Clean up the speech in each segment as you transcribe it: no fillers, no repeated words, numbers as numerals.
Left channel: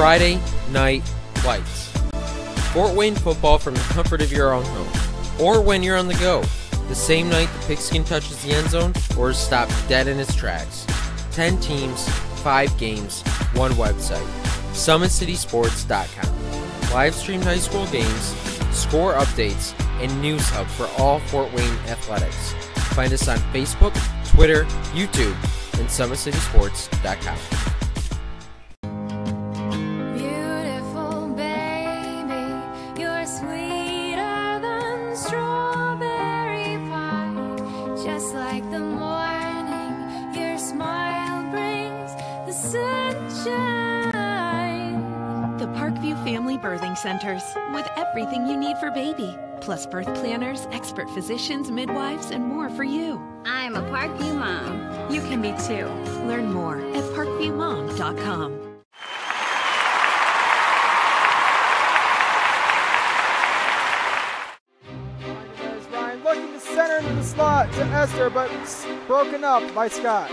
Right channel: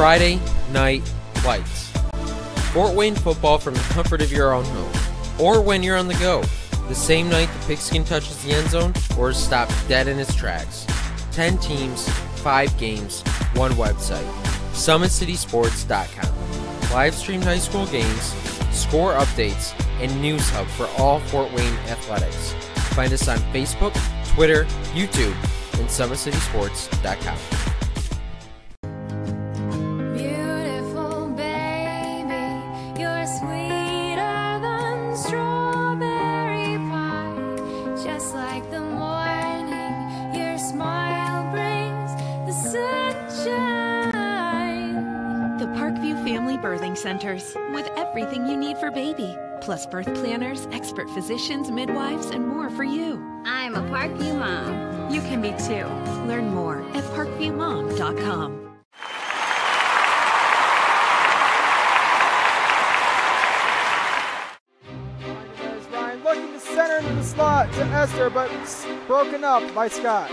Friday Night Lights. Fort Wayne football from the comfort of your own home, or when you're on the go. The same night the pigskin touches the end zone or is stopped dead in its tracks. 10 teams, 5 games, 1 website. SummitCitySports.com. Live streamed high school games, score updates, and news hub for all Fort Wayne athletics. Find us on Facebook, Twitter, YouTube, and SummitCitySports.com. Family Birthing Centers, with everything you need for baby, plus birth planners, expert physicians, midwives, and more for you. I'm a Parkview mom. You can be too. Learn more at parkviewmom.com. Ryan looking to center into the slot to Esther, but broken up by Scott.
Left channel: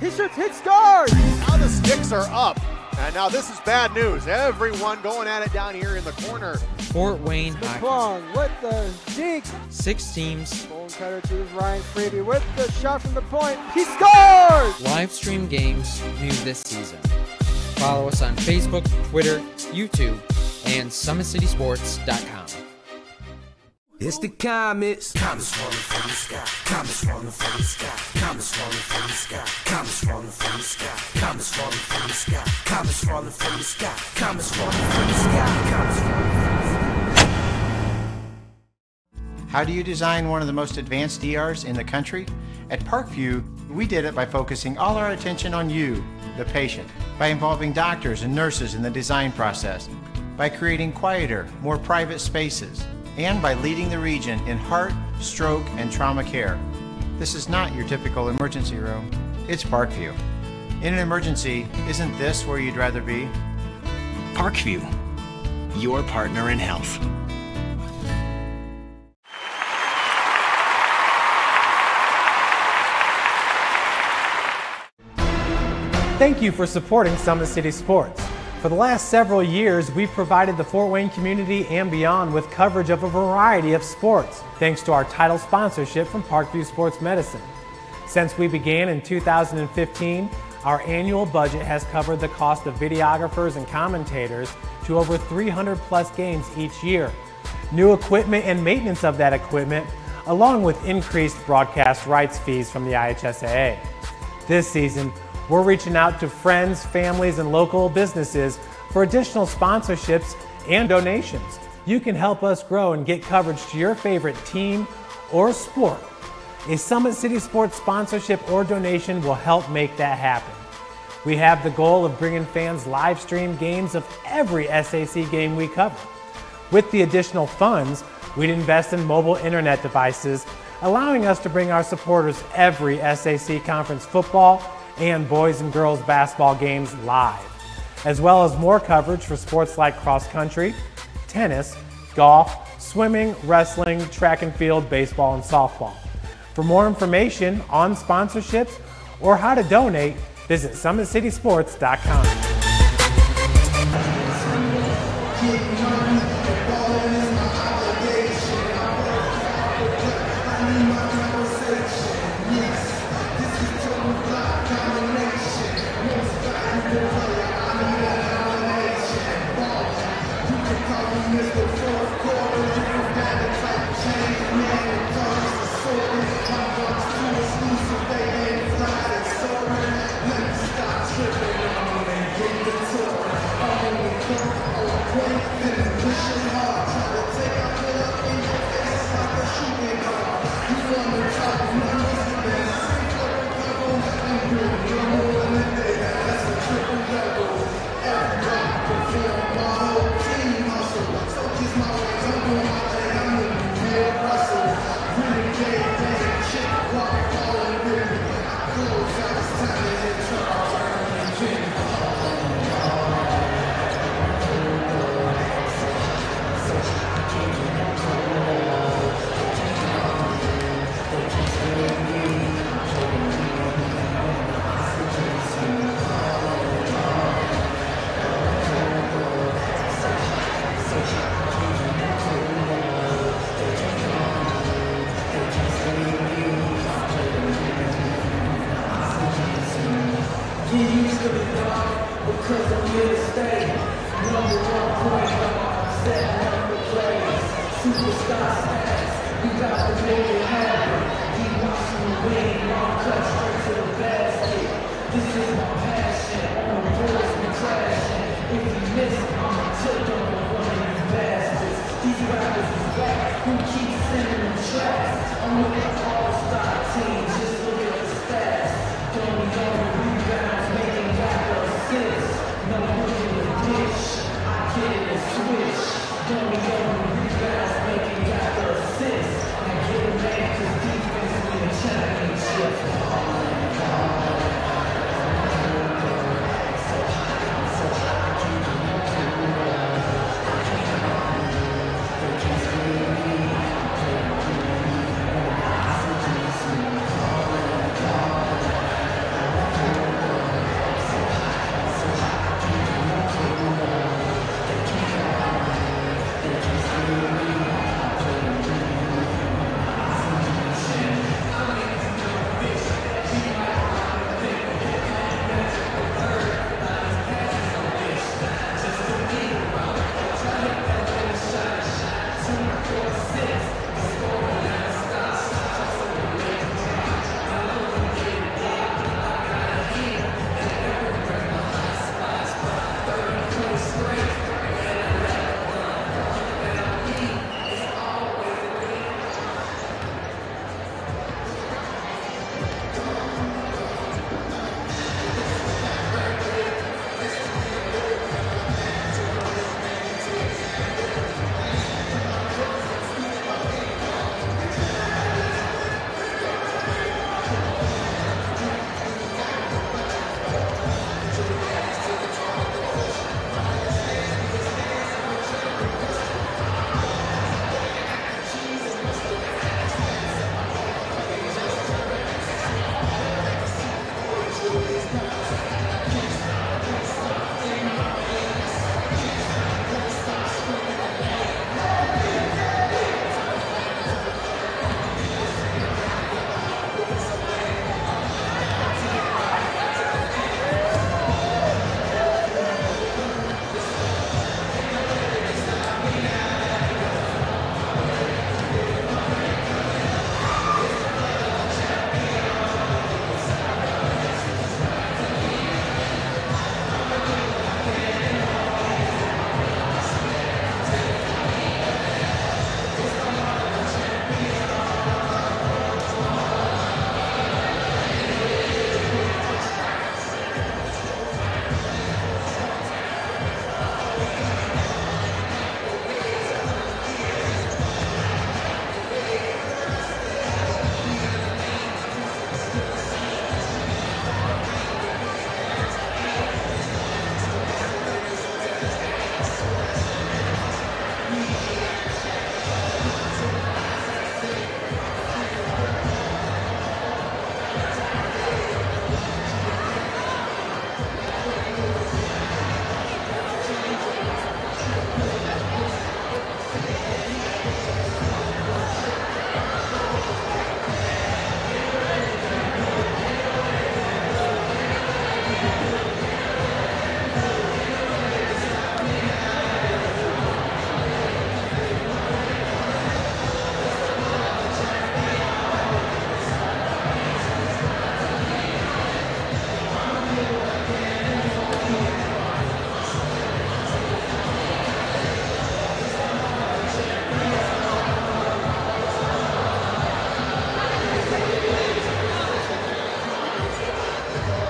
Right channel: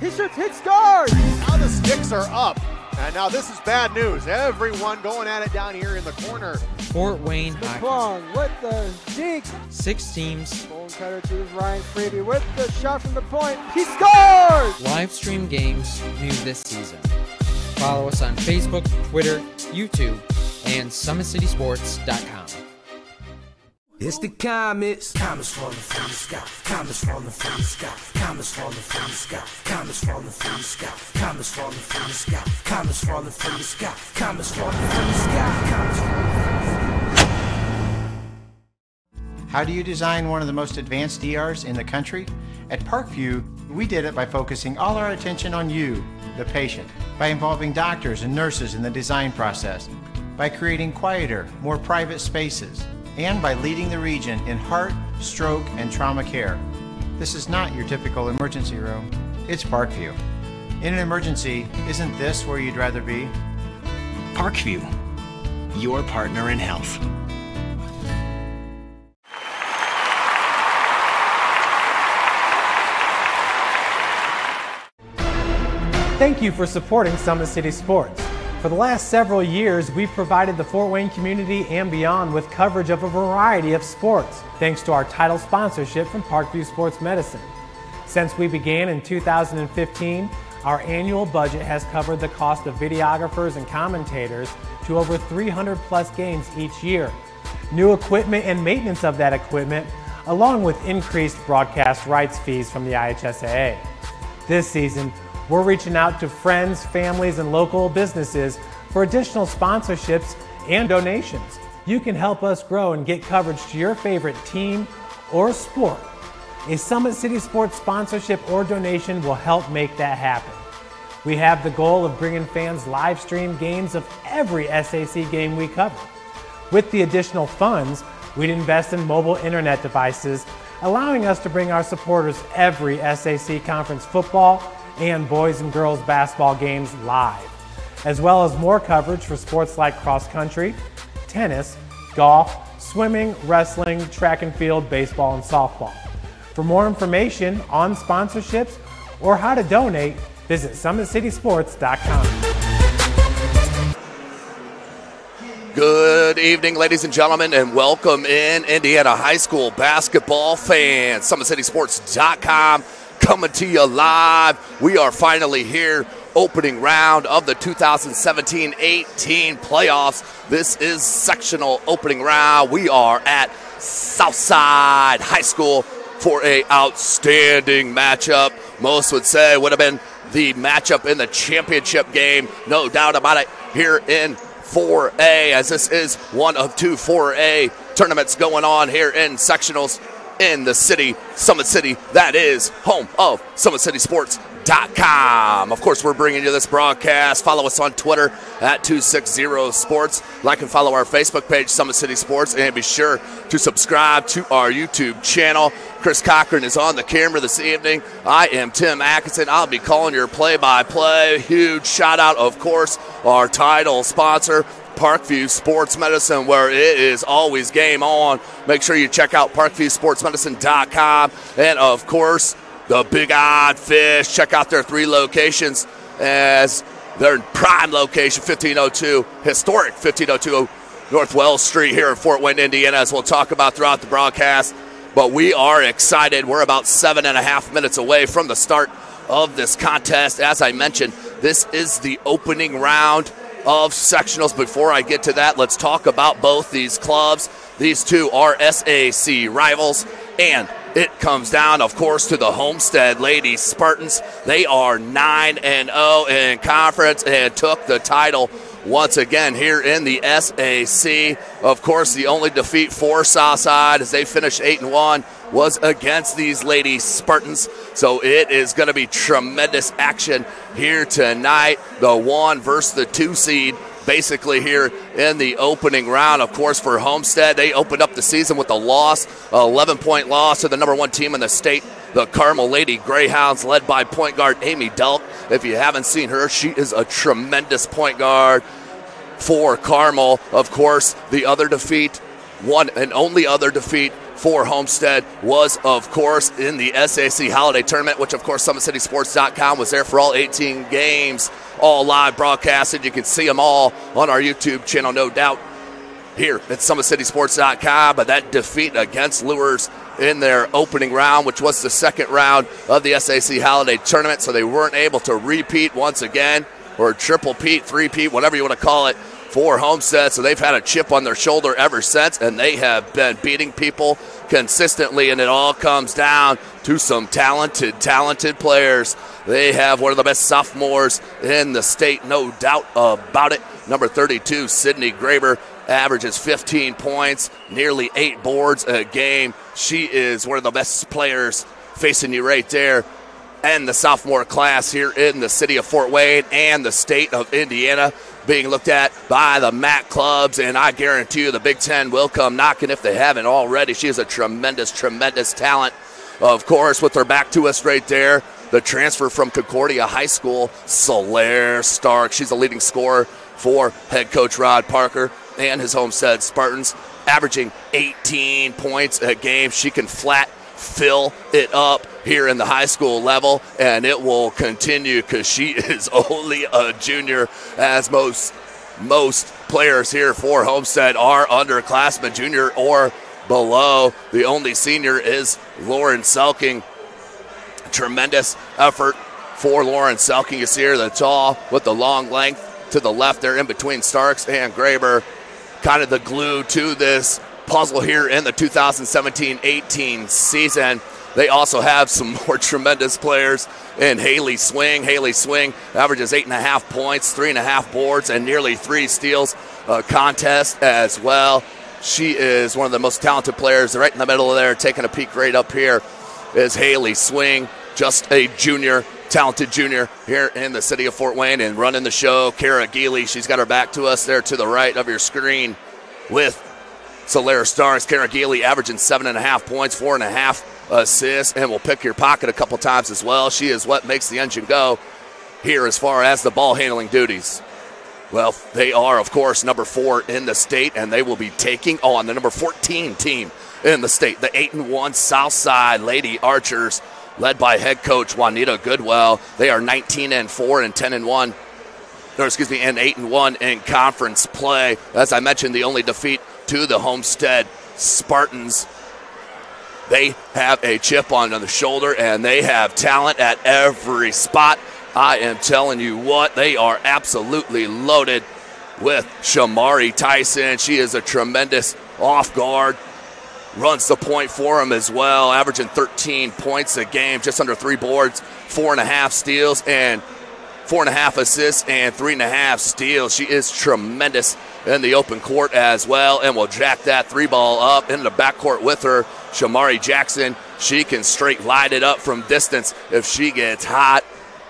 He shoots, hit, scores! Now the sticks are up. And now this is bad news. Everyone going at it down here in the corner. Fort Wayne Hockey with the deke. 6 teams. Bone cutter to Ryan Freeby with the shot from the point. He scores! Live stream games new this season. Follow us on Facebook, Twitter, YouTube, and SummitCitySports.com. It's the comets. Comets falling from the sky. Comets falling from the sky. Comets falling from the sky. Comets falling from the sky. Comets falling from the sky. Comets falling from the sky. Comets falling from the sky. Comets falling from the sky. How do you design one of the most advanced ERs in the country? At Parkview, we did it by focusing all our attention on you, the patient, by involving doctors and nurses in the design process, by creating quieter, more private spaces, and by leading the region in heart, stroke, and trauma care. This is not your typical emergency room. It's Parkview. In an emergency, isn't this where you'd rather be? Parkview, your partner in health. Thank you for supporting Summit City Sports. For the last several years, we've provided the Fort Wayne community and beyond with coverage of a variety of sports, thanks to our title sponsorship from Parkview Sports Medicine. Since we began in 2015, our annual budget has covered the cost of videographers and commentators to over 300 plus games each year. New equipment and maintenance of that equipment, along with increased broadcast rights fees from the IHSAA. This season, we're reaching out to friends, families, and local businesses for additional sponsorships and donations. You can help us grow and get coverage to your favorite team or sport. A Summit City Sports sponsorship or donation will help make that happen. We have the goal of bringing fans live stream games of every SAC game we cover. With the additional funds, we'd invest in mobile internet devices, allowing us to bring our supporters every SAC conference football and boys and girls basketball games live, as well as more coverage for sports like cross country, tennis, golf, swimming, wrestling, track and field, baseball, and softball. For more information on sponsorships or how to donate, visit SummitCitySports.com. Good evening, ladies and gentlemen, and welcome in Indiana high school basketball fans. SummitCitySports.com coming to you live. We are finally here, opening round of the 2017-18 playoffs. This is sectional opening round. We are at Southside High School for an outstanding matchup. Most would say would have been the matchup in the championship game. No doubt about it here in 4A, as this is one of 2 4A tournaments going on here in sectionals in the city, Summit City. That is home of SummitCitySports.com. Of course, we're bringing you this broadcast. Follow us on Twitter at 260sports. Like and follow our Facebook page, Summit City Sports, and be sure to subscribe to our YouTube channel. Chris Cochran is on the camera this evening. I am Tim Atkinson. I'll be calling your play-by-play. Huge shout out, of course, our title sponsor, Parkview Sports Medicine, where it is always game on. Make sure you check out ParkviewSportsMedicine.com. And of course, the Big Odd Fish. Check out their 3 locations, as their prime location, 1502, historic 1502 North Wells Street here in Fort Wayne, Indiana, as we'll talk about throughout the broadcast. But we are excited. We're about 7.5 minutes away from the start of this contest. As I mentioned, this is the opening round of sectionals. Before I get to that, let's talk about both these clubs. These two are SAC rivals, and it comes down, of course, to the Homestead Lady Spartans. They are 9-0 in conference and took the title once again here in the SAC. Of course, the only defeat for Southside as they finished 8-1 was against these Lady Spartans. So it is going to be tremendous action here tonight. The 1 versus the 2 seed, basically here in the opening round. Of course, for Homestead, they opened up the season with a loss, 11-point loss to the #1 team in the state, the Carmel Lady Greyhounds, led by point guard Amy Delk. If you haven't seen her, she is a tremendous point guard for Carmel. Of course, the other defeat, one and only other defeat for Homestead was, of course, in the SAC Holiday Tournament, which, of course, SummitCitySports.com was there for all 18 games, all live broadcasted. You can see them all on our YouTube channel, no doubt, here at SummitCitySports.com. But that defeat against Lures in their opening round, which was the second round of the SAC Holiday Tournament, so they weren't able to repeat once again, or triple-peat, three-peat, whatever you want to call it, for Homestead. So they've had a chip on their shoulder ever since, and they have been beating people consistently, and it all comes down to some talented players. They have one of the best sophomores in the state, no doubt about it. Number 32, Sydney Graber, averages 15 points, nearly 8 boards a game. She is one of the best players facing you right there. And the sophomore class here in the city of Fort Wayne and the state of Indiana being looked at by the MAC clubs, and I guarantee you the Big Ten will come knocking if they haven't already. She is a tremendous talent. Of course, with her back to us right there, the transfer from Concordia High School, Solaire Stark. She's a leading scorer for head coach Rod Parker and his Homestead Spartans, averaging 18 points a game. She can flat fill it up here in the high school level, and it will continue because she is only a junior, as most players here for Homestead are underclassmen, junior or below. The only senior is Lauren Selking. Tremendous effort for Lauren Selking. You see her, the tall with the long length to the left there in between Starks and Graber, kind of the glue to this puzzle here in the 2017-18 season. They also have some more tremendous players in Healy Swing. Healy Swing averages 8.5 points, 3.5 boards, and nearly 3 steals a contest as well. She is one of the most talented players. Right in the middle of there, taking a peek right up here, is Healy Swing, just a junior, talented junior here in the city of Fort Wayne, and running the show, Kara Geely. She's got her back to us there to the right of your screen with Solaire Stars. Kara Geely averaging 7.5 points, 4.5 assists, and will pick your pocket a couple times as well. She is what makes the engine go here as far as the ball handling duties. Well, they are, of course, number 4 in the state, and they will be taking on the number 14 team in the state, the 8-1 Southside Lady Archers, led by head coach Juanita Goodwell. They are 19-4 and 10-1. And 8-1 in conference play. As I mentioned, the only defeat to the Homestead Spartans. They have a chip on the shoulder, and they have talent at every spot. I am telling you what, they are absolutely loaded with Shamari Tyson. She is a tremendous off guard. Runs the point for him as well, averaging 13 points a game, just under 3 boards, 4.5 steals, and 4.5 assists and 3.5 steals. She is tremendous in the open court as well, and will jack that 3-ball up into the backcourt with her. Shamari Jackson, she can straight line it up from distance if she gets hot.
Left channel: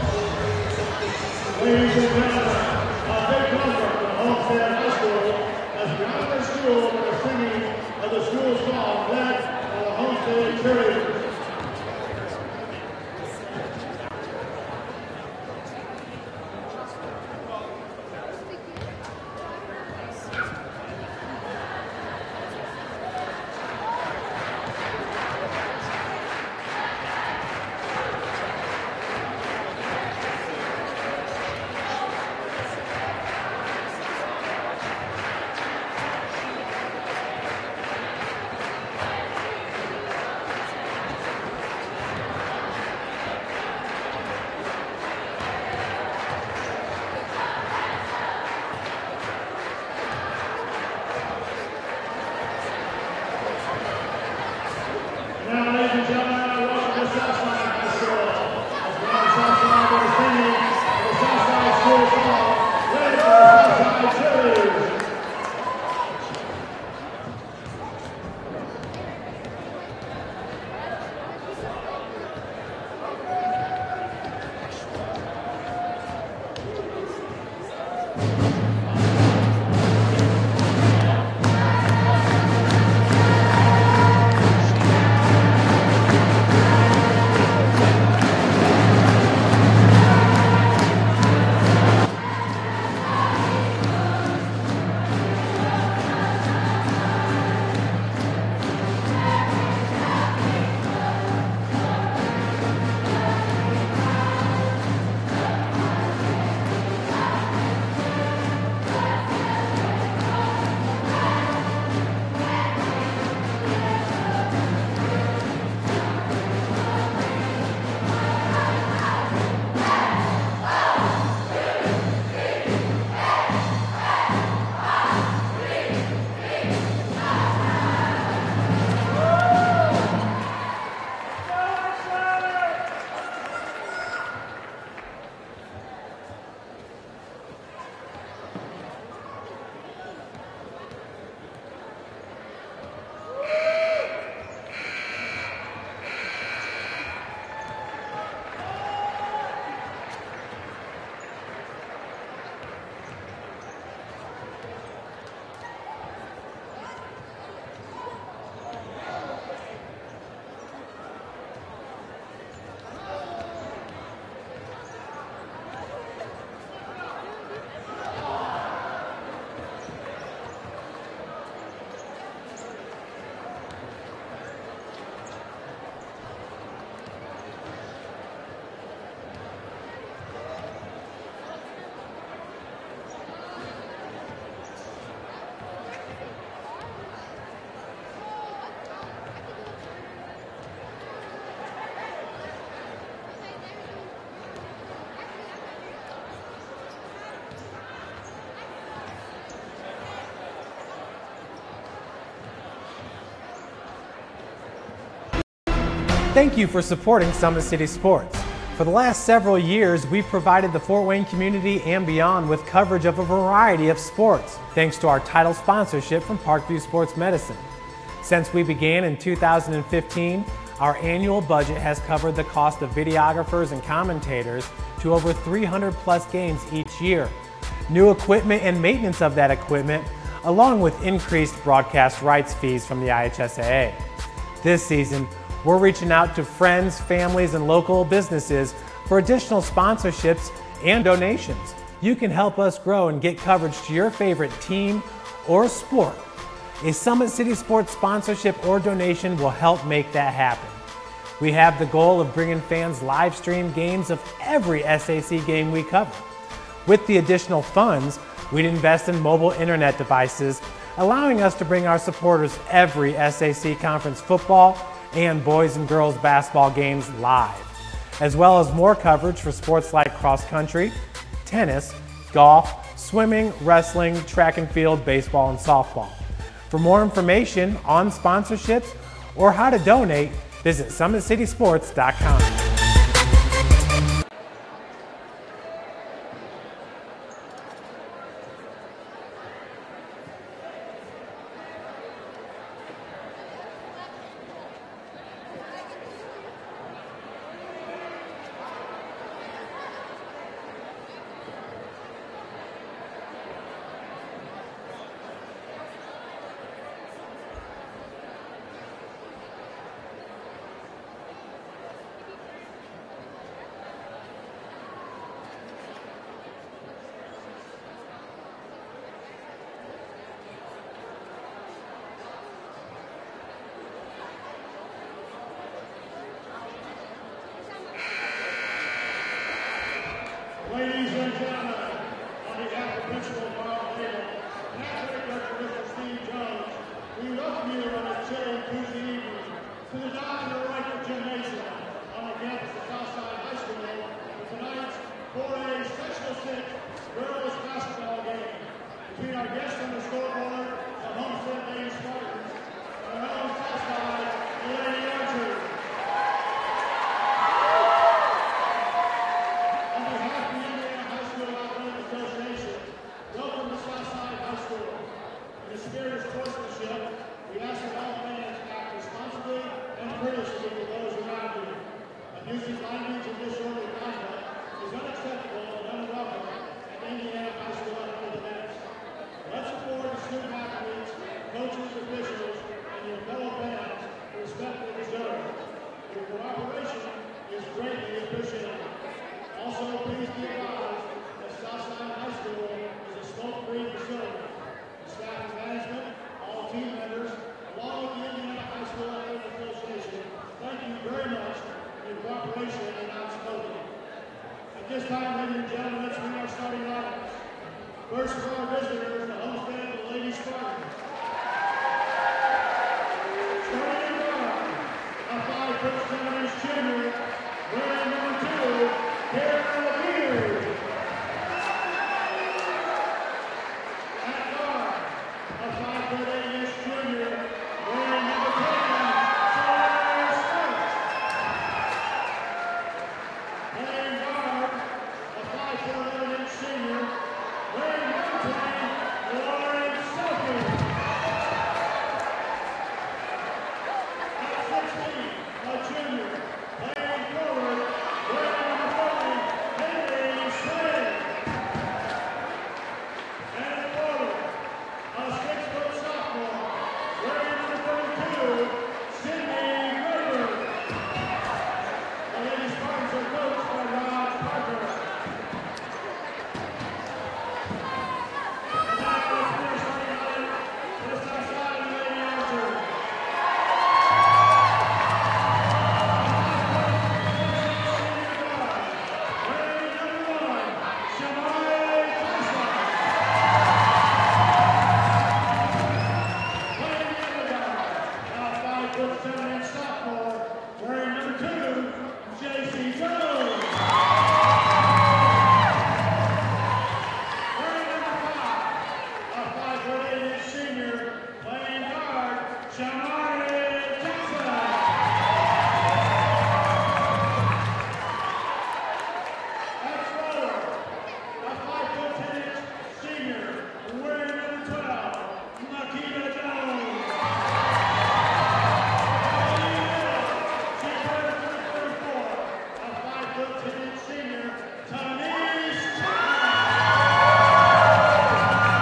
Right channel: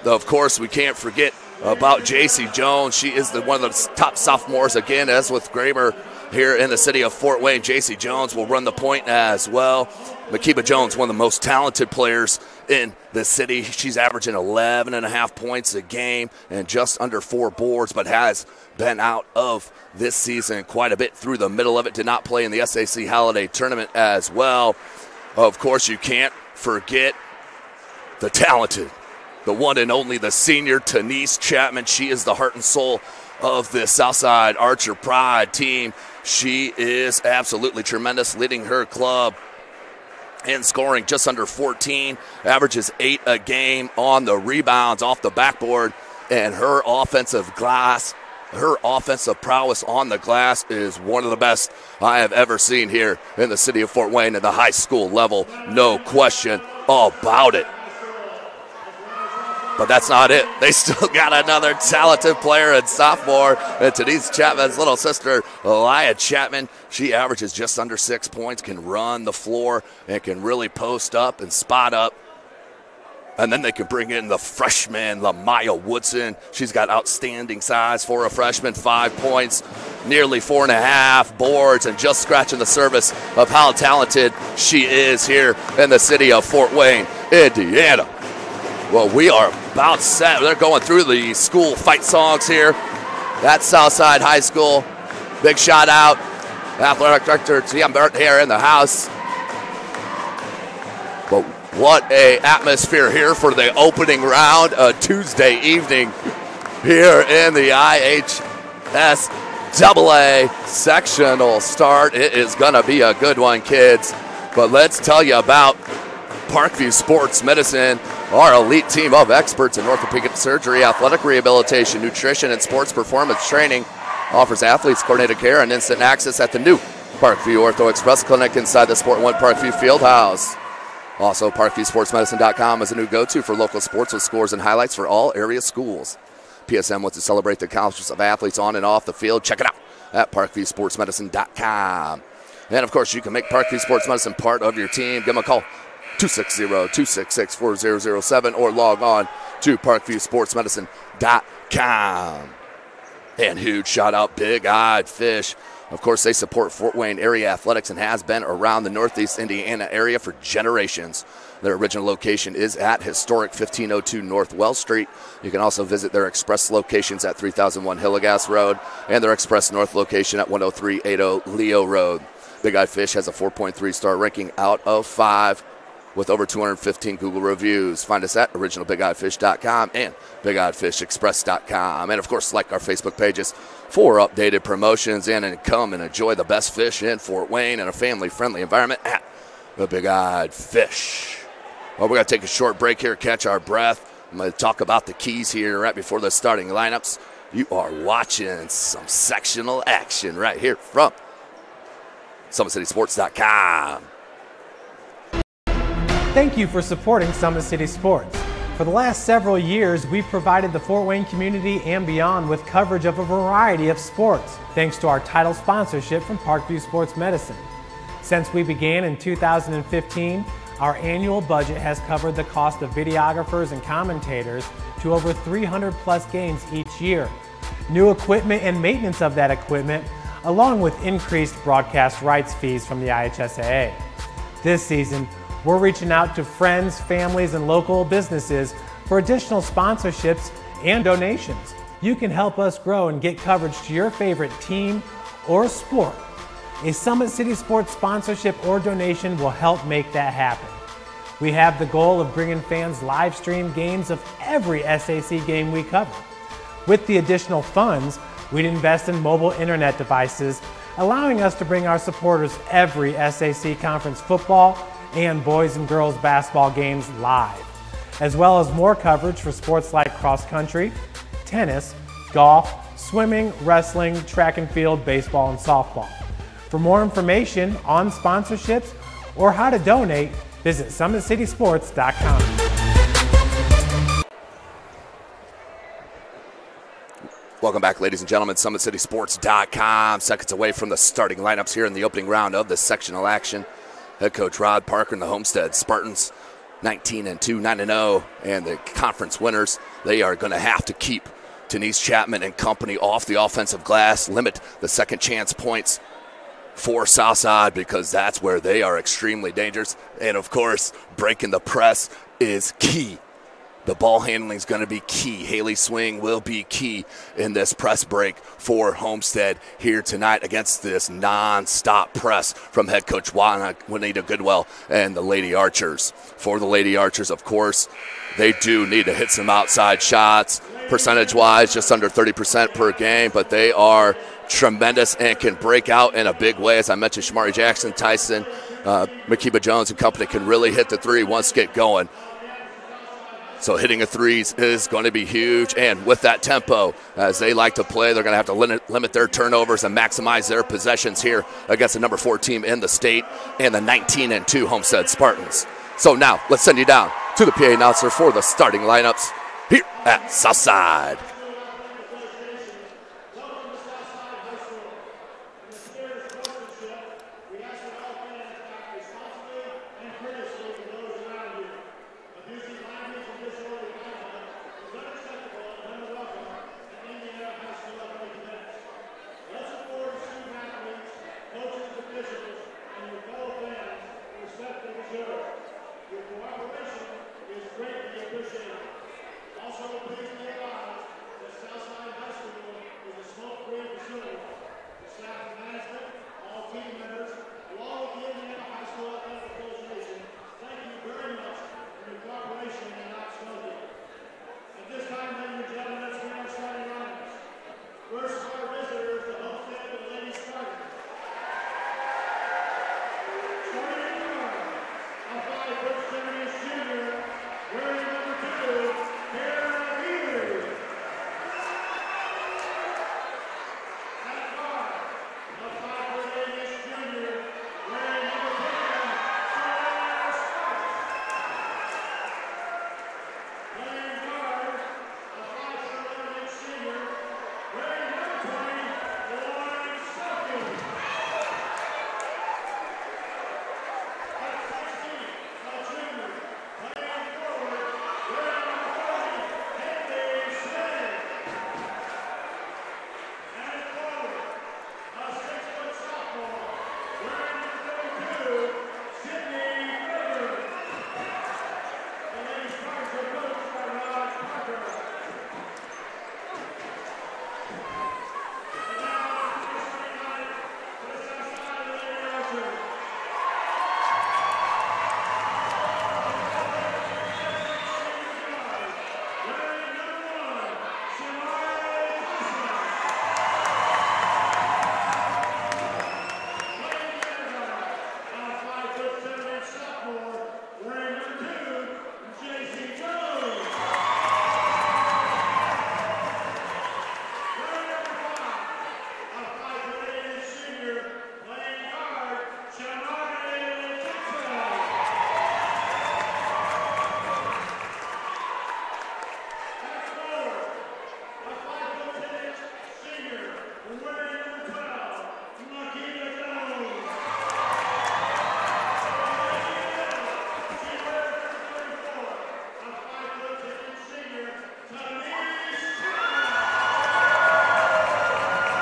Of course, we can't forget about JC Jones. She is one of the top sophomores again, as with Graber here in the city of Fort Wayne. JC Jones will run the point as well. Makiba Jones, one of the most talented players in the city. She's averaging 11.5 points a game and just under 4 boards, but has been out of this season quite a bit through the middle of it. Did not play in the SAC Holiday Tournament as well. Of course, you can't forget the talented the one and only, the senior Denise Chapman. She is the heart and soul of the Southside Archer Pride team. She is absolutely tremendous, leading her club in scoring just under 14, averages 8 a game on the rebounds off the backboard, and her offensive prowess on the glass is one of the best I have ever seen here in the city of Fort Wayne at the high school level. No question about it. But that's not it. They still got another talented player at sophomore, and Denise Chapman's little sister, Elia Chapman. She averages just under 6 points, can run the floor, and can really post up and spot up. And then they could bring in the freshman, Lamaya Woodson. She's got outstanding size for a freshman, 5 points, nearly 4.5 boards, and just scratching the surface of how talented she is here in the city of Fort Wayne, Indiana. Well, we are about set. They're going through the school fight songs here at Southside High School. Big shout out, Athletic Director T.M. Burton here in the house. But what a atmosphere here for the opening round, a Tuesday evening here in the IHSAA sectional start. It is gonna be a good one, kids. But let's tell you about Parkview Sports Medicine, our elite team of experts in orthopedic surgery, athletic rehabilitation, nutrition, and sports performance training. Offers athletes coordinated care and instant access at the new Parkview Ortho Express Clinic inside the Sport One Parkview Fieldhouse. Also, ParkviewSportsMedicine.com is a new go-to for local sports with scores and highlights for all area schools. PSM wants to celebrate the accomplishments of athletes on and off the field. Check it out at ParkviewSportsMedicine.com. And, of course, you can make Parkview Sports Medicine part of your team. Give them a call, 260-266-4007, or log on to ParkviewSportsMedicine.com. And huge shout out, Big Eyed Fish. Of course, they support Fort Wayne area athletics and has been around the Northeast Indiana area for generations. Their original location is at historic 1502 North Wells Street. You can also visit their express locations at 3001 Hillegas Road and their express north location at 10380 Leo Road. Big Eyed Fish has a 4.3 star ranking out of 5 with over 215 Google reviews. Find us at originalbigeyedfish.com and BigEyedFishExpress.com. And, of course, like our Facebook pages for updated promotions, and come and enjoy the best fish in Fort Wayne in a family-friendly environment at the Big Eyed Fish. Well, we're going to take a short break here, catch our breath. I'm going to talk about the keys here right before the starting lineups. You are watching some sectional action right here from SummitCitySports.com. Thank you for supporting Summit City Sports. For the last several years, we've provided the Fort Wayne community and beyond with coverage of a variety of sports, thanks to our title sponsorship from Parkview Sports Medicine. Since we began in 2015, our annual budget has covered the cost of videographers and commentators to over 300 plus games each year. New equipment and maintenance of that equipment, along with increased broadcast rights fees from the IHSAA. This season, we're reaching out to friends, families, and local businesses for additional sponsorships and donations. You can help us grow and get coverage to your favorite team or sport. A Summit City Sports sponsorship or donation will help make that happen. We have the goal of bringing fans live stream games of every SAC game we cover. With the additional funds, we'd invest in mobile internet devices, allowing us to bring our supporters every SAC conference football and boys and girls basketball games live, as well as more coverage for sports like cross country, tennis, golf, swimming, wrestling, track and field, baseball, and softball. For more information on sponsorships or how to donate, visit SummitCitySports.com. Welcome back, ladies and gentlemen. SummitCitySports.com. Seconds away from the starting lineups here in the opening round of the sectional action. Head coach Rod Parker and the Homestead Spartans, 19-2, 9-0, and the conference winners. They are going to have to keep Denise Chapman and company off the offensive glass, limit the second chance points for Southside, because that's where they are extremely dangerous. And, of course, breaking the press is key The ball handling is going to be key. Healy's swing will be key in this press break for Homestead here tonight against this non-stop press from head coach Juanita Goodwell and the Lady Archers. For the Lady Archers, of course, they do need to hit some outside shots. Percentage-wise, just under 30% per game, but they are tremendous and can break out in a big way. As I mentioned, Shamari Jackson, Tyson, Makiba Jones and company can really hit the three once get going. So hitting a threes is going to be huge, and with that tempo, as they like to play, they're going to have to limit their turnovers and maximize their possessions here against the number 4 team in the state and the 19-2 Homestead Spartans. So now, let's send you down to the PA announcer for the starting lineups here at Southside.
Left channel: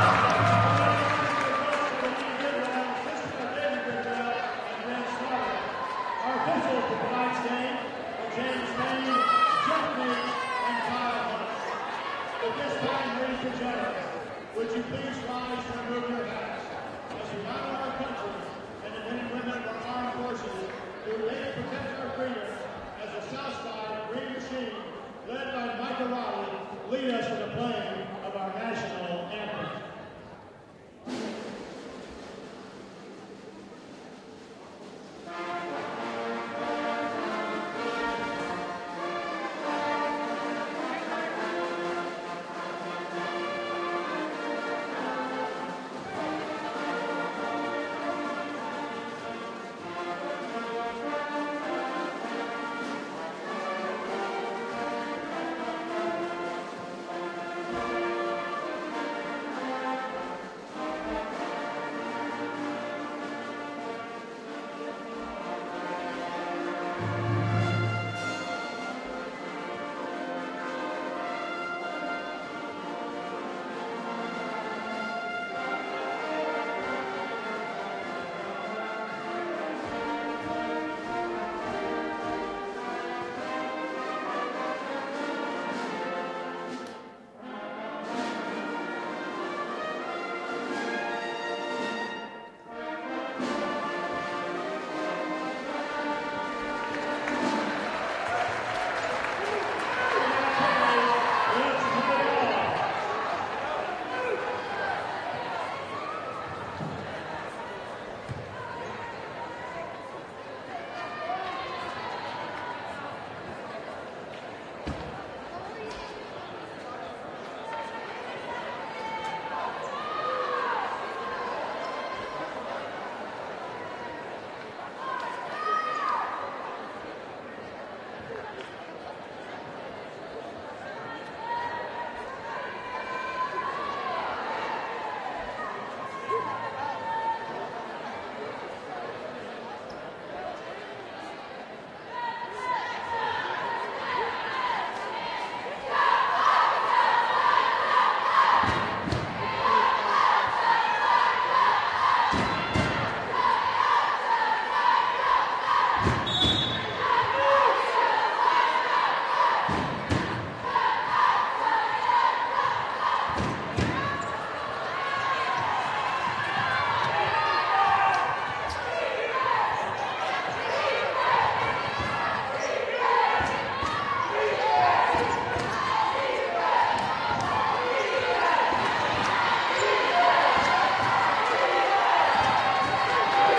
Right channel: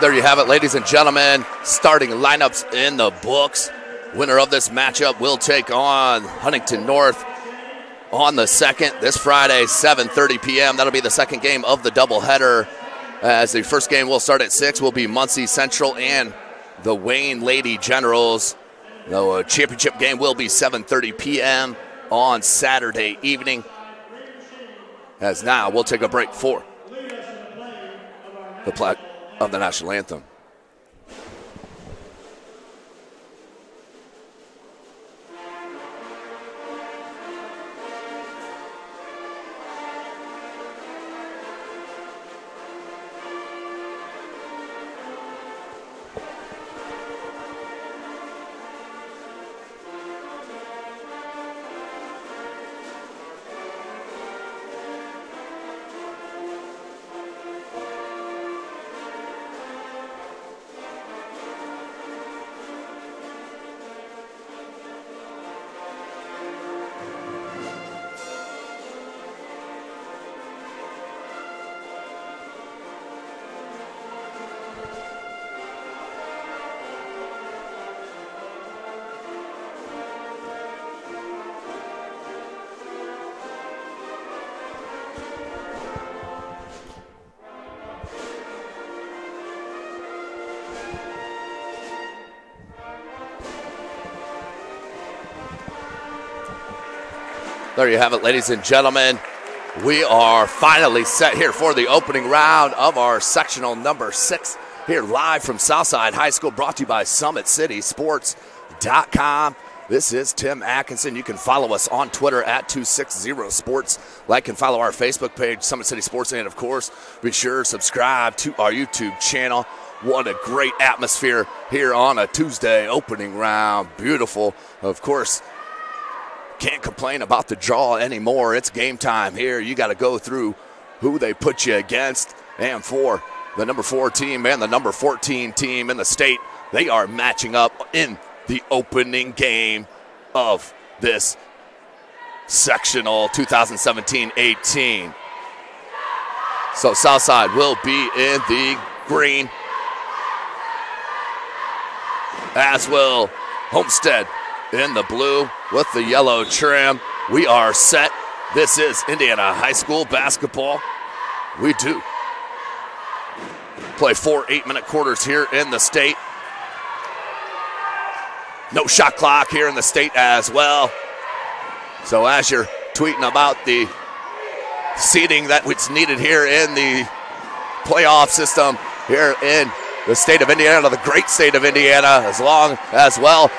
There you have it, ladies and gentlemen. Starting lineups in the books. Winner of this matchup will take on Huntington North on the 2nd, this Friday, 7:30 p.m. That'll be the second game of the doubleheader. As the first game will start at 6, will be Muncie Central and the Wayne Lady Generals. The championship game will be 7:30 p.m. on Saturday evening. As now we'll take a break for the pledge of the national anthem. There you have it, ladies and gentlemen. We are finally set here for the opening round of our sectional number 6 here live from Southside High School, brought to you by SummitCitySports.com. This is Tim Atkinson. You can follow us on Twitter at 260sports. Like and follow our Facebook page, Summit City Sports, and of course, be sure to subscribe to our YouTube channel. What a great atmosphere here on a Tuesday opening round. Beautiful. Of course, can't complain about the draw anymore. It's game time here. You got to go through who they put you against. And for the number 4 team and the number 14 team in the state, they are matching up in the opening game of this sectional 2017-18. So Southside will be in the green, as will Homestead in the blue with the yellow trim. We are set. This is Indiana High School basketball. We do play 4 8-minute quarters here in the state. No shot clock here in the state as well. So as you're tweeting about the seating that was needed here in the playoff system here in the state of Indiana, the great state of Indiana, as well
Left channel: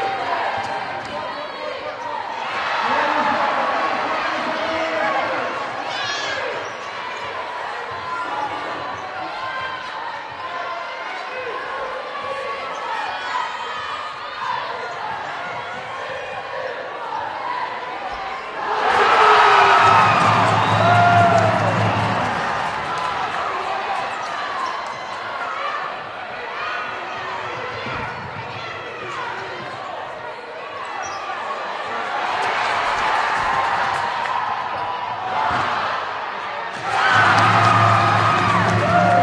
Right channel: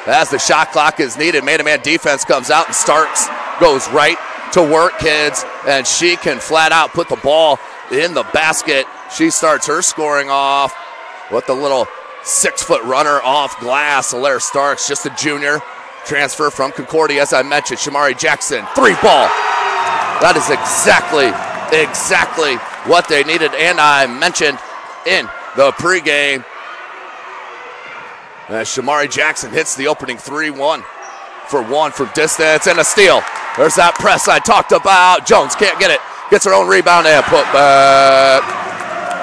as the shot clock is needed. Man-to-man defense comes out and starts, goes right to work, kids, and she can flat out put the ball in the basket. She starts her scoring off with the little 6-foot runner off glass. Alaire Starks, just a junior, transfer from Concordia, as I mentioned. Shamari Jackson, 3-ball. That is exactly what they needed, and I mentioned in the pregame. As Shamari Jackson hits the opening 3-1 for 1 from distance, and a steal. There's that press I talked about. Jones can't get it. Gets her own rebound and put back.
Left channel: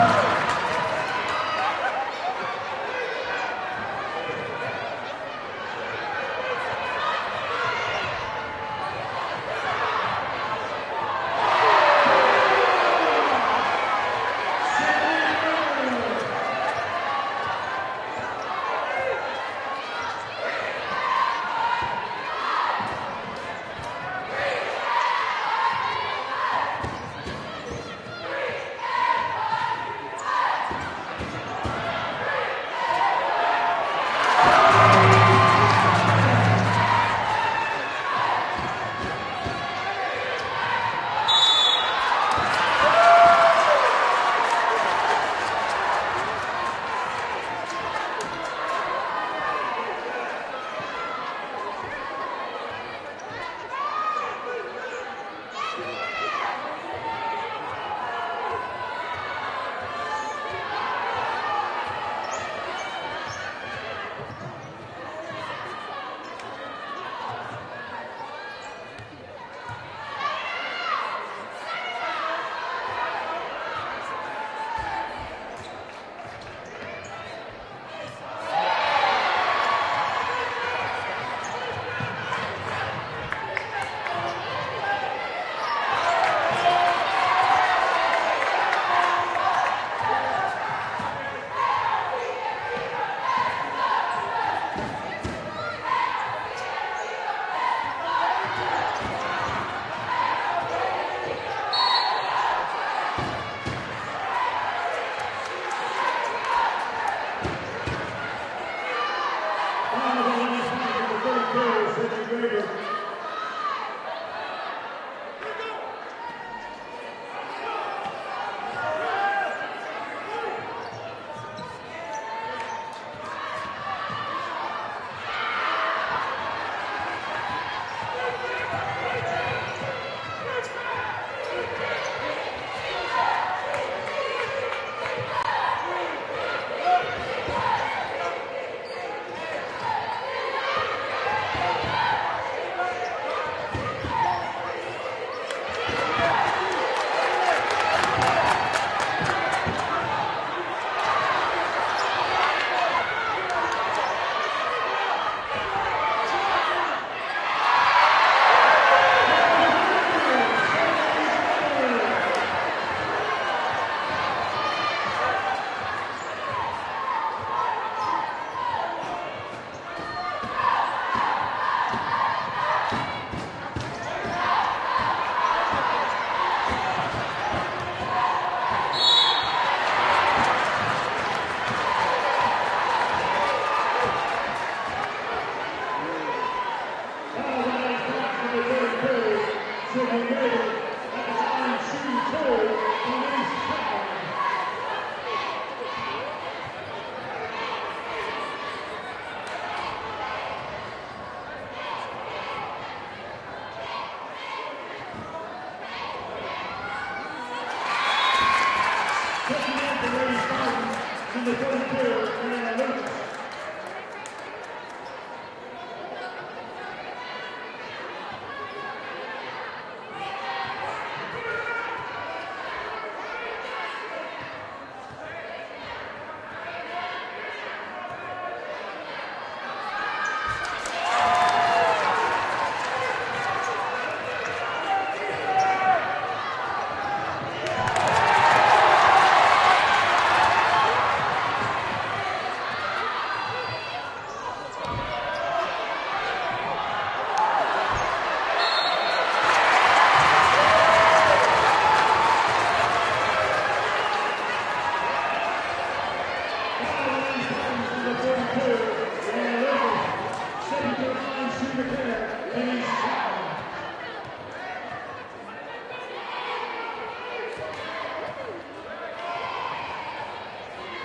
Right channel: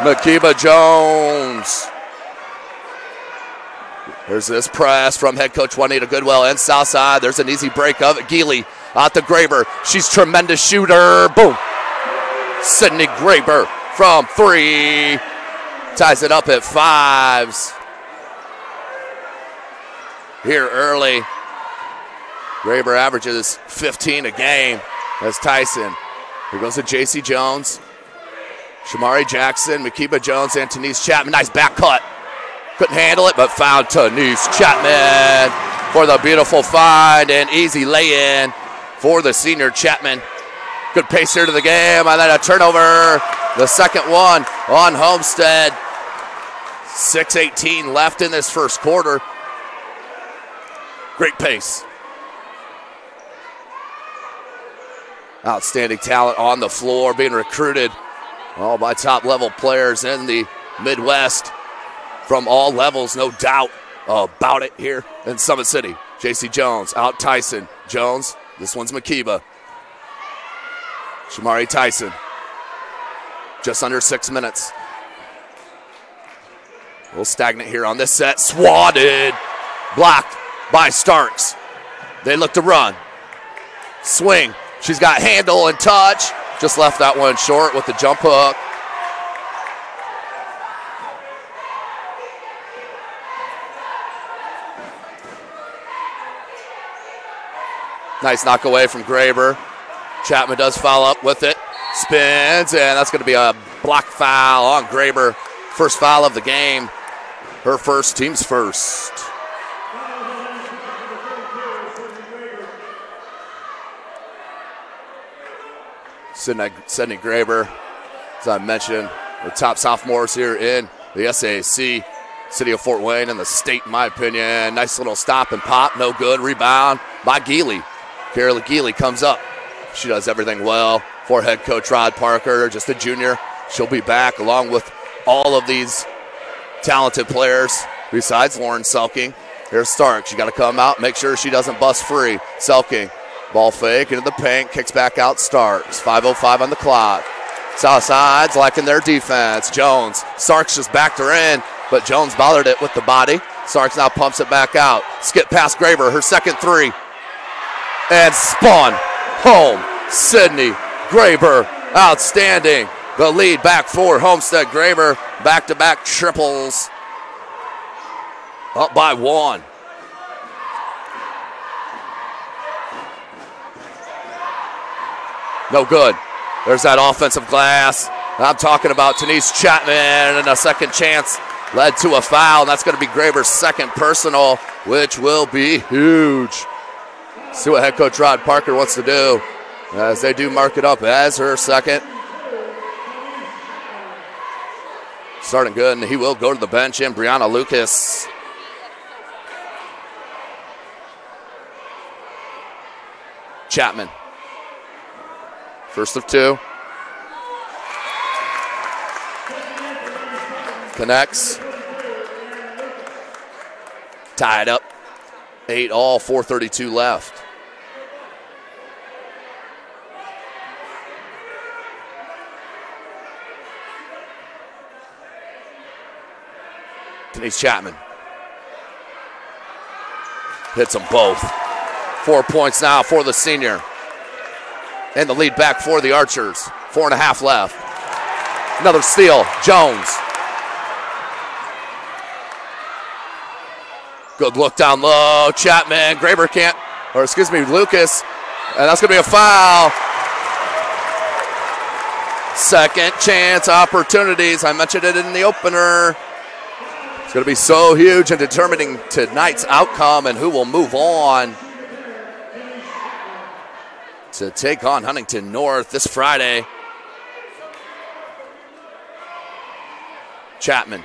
Makiba Jones. There's this press from head coach Juanita Goodwell and Southside. There's an easy break of it. Healy out to Graber. She's a tremendous shooter. Boom. Sydney Graber from 3. Ties it up at 5s. Here early. Graber averages 15 a game. That's Tyson. Here goes to J.C. Jones. Shamari Jackson, Makiba Jones, and Tanise Chapman. Nice back cut. Couldn't handle it, but found Tanise Chapman for the beautiful find and easy lay-in for the senior Chapman. Good pace here to the game, and then a turnover. The second one on Homestead. 6:18 left in this first quarter. Great pace. Outstanding talent on the floor, being recruited all by top-level players in the Midwest from all levels, no doubt about it here in Summit City. J.C. Jones, out Tyson. Jones, this one's Makiba. Shamari Tyson, just under 6 minutes. A little stagnant here on this set. Swatted, blocked by Starks. They look to run. Swing. She's got handle and touch. Just left that one short with the jump hook. Nice knock away from Graber. Chapman does foul up with it. Spins, and that's going to be a block foul on Graber. First foul of the game. Her first, team's first. Sydney Graber, as I mentioned, the top sophomores here in the SAC. City of Fort Wayne and the state, in my opinion. Nice little stop and pop, no good. Rebound by Healy. Carolyn Healy comes up. She does everything well for head coach Rod Parker, just a junior. She'll be back along with all of these talented players besides Lauren Selking. Here's Stark. She got to come out, make sure she doesn't bust free. Selking, ball fake into the paint, kicks back out. Starks, 5:05 on the clock. Southside's liking their defense. Jones, Starks just backed her in, but Jones bothered it with the body. Starks now pumps it back out. Skip past Graber, her second 3. And spun home. Sydney Graber, outstanding. The lead back for Homestead. Graber, back-to-back triples. Up by 1. No good. There's that offensive glass. I'm talking about Denise Chapman, and a second chance led to a foul. That's going to be Graber's second personal, which will be huge. See what head coach Rod Parker wants to do, as they do mark it up as her second. Starting good, and he will go to the bench in Brianna Lucas. Chapman. First of two. Connects. Tied up. 8-all, 4:32 left. Denise Chapman. Hits them both. 4 points now for the senior. And the lead back for the Archers. 4.5 left. Another steal, Jones. Good look down low, Chapman, Graber can't, or excuse me, Lucas, and that's gonna be a foul. Second chance opportunities, I mentioned it in the opener. It's gonna be so huge in determining tonight's outcome and who will move on to take on Huntington North this Friday. Chapman.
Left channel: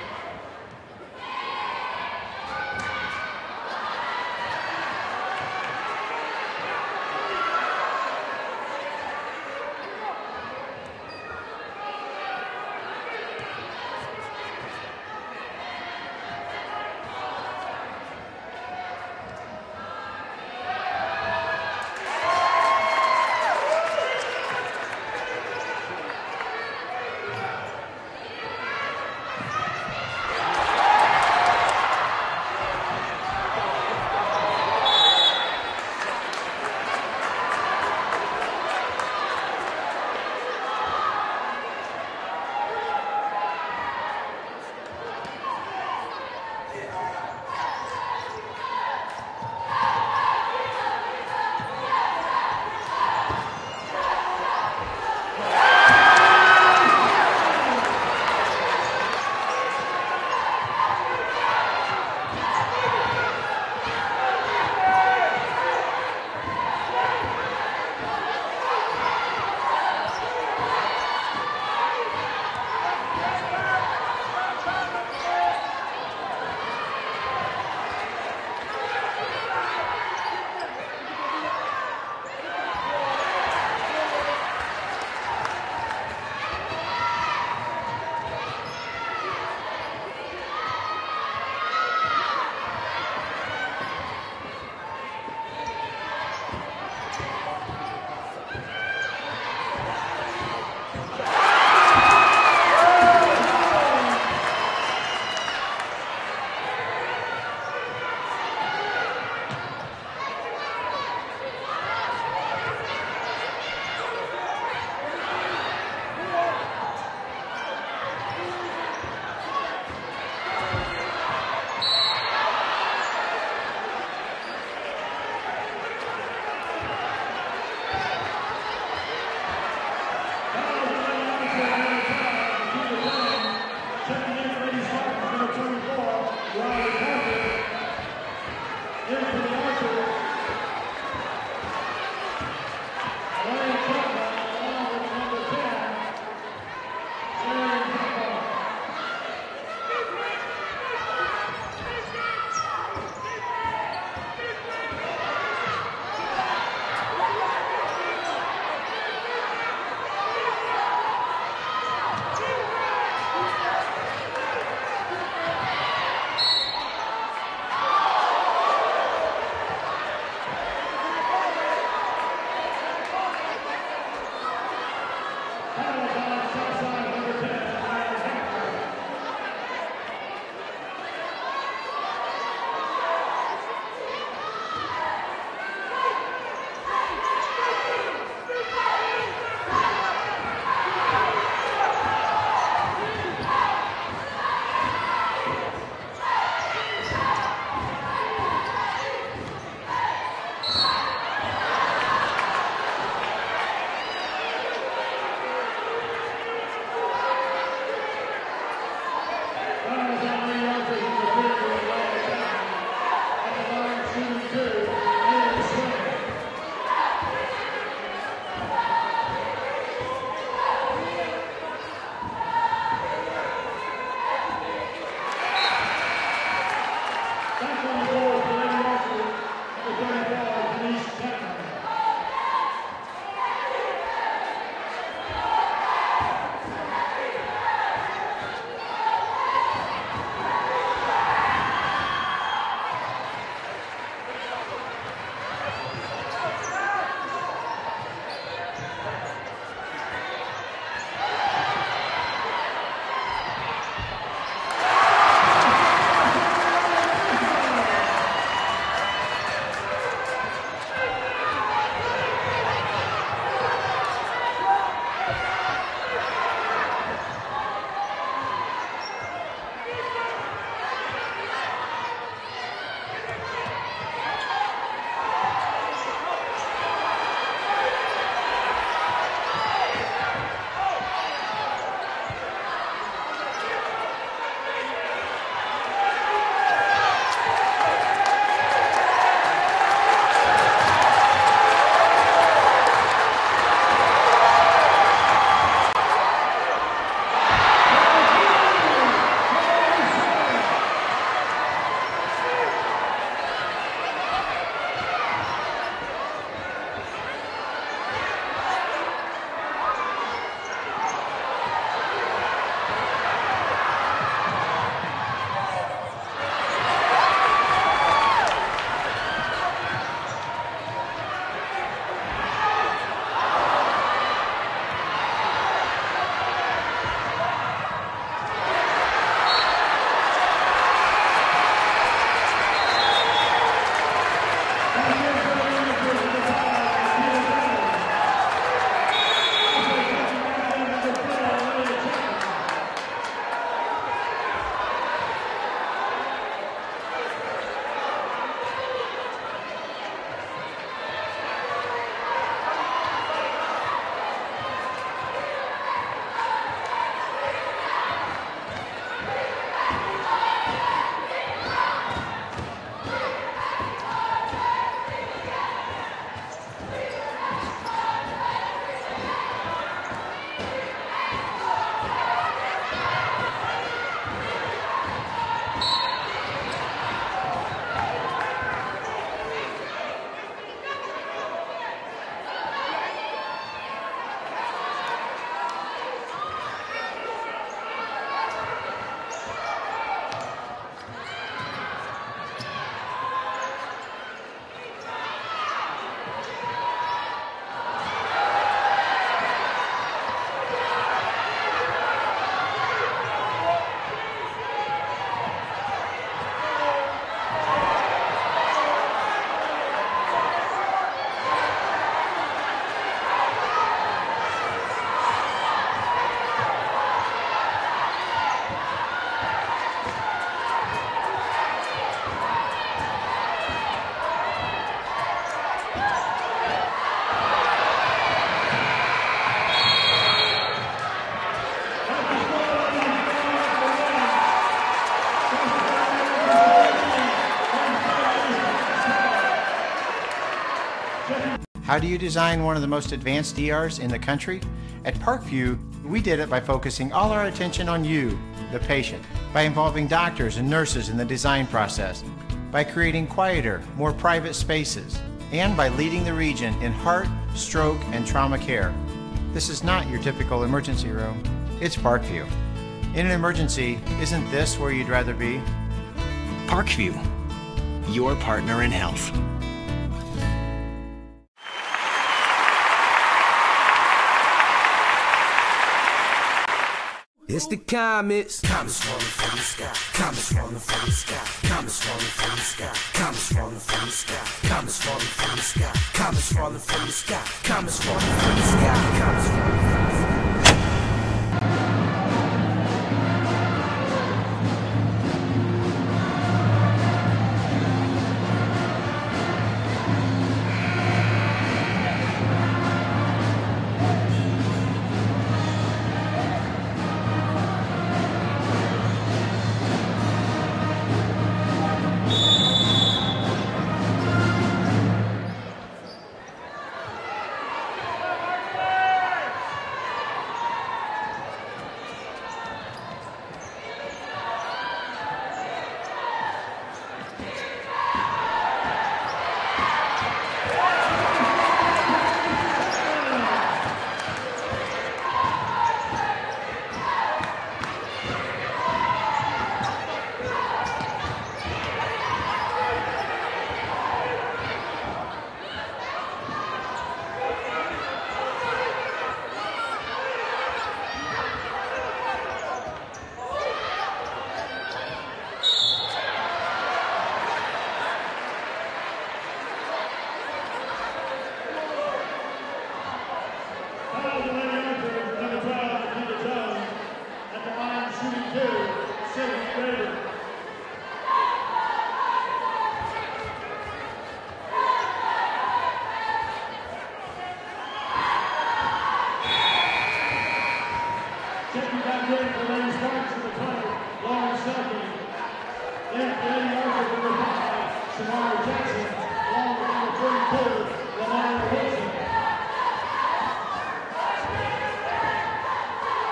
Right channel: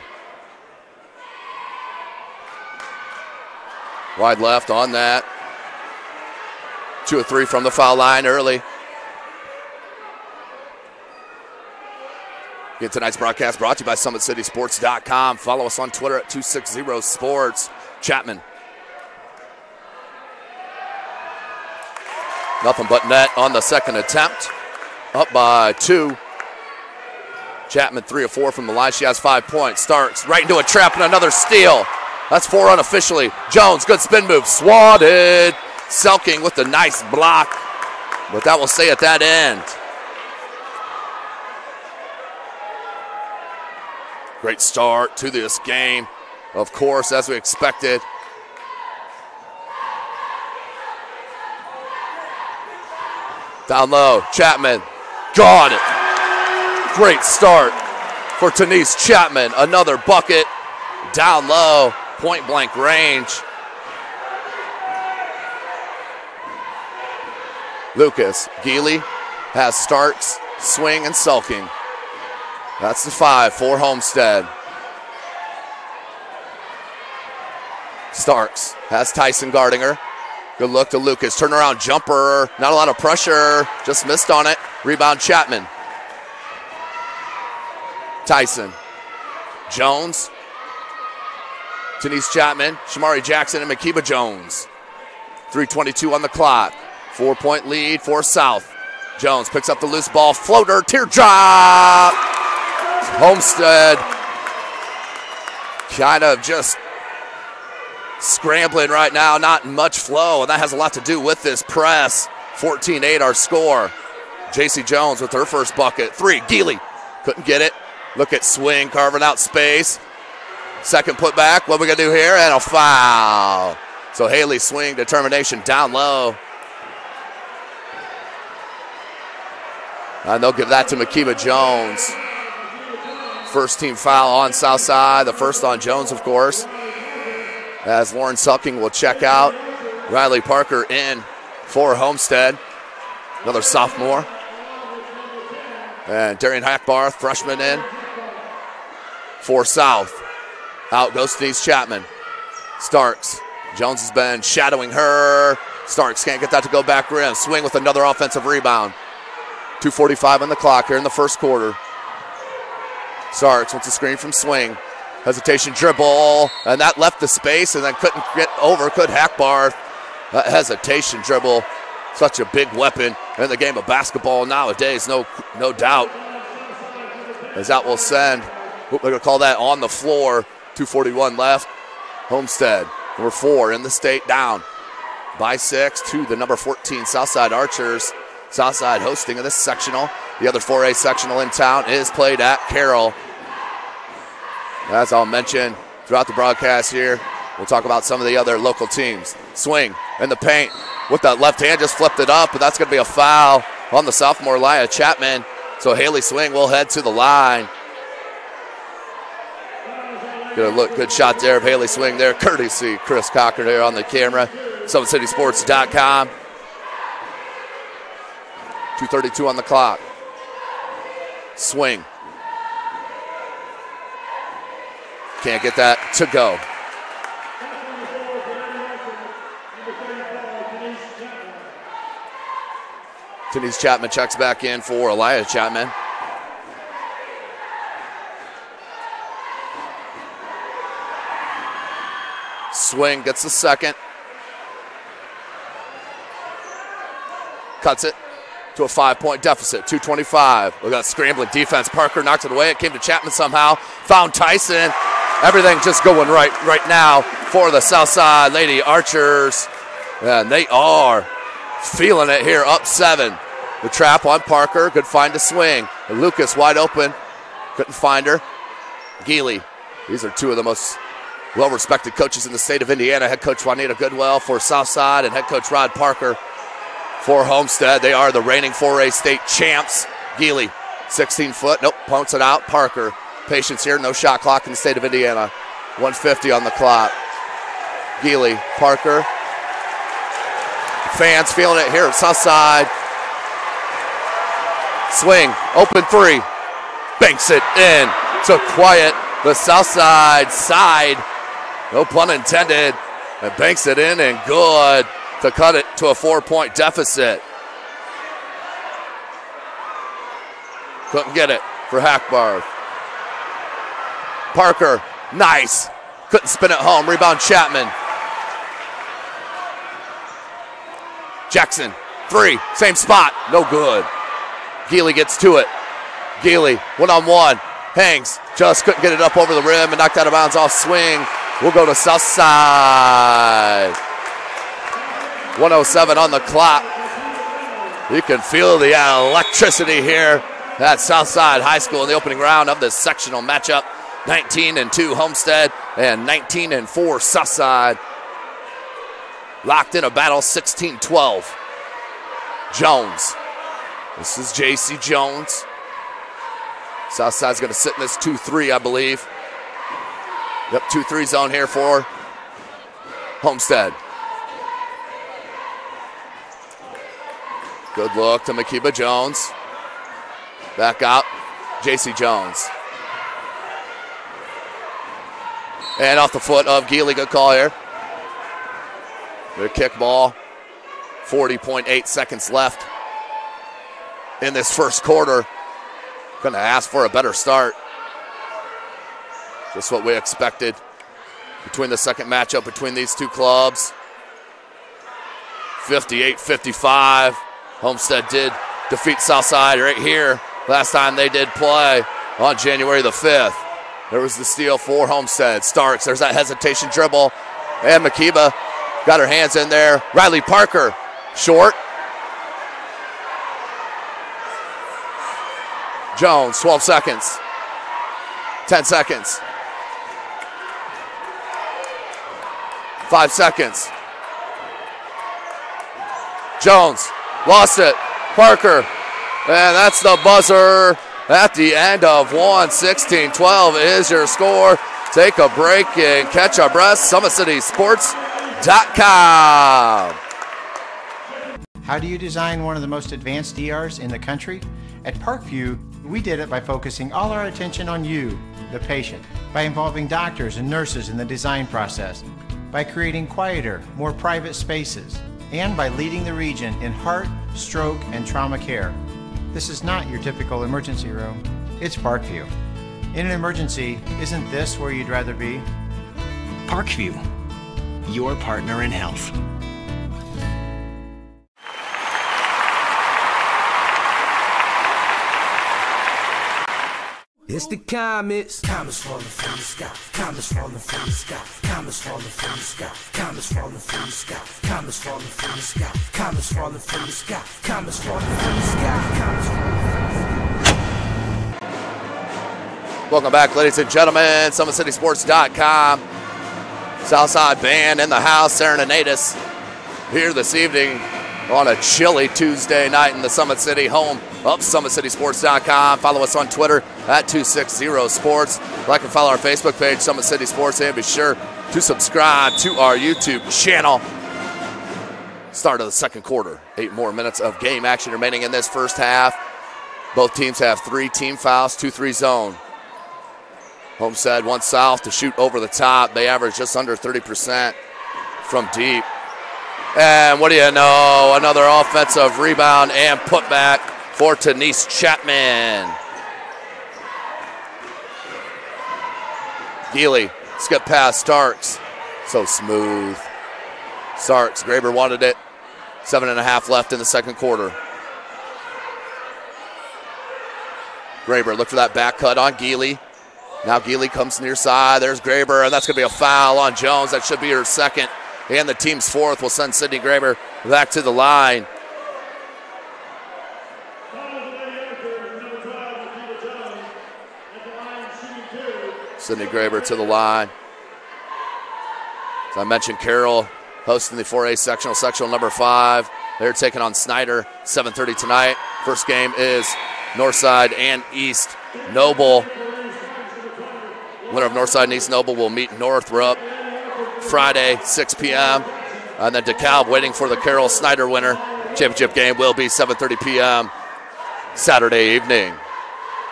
Wide left on that. 2 of 3 from the foul line early. Again, tonight's broadcast brought to you by SummitCitySports.com. Follow us on Twitter at 260sports. Chapman. Nothing but net on the second attempt. Up by 2. Chapman 3 of 4 from the line. She has 5 points. Starks right into a trap and another steal. That's 4 unofficially. Jones, good spin move. Swatted. Selking with the nice block. But that will stay at that end. Great start to this game. Of course, as we expected. Down low, Chapman. Got it. Great start for Denise Chapman. Another bucket. Down low, point blank range. Lucas, Healy has Starks, swing and sulking. That's the 5 for Homestead. Starks has Tyson guarding her. Good look to Lucas, turnaround jumper, not a lot of pressure, just missed on it. Rebound Chapman. Tyson, Jones, Denise Chapman, Shamari Jackson, and Makiba Jones. 3:22 on the clock. 4-point lead for South. Jones picks up the loose ball, floater, teardrop. Homestead kind of just scrambling right now, not much flow, and that has a lot to do with this press. 14-8 our score. JC Jones with her first bucket. 3, Healy, couldn't get it. Look at swing, carving out space. Second putback, what are we gonna do here? And a foul. So Healy swing, determination down low. And they'll give that to Makiba Jones. First team foul on Southside, the first on Jones, of course. As Lauren Sulking will check out. Riley Parker in for Homestead. Another sophomore. And Darian Hackbarth, freshman, in for South. Out goes Denise Chapman. Starks. Jones has been shadowing her. Starks can't get that to go back rim. Swing with another offensive rebound. 2:45 on the clock here in the first quarter. Starks with the screen from Swing. Hesitation dribble, and that left the space and then couldn't get over, could Hackbarth. That hesitation dribble, such a big weapon in the game of basketball nowadays, no doubt. As that will send, we're gonna call that on the floor, 2:41 left. Homestead, number 4 in the state, down by 6 to the number 14 Southside Archers. Southside hosting of this sectional. The other 4A sectional in town is played at Carroll. As I'll mention throughout the broadcast here, we'll talk about some of the other local teams. Swing in the paint with that left hand, just flipped it up, but that's gonna be a foul. on the sophomore Elia Chapman. So Healy swing will head to the line. Good shot there of Healy swing there. Courtesy Chris Cocker there on the camera. SummitCitySports.com. 2:32 on the clock. Swing. Can't get that to go. Denise Chapman checks back in for Elia Chapman. Swing gets the second. Cuts it to a 5-point deficit, 2:25. We got a scrambling defense. Parker knocked it away. It came to Chapman somehow. Found Tyson. Everything just going right now for the Southside Lady Archers. And they are feeling it here, up 7. The trap on Parker. Good find to swing. Lucas wide open. Couldn't find her. Healy. These are two of the most well-respected coaches in the state of Indiana. Head coach Juanita Goodwell for Southside and head coach Rod Parker for Homestead. They are the reigning 4A state champs. Healy, 16 foot. Nope, punts it out. Parker, patience here. No shot clock in the state of Indiana. 1:50 on the clock. Healy, Parker. Fans feeling it here at Southside. Swing, open 3. Banks it in to quiet the Southside side. No pun intended. And banks it in and good to cut it to a 4-point deficit. Couldn't get it for Hackbarth. Parker, nice. Couldn't spin it home. Rebound Chapman. Jackson, 3, same spot, no good. Healy gets to it. Healy, one-on-one, hangs, just couldn't get it up over the rim and knocked out of bounds off swing. We'll go to Southside. 1:07 on the clock. You can feel the electricity here at Southside High School in the opening round of the sectional matchup. 19-2 Homestead and 19-4 Southside. Locked in a battle, 16-12. Jones. This is J.C. Jones. Southside's going to sit in this 2-3, I believe. Yep, 2-3 zone here for Homestead. Good look to Makiba Jones. Back out, J.C. Jones. And off the foot of Healy, good call here. Their kick ball, 40.8 seconds left in this first quarter. Gonna ask for a better start. Just what we expected between the second matchup between these two clubs. 58-55. Homestead did defeat Southside right here last time they did play on January the 5th. There was the steal for Homestead. Starks, there's that hesitation dribble. And Makiba got her hands in there. Riley Parker, short. Jones, 12 seconds. 10 seconds. 5 seconds. Jones, lost it. Parker, and that's the buzzer at the end of 1. 16-12 is your score. Take a break and catch our breath. SummitCitySports.com. How do you design one of the most advanced ERs in the country? At Parkview, we did it by focusing all our attention on you, the patient, by involving doctors and nurses in the design process, by creating quieter, more private spaces, and by leading the region in heart, stroke, and trauma care. This is not your typical emergency room. It's Parkview. In an emergency, isn't this where you'd rather be? Parkview, your partner in health. It's the comets. Comets falling from the sky. Comets falling from the sky. Comets falling from the sky. Comets falling from the sky. Comets falling from the sky. Comets falling from the sky. Comets falling from the sky. Comets falling from the sky. Welcome back, ladies and gentlemen. SummitCitySports.com. Southside band in the house, Serenade us here this evening on a chilly Tuesday night in the Summit City, home of SummitCitySports.com. Follow us on Twitter at 260sports. Like and follow our Facebook page, Summit City Sports, and be sure to subscribe to our YouTube channel. Start of the second quarter. 8 more minutes of game action remaining in this first half. Both teams have 3 team fouls, 2-3 zone. Homestead wants South to shoot over the top. They average just under 30% from deep. And what do you know? Another offensive rebound and putback for Denise Chapman. Healy, skip past Starks. So smooth. Starks, Graber wanted it. 7.5 left in the second quarter. Graber, look for that back cut on Healy. Now Healy comes near side. There's Graber, and that's going to be a foul on Jones. That should be her second. And the team's fourth will send Sydney Graber back to the line. Sydney Graber to the line. As I mentioned, Carroll hosting the 4A sectional number 5. They're taking on Snyder, 7:30 tonight. First game is Northside and East Noble. Winner of Northside and East Noble will meet Northrop Friday, 6 p.m. And then DeKalb waiting for the Carroll Snyder winner. Championship game will be 7:30 p.m. Saturday evening.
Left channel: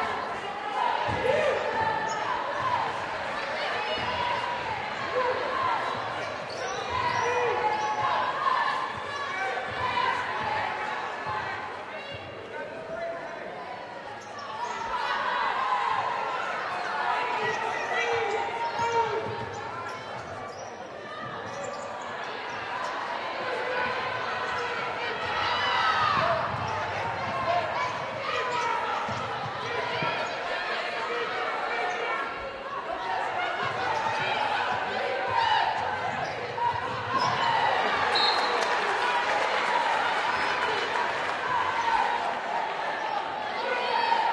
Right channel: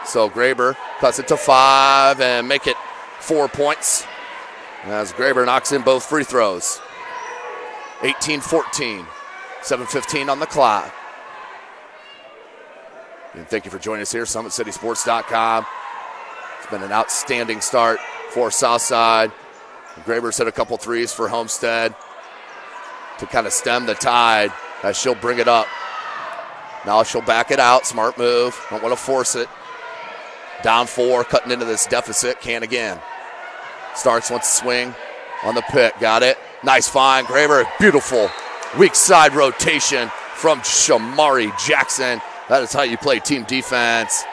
So Graber cuts it to 5 and make it 4 points as Graber knocks in both free throws. 18-14, 7:15 on the clock. And thank you for joining us here, SummitCitySports.com. It's been an outstanding start for Southside. Graber's hit a couple threes for Homestead to kind of stem the tide as she'll bring it up. Now she'll back it out, smart move, don't want to force it. Down 4, cutting into this deficit, can again. Starks wants to swing on the pick, got it. Nice find, Graber, beautiful weak side rotation from Shamari Jackson. That is how you play team defense.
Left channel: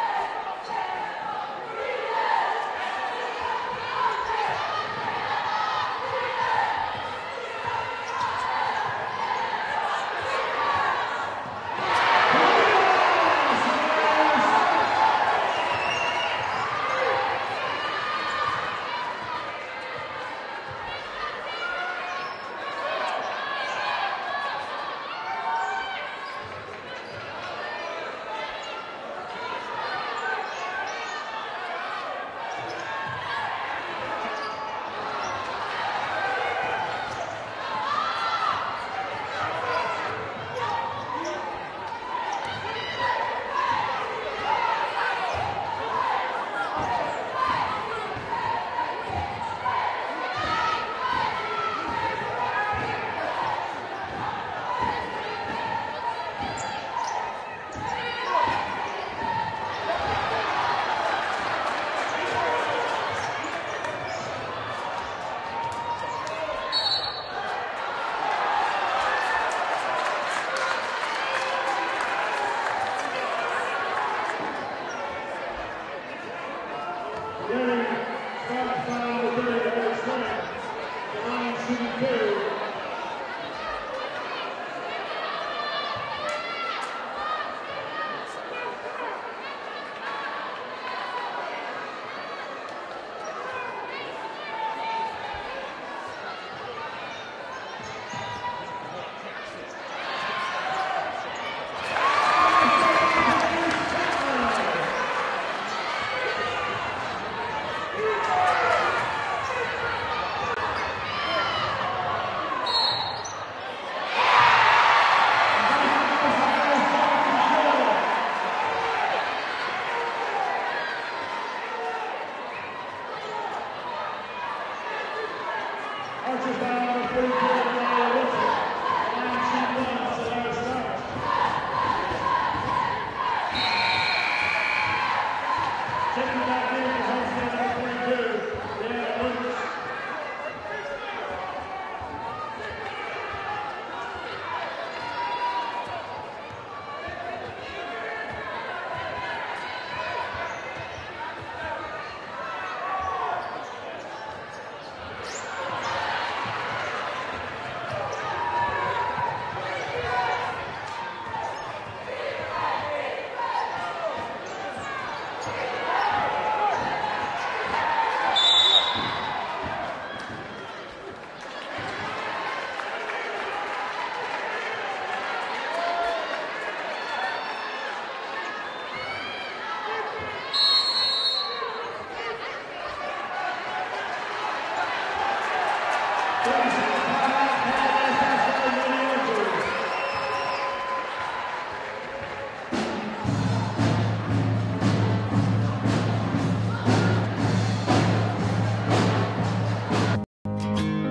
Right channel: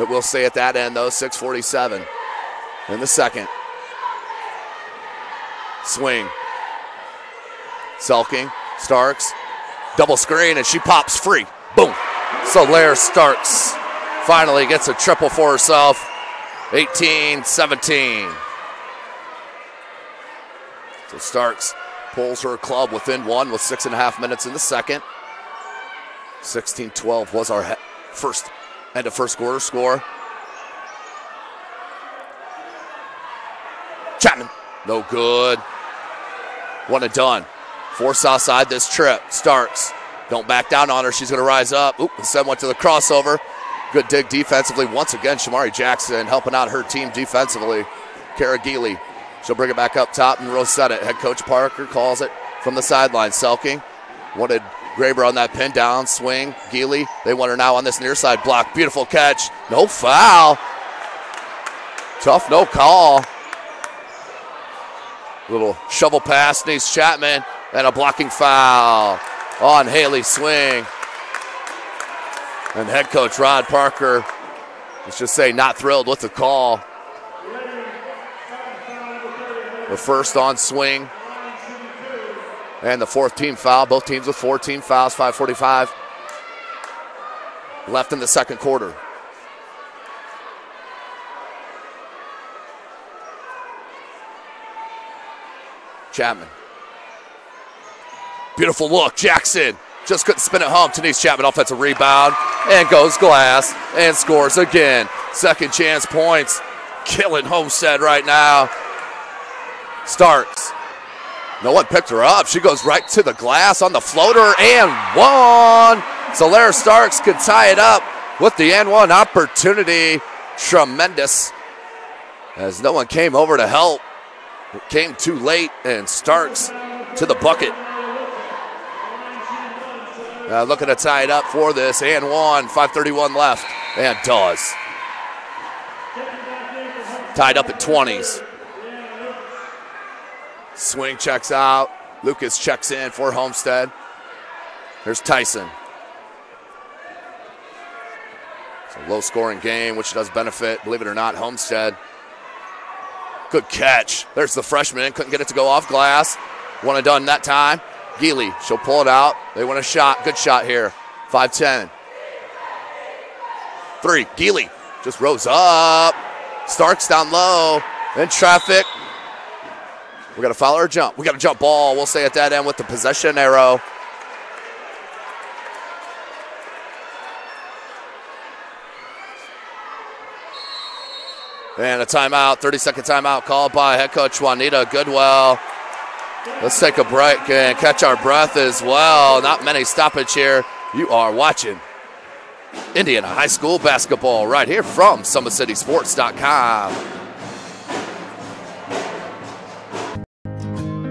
It will stay at that end though, 6:47 in the second. Swing. Selking, Starks, double screen, and she pops free. Boom. Solaire Starks finally gets a triple for herself. 18-17. So Starks pulls her club within 1 with 6.5 minutes in the second. 16-12 was our first end of first quarter score. Chapman, no good. One and done. For Southside this trip. Starks, don't back down on her. She's going to rise up. Oop, instead went to the crossover. Good dig defensively. Once again, Shamari Jackson helping out her team defensively. Kara Geely, she'll bring it back up top and we'll set it. Head coach Parker calls it from the sideline. Selking wanted Graber on that pin down swing. Geely, they want her now on this near side block. Beautiful catch. No foul. Tough no call. Little shovel pass, Denise Chapman, and a blocking foul on Healy's swing. And head coach Rod Parker, let's just say, not thrilled with the call. The first on swing and the fourth team foul. Both teams with 4 team fouls, 5:45 left in the second quarter. Chapman. Beautiful look, Jackson. Just couldn't spin it home. Denise Chapman, offensive rebound, and goes glass and scores again. Second chance points. Killing Homestead right now. Starks. No one picked her up. She goes right to the glass on the floater and one. Solaire Starks can tie it up with the and one opportunity. Tremendous. As no one came over to help. It came too late, and Starks to the bucket. Looking to tie it up for this, and one, 5:31 left, and does. Tied up at 20s. Swing checks out. Lucas checks in for Homestead. There's Tyson. It's a low-scoring game, which does benefit, believe it or not, Homestead. Good catch. There's the freshman. Couldn't get it to go off glass. One and done that time. Healy, she'll pull it out. They want a shot. Good shot here. 5-10. 3, Healy just rose up. Starks down low. In traffic. We got to foul or jump. We got a jump ball. We'll stay at that end with the possession arrow. And a timeout, 30-second timeout called by head coach Juanita Goodwell. Let's take a break and catch our breath as well. Not many stoppage here. You are watching Indiana High School basketball right here from SummitCitySports.com.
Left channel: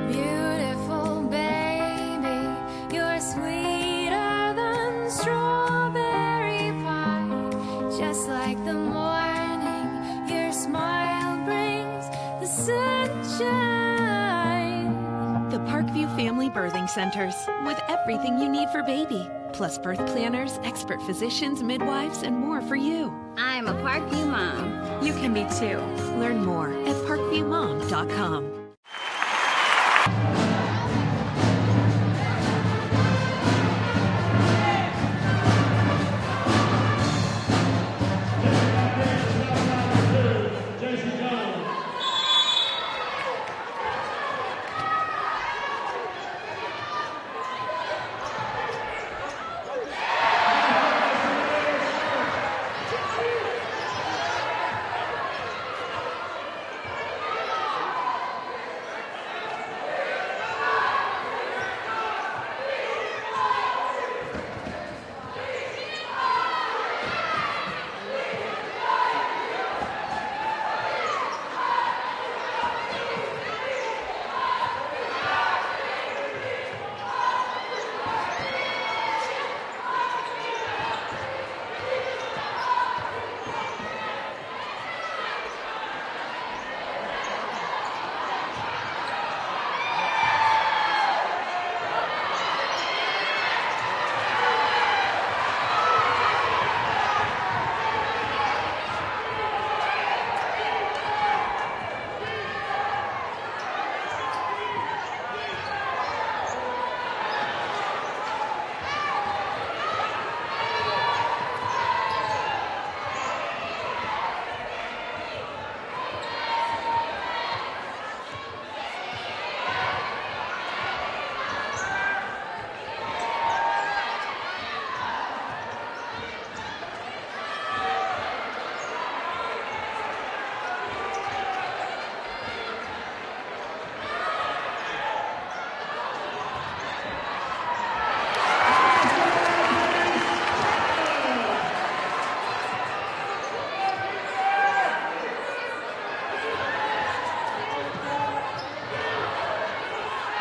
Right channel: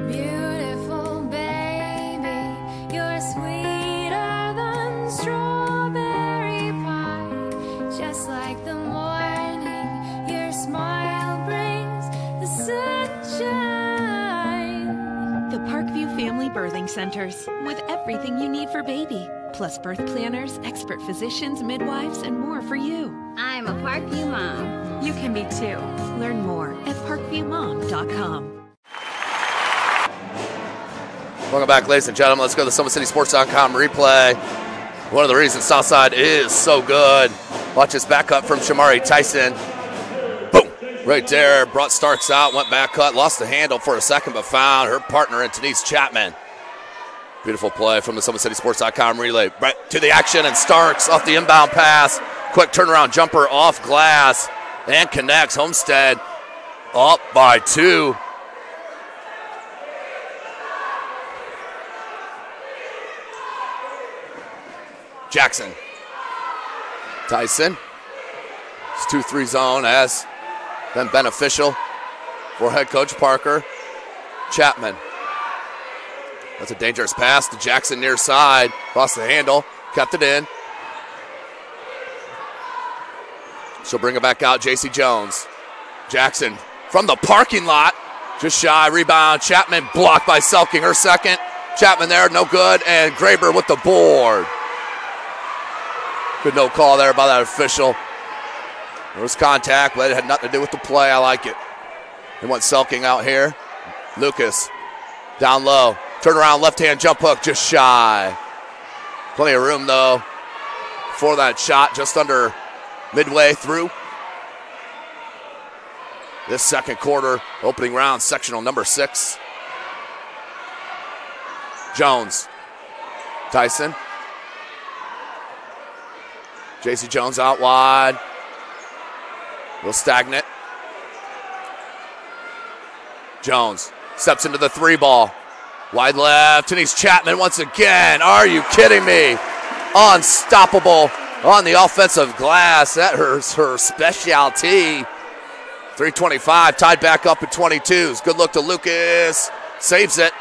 Beautiful baby, you're sweeter than strawberry pie. Just like the morning, your smile brings the sunshine. The Parkview Family Birthing Centers, with everything you need for baby, plus birth planners, expert physicians, midwives, and more for you. I'm a Parkview mom. You can be too. Learn more at parkviewmom.com. Welcome back, ladies and gentlemen. Let's go to the SummitCitySports.com replay. One of the reasons Southside is so good. Watch this back cut from Shamari Tyson. Boom! Right there. Brought Starks out, went back cut, lost the handle for a second, but found her partner in Denise Chapman. Beautiful play from the SummitCitySports.com relay. Right to the action, and Starks off the inbound pass. Quick turnaround jumper off glass and connects. Homestead up by 2. Jackson. Tyson. This 2-3 zone has been beneficial for head coach Parker. Chapman. That's a dangerous pass to Jackson near side. Lost the handle, kept it in. She'll bring it back out, J.C. Jones. Jackson from the parking lot. Just shy, rebound. Chapman blocked by Selking, her second. Chapman there, no good, and Graber with the board. Good no call there by that official. It was contact, but it had nothing to do with the play. I like it. They want Selking out here. Lucas down low. Turn around, left-hand jump hook, just shy. Plenty of room, though, for that shot, just under midway through this second quarter, opening round, sectional number 6. Jones. Tyson. J.C. Jones out wide. A little stagnant. Jones steps into the 3 ball. Wide left, Denise Chapman once again. Are you kidding me? Unstoppable on the offensive glass. That is her specialty. 3:25, tied back up at 22s. Good look to Lucas. Saves it.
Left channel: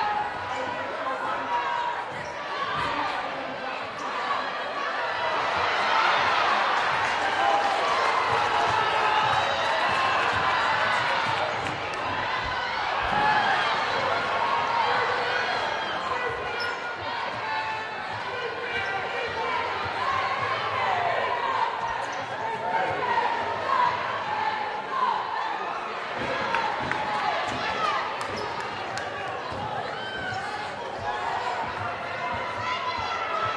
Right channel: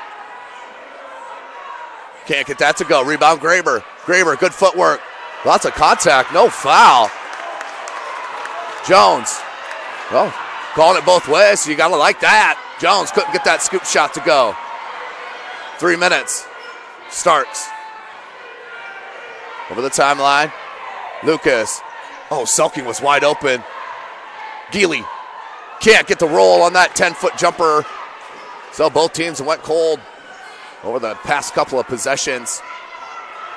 Can't get that to go. Rebound Graber. Graber, good footwork. Lots of contact, no foul. Jones. Well, calling it both ways, so you gotta like that. Jones couldn't get that scoop shot to go. 3 minutes. Starks. Over the timeline. Lucas. Oh, Selking was wide open. Healy can't get the roll on that 10-foot jumper. So both teams went cold over the past couple of possessions.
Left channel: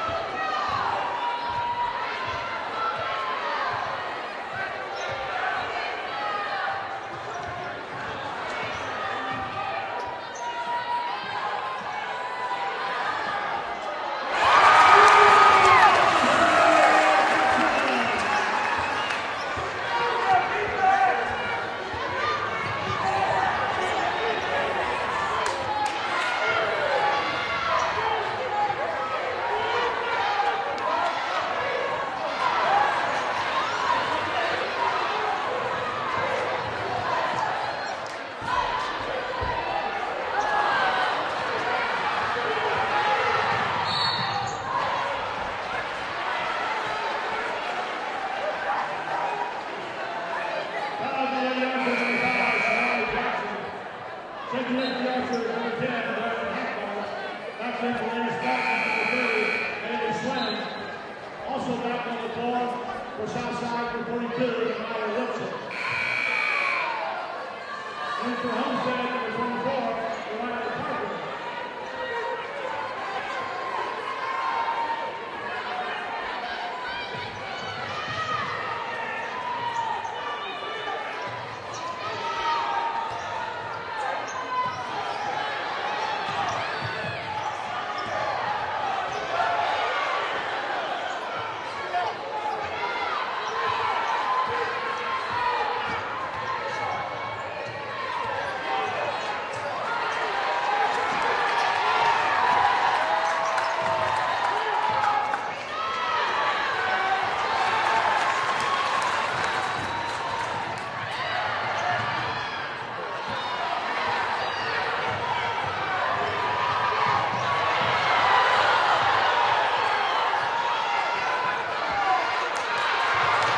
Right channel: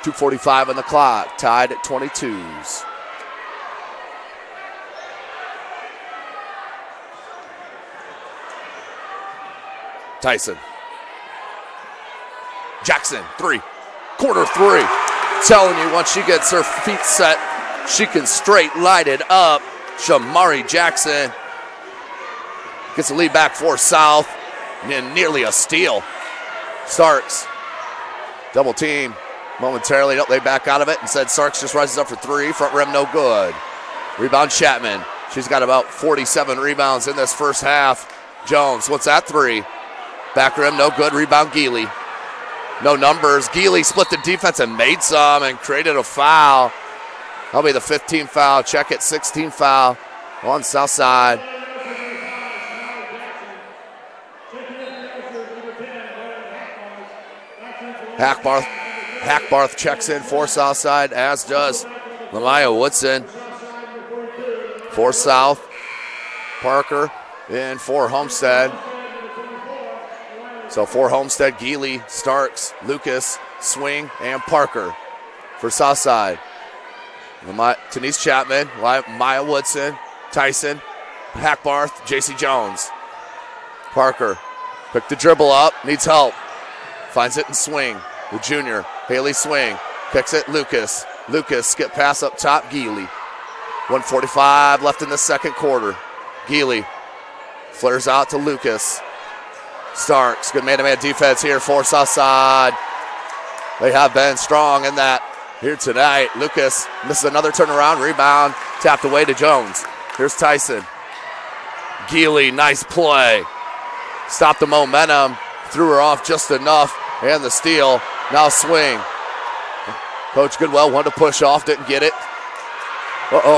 2:45 on the clock, tied at 22s. Tyson. Jackson, 3. Quarter 3. Telling you, once she gets her feet set, she can straight light it up. Shamari Jackson gets the lead back for South, and nearly a steal. Starks, double team momentarily. They back out of it. Instead, Starks just rises up for 3. Front rim, no good. Rebound Chapman. She's got about 47 rebounds in this first half. Jones, what's that 3? Back rim, no good. Rebound Healy. No numbers. Healy split the defense and made some and created a foul. That'll be the 15th foul. Check it, 16th foul on Southside. Hackbarth checks in for Southside, as does Lamaya Woodson. For South, Parker in for Homestead. So for Homestead, Healy, Starks, Lucas, Swing, and Parker. For Southside, Denise Chapman, Maya Woodson, Tyson, Hackbarth, JC Jones. Parker, quick to dribble up, needs help. Finds it in Swing with Junior. Haley Swing, picks it, Lucas. Lucas, skip pass up top, Healy. 1:45 left in the second quarter. Healy flares out to Lucas. Starks, good man-to-man defense here for Southside. They have been strong in that here tonight. Lucas misses another turnaround, rebound, tapped away to Jones. Here's Tyson. Healy, nice play. Stopped the momentum, threw her off just enough, and the steal. Now Swing. Coach Goodwell wanted to push off, didn't get it.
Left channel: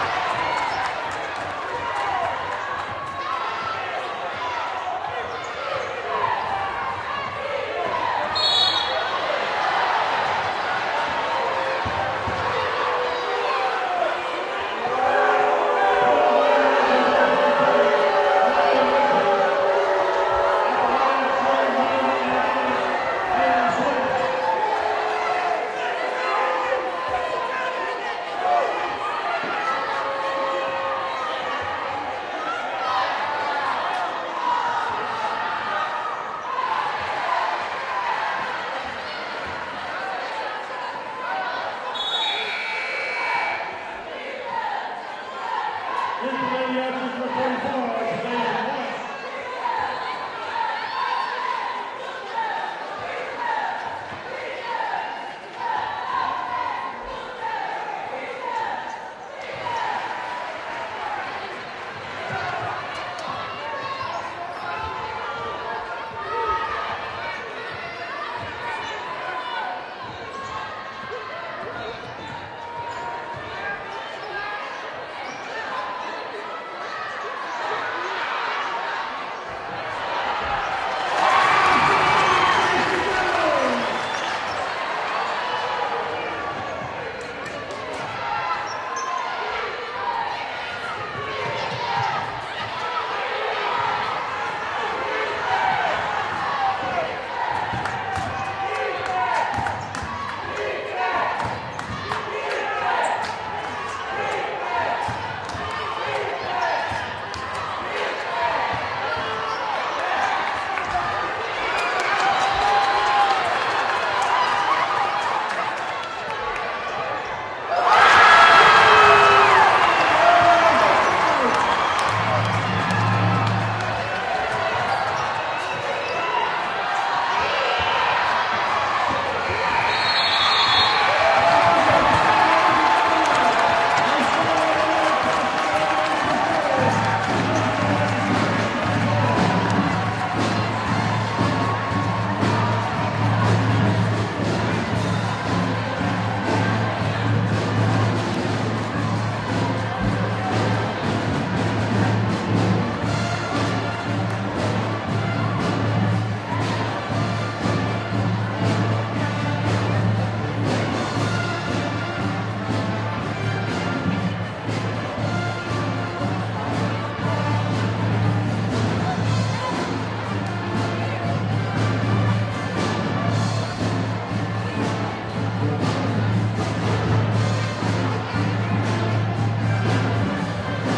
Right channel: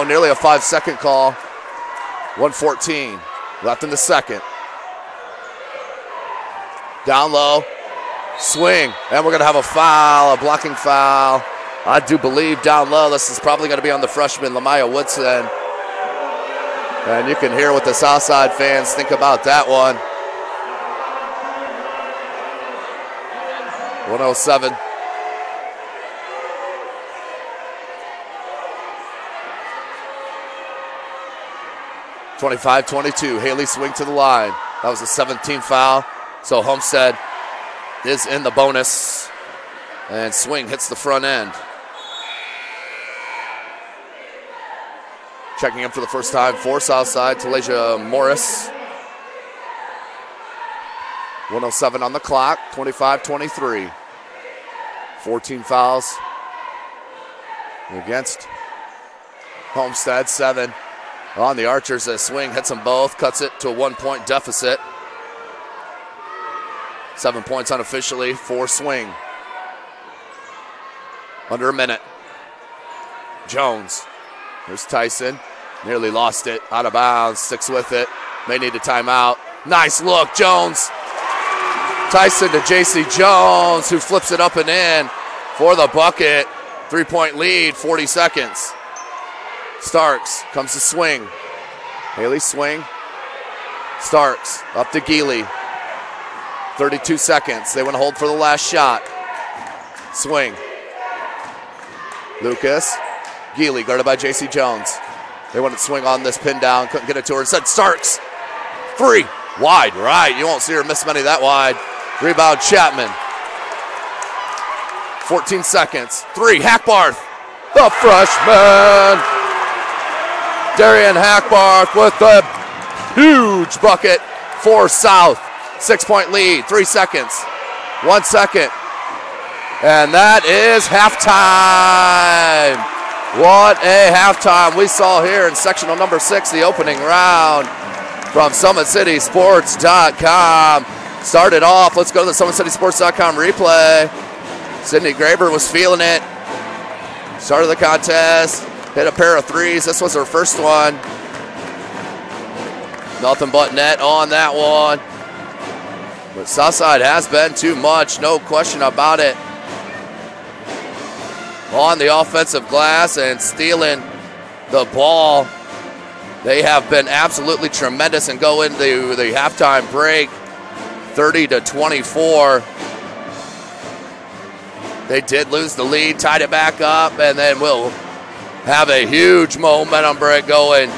Nearly a 5-second call. 1:14 left in the second. Down low, Swing, and we're gonna have a foul, a blocking foul. I do believe down low, this is probably gonna be on the freshman, Lamaya Woodson. And you can hear what the Southside fans think about that one. 107. (25-22), Haley Swing to the line. That was a 17th foul. So Homestead is in the bonus, and Swing hits the front end. Checking in for the first time for Southside, Talasia Morris. 107 on the clock, 25-23. 14 fouls against Homestead, 7 on the Archers as Swing hits them both, cuts it to a 1-point deficit. 7 points unofficially for Swing. Under a minute. Jones. Here's Tyson. Nearly lost it. Out of bounds. Sticks with it. May need a timeout. Nice look, Jones. Tyson to JC Jones, who flips it up and in for the bucket. 3-point lead, 40 seconds. Starks comes to Swing. Haley Swing. Starks up to Healy. 32 seconds. They want to hold for the last shot. Swing. Lucas. Healy guarded by JC Jones. They want to swing on this pin down. Couldn't get it to her. Instead, Starks. 3. Wide right. You won't see her miss many that wide. Rebound Chapman. 14 seconds. 3. Hackbarth. The freshman. Darian Hackbarth with the huge bucket for South. 6-point lead, 3 seconds, 1 second. And that is halftime. What a halftime we saw here in sectional number 6, the opening round from SummitCitySports.com. Started off, let's go to the SummitCitySports.com replay. Sydney Graber was feeling it. Started the contest, hit a pair of threes. This was her first one. Nothing but net on that one. Southside has been too much, no question about it. On the offensive glass and stealing the ball. They have been absolutely tremendous and go into the halftime break 30-24. They did lose the lead, tied it back up, and then we'll have a huge momentum break going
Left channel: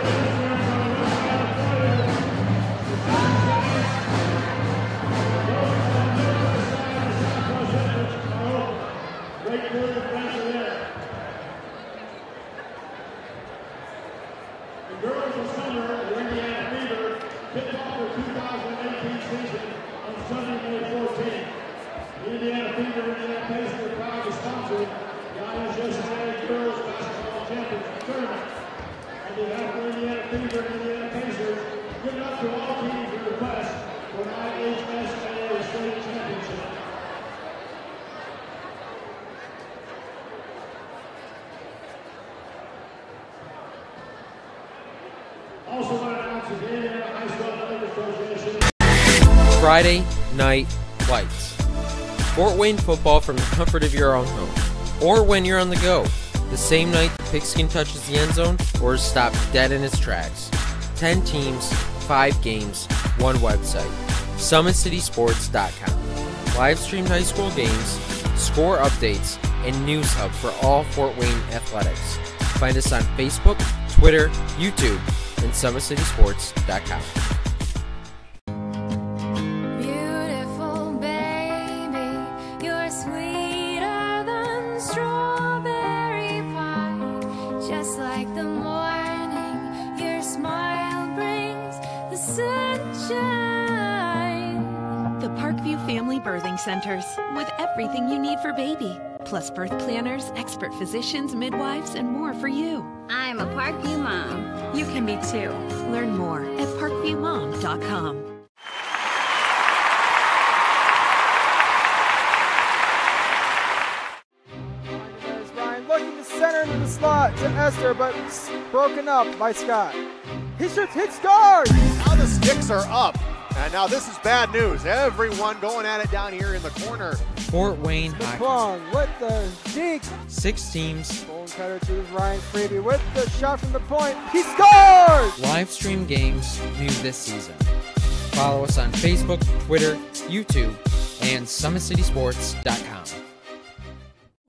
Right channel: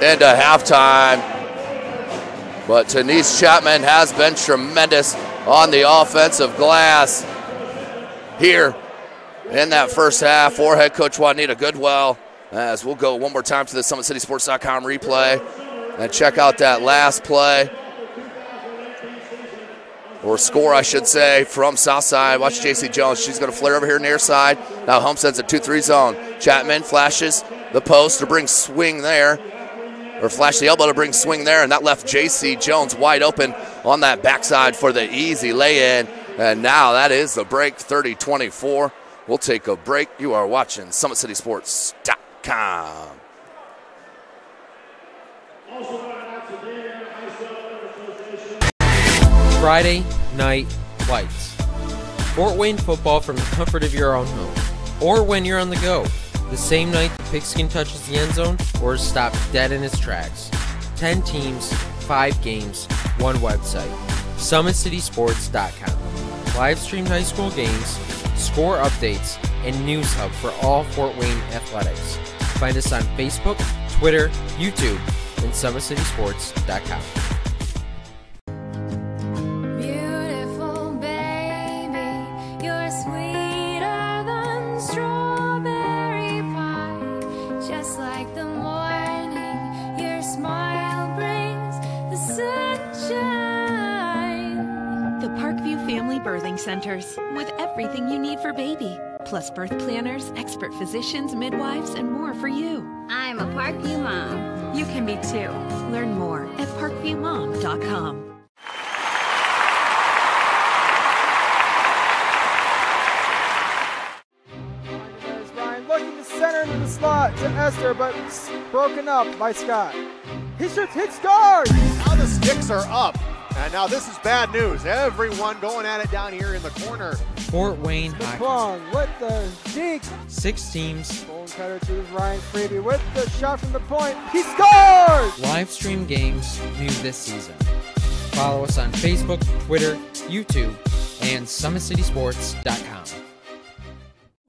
into halftime. But Denise Chapman has been tremendous on the offensive glass here in that first half for head coach Juanita Goodwell. As we'll go one more time to the SummitCitySports.com replay and check out that last play, or score I should say, from Southside. Watch JC Jones, she's gonna flare over here near side. Now Homestead's a 2-3 zone. Chapman flashes the post to bring Swing there, or flash the elbow to bring Swing there, and that left JC Jones wide open on that backside for the easy lay-in. And now that is the break, 30-24. We'll take a break. You are watching SummitCitySports.com. Friday Night Lights. Fort Wayne football from the comfort of your own home, or when you're on the go. The same night the pigskin touches the end zone or is stopped dead in its tracks. 10 teams, 5 games, 1 website. SummitCitySports.com. Live streamed high school games, score updates, and news hub for all Fort Wayne athletics. Find us on Facebook, Twitter, YouTube, and SummitCitySports.com. Beautiful baby, you're sweeter than strawberry pie. Just like the morning, your smile brings the sunshine. The Parkview Family Birthing Centers, with everything you need for baby, plus birth planners, expert physicians, midwives, and more for you. I'm a Parkview mom. You can be too. Learn more at parkviewmom.com. There's Ryan looking to center into the slot to Esther, but broken up by Scott. He shoots, hits, scores! Now the sticks are up. And now this is bad news. Everyone going at it down here in the corner. Fort Wayne Hockey. Plong with the deke. 6 teams. Bone cutter to Ryan Freeby with the shot from the point. He scores! Live stream games new this season. Follow us on Facebook, Twitter, YouTube, and SummitCitySports.com.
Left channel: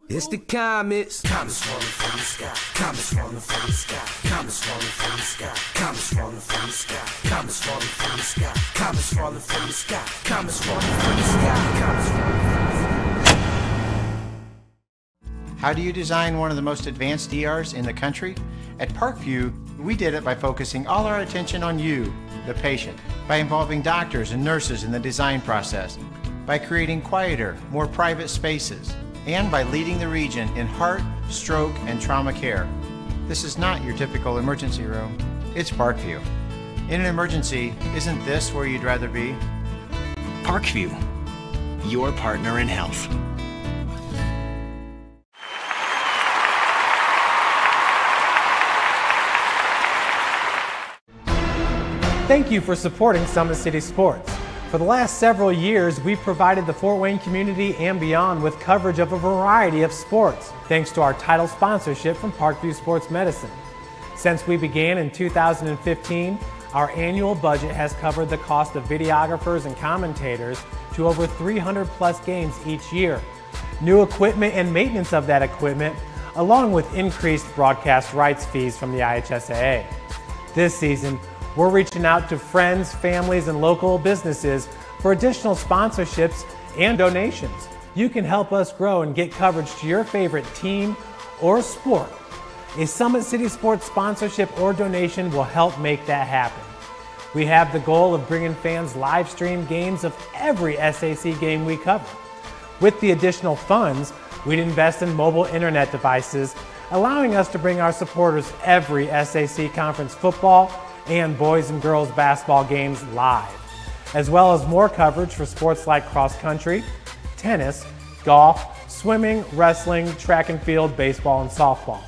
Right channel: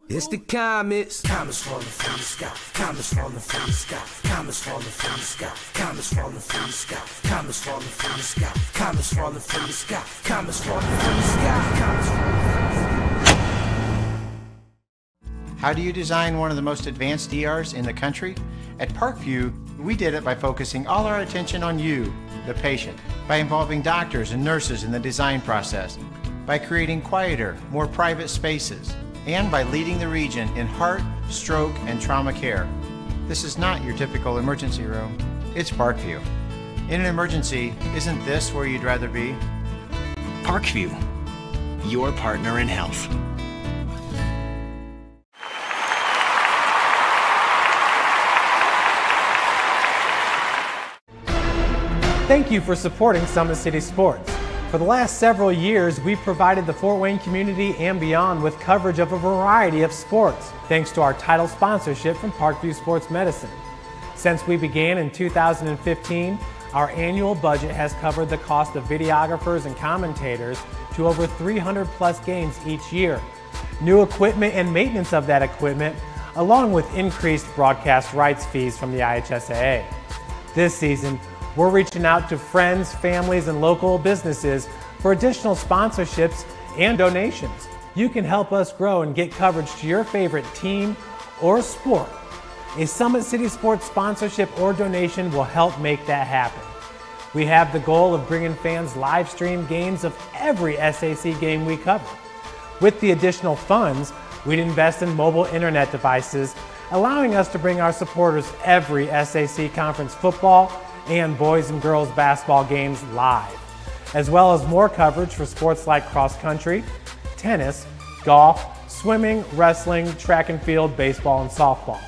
It's the comets. Comets falling from the sky. Comets falling from the sky. Comets falling from the sky. Comets falling from the sky. Comets falling from the sky. Comets falling from the sky. Comets falling from the sky. Comets falling from the sky. How do you design one of the most advanced ERs in the country? At Parkview, we did it by focusing all our attention on you, the patient, by involving doctors and nurses in the design process, by creating quieter, more private spaces, and by leading the region in heart, stroke, and trauma care. This is not your typical emergency room. It's Parkview. In an emergency, isn't this where you'd rather be? Parkview, your partner in health. Thank you for supporting Summit City Sports. For the last several years, we've provided the Fort Wayne community and beyond with coverage of a variety of sports, thanks to our title sponsorship from Parkview Sports Medicine. Since we began in 2015, our annual budget has covered the cost of videographers and commentators to over 300 plus games each year. New equipment and maintenance of that equipment, along with increased broadcast rights fees from the IHSAA. This season, we're reaching out to friends, families, and local businesses for additional sponsorships and donations. You can help us grow and get coverage to your favorite team or sport. A Summit City Sports sponsorship or donation will help make that happen. We have the goal of bringing fans live stream games of every SAC game we cover. With the additional funds, we'd invest in mobile internet devices, allowing us to bring our supporters every SAC conference football and boys and girls basketball games live, as well as more coverage for sports like cross country, tennis, golf, swimming, wrestling, track and field, baseball, and softball.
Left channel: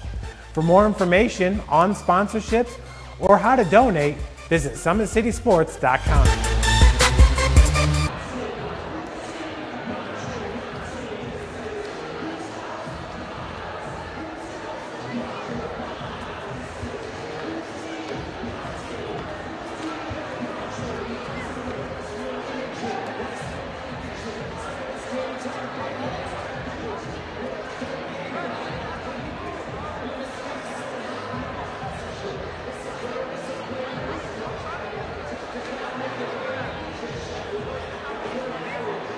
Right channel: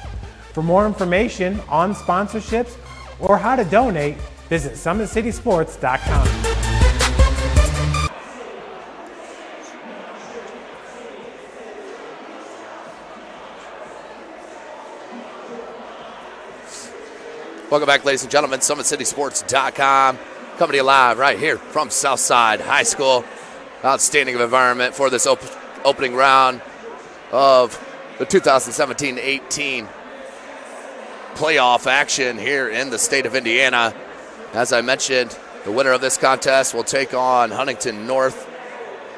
For more information on sponsorships or how to donate, visit SummitCitySports.com. Welcome back, ladies and gentlemen. SummitCitySports.com. Coming to you live right here from Southside High School. Outstanding environment for this opening round of the 2017-18 playoff action here in the state of Indiana. As I mentioned, the winner of this contest will take on Huntington North.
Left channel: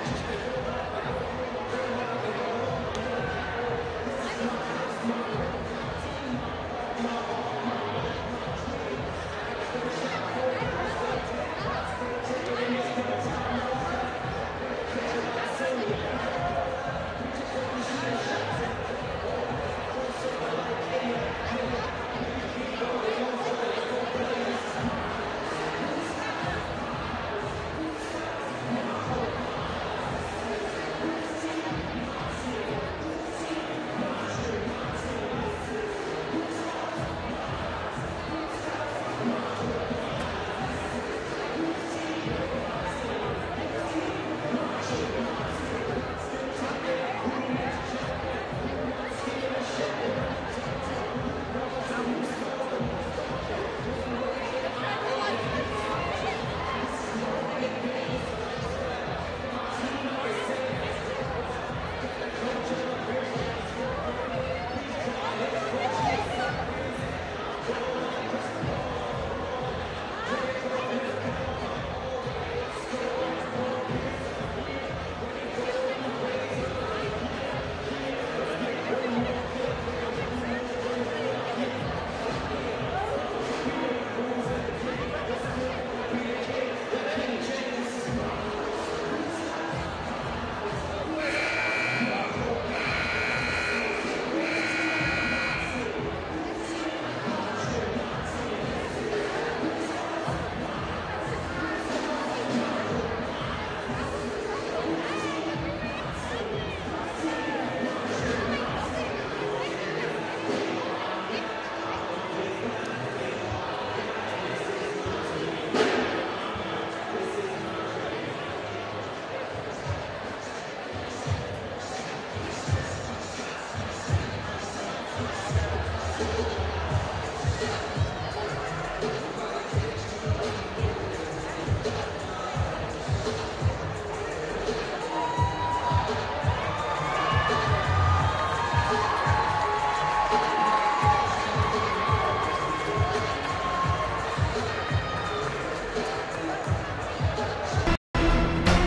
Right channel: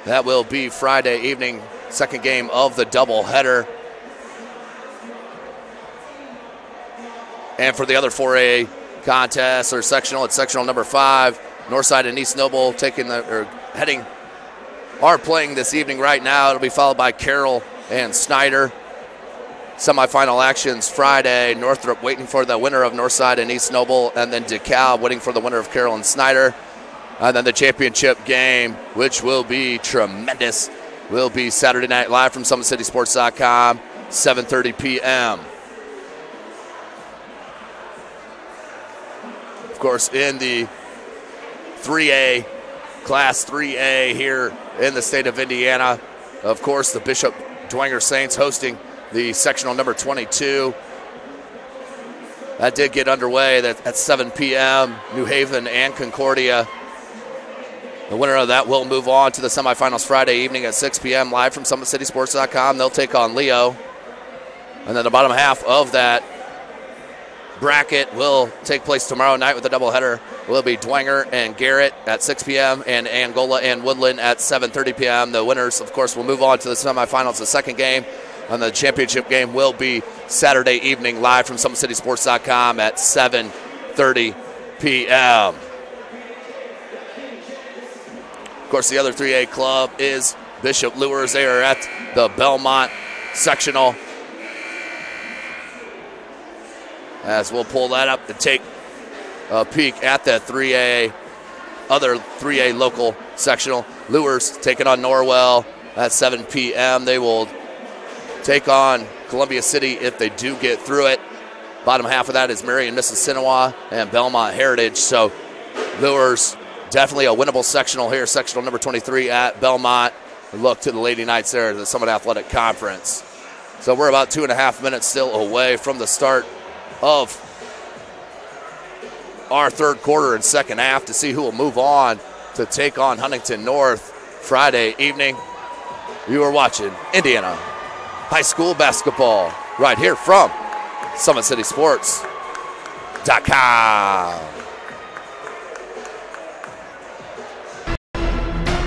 That will be Friday evening, second game of the doubleheader. And for the other 4A contests or sectional, it's sectional number 5. Northside and East Noble are playing this evening right now. It'll be followed by Carroll and Snyder. Semifinal actions Friday. Northrop waiting for the winner of Northside and East Noble, and then DeKalb waiting for the winner of Carroll and Snyder. And then the championship game, which will be tremendous, will be Saturday night live from SummitCitySports.com, 7:30 p.m. Of course, in the 3A, Class 3A here in the state of Indiana. Of course, the Bishop Dwenger Saints hosting the sectional number 22. That did get underway at 7 p.m. New Haven and Concordia The winner of that will move on to the semifinals Friday evening at 6 p.m. live from SummitCitySports.com. They'll take on Leo. And then the bottom half of that bracket will take place tomorrow night with a doubleheader. Will be Dwenger and Garrett at 6 p.m. and Angola and Woodland at 7:30 p.m. The winners, of course, will move on to the semifinals, the second game. And the championship game will be Saturday evening live from SummitCitySports.com at 7:30 p.m. Of course, the other 3A club is Bishop Lures. They are at the Belmont Sectional. As we'll pull that up and take a peek at that other 3A local sectional. Lures taking on Norwell at 7 p.m. They will take on Columbia City if they do get through it. Bottom half of that is Marion, Mississinawa, and Belmont Heritage. So Lures, definitely a winnable sectional here. Sectional number 23 at Belmont. Look to the Lady Knights there at the Summit Athletic Conference. So we're about 2.5 minutes still away from the start of our third quarter and second half to see who will move on to take on Huntington North Friday evening. You are watching Indiana High School basketball right here from SummitCitySports.com.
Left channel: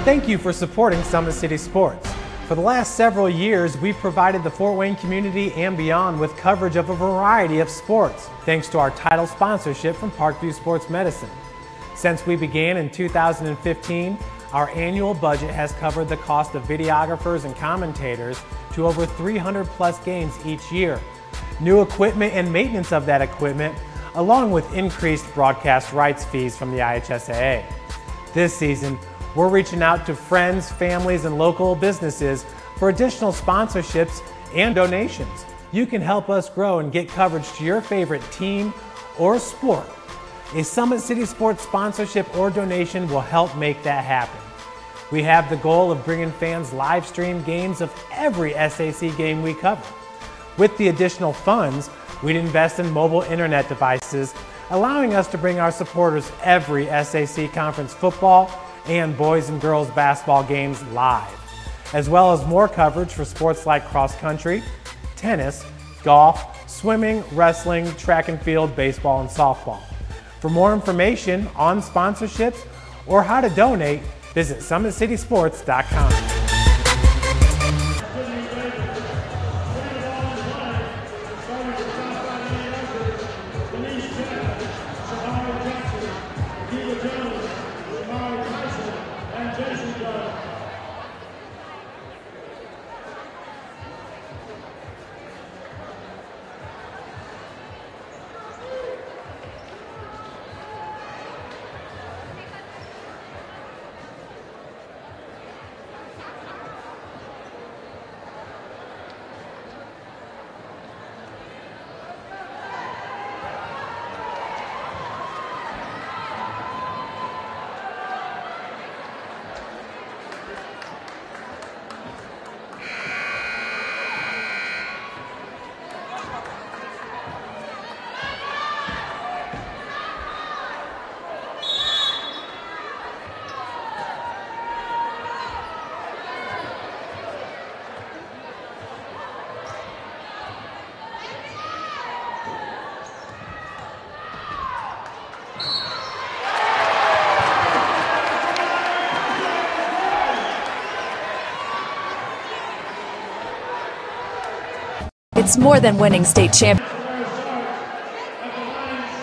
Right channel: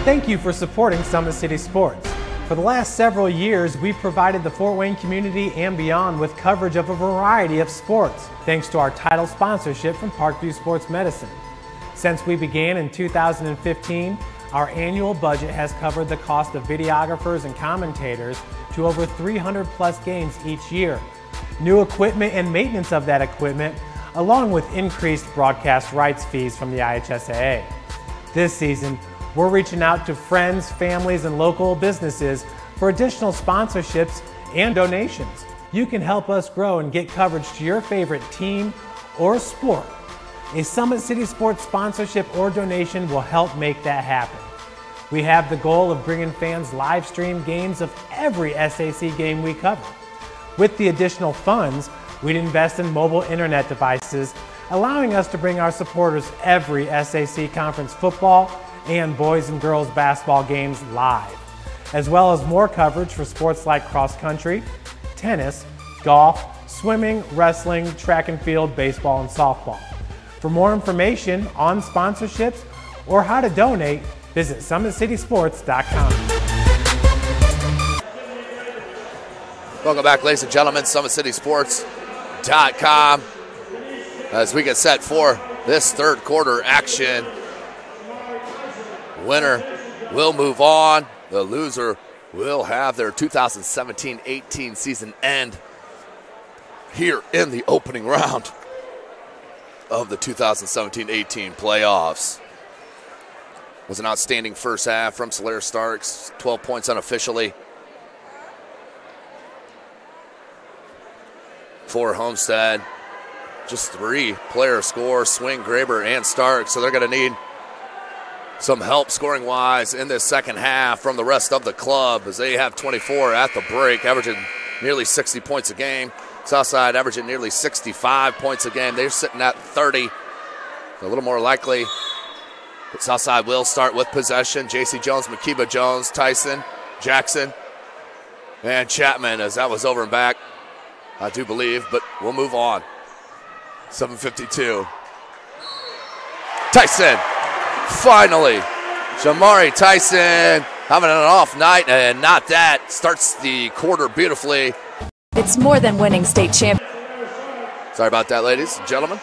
Thank you for supporting Summit City Sports. For the last several years, we've provided the Fort Wayne community and beyond with coverage of a variety of sports, thanks to our title sponsorship from Parkview Sports Medicine. Since we began in 2015, our annual budget has covered the cost of videographers and commentators to over 300 plus games each year. New equipment and maintenance of that equipment, along with increased broadcast rights fees from the IHSAA. This season, we're reaching out to friends, families, and local businesses for additional sponsorships and donations. You can help us grow and get coverage to your favorite team or sport. A Summit City Sports sponsorship or donation will help make that happen. We have the goal of bringing fans live stream games of every SAC game we cover. With the additional funds, we'd invest in mobile internet devices, allowing us to bring our supporters every SAC conference football and boys and girls basketball games live, as well as more coverage for sports like cross country, tennis, golf, swimming, wrestling, track and field, baseball, and softball. For more information on sponsorships or how to donate, visit SummitCitySports.com. Welcome back, ladies and gentlemen, SummitCitySports.com. As we get set for this third quarter action. Winner will move on. The loser will have their 2017-18 season end here in the opening round of the 2017-18 playoffs. It was an outstanding first half from Solaire Starks, 12 points unofficially for Homestead. Just 3 players score, Swing, Graber, and Starks, so they're going to need some help scoring-wise in this second half from the rest of the club as they have 24 at the break, averaging nearly 60 points a game. Southside averaging nearly 65 points a game. They're sitting at 30. A little more likely, but Southside will start with possession. J.C. Jones, Makiba Jones, Tyson, Jackson, and Chapman as that was over and back, I do believe, but we'll move on. 7:52. Tyson. Finally, Jamari Tyson having an off night, and not that. Starts the quarter beautifully. It's more than winning state champ. Sorry about that, ladies and gentlemen.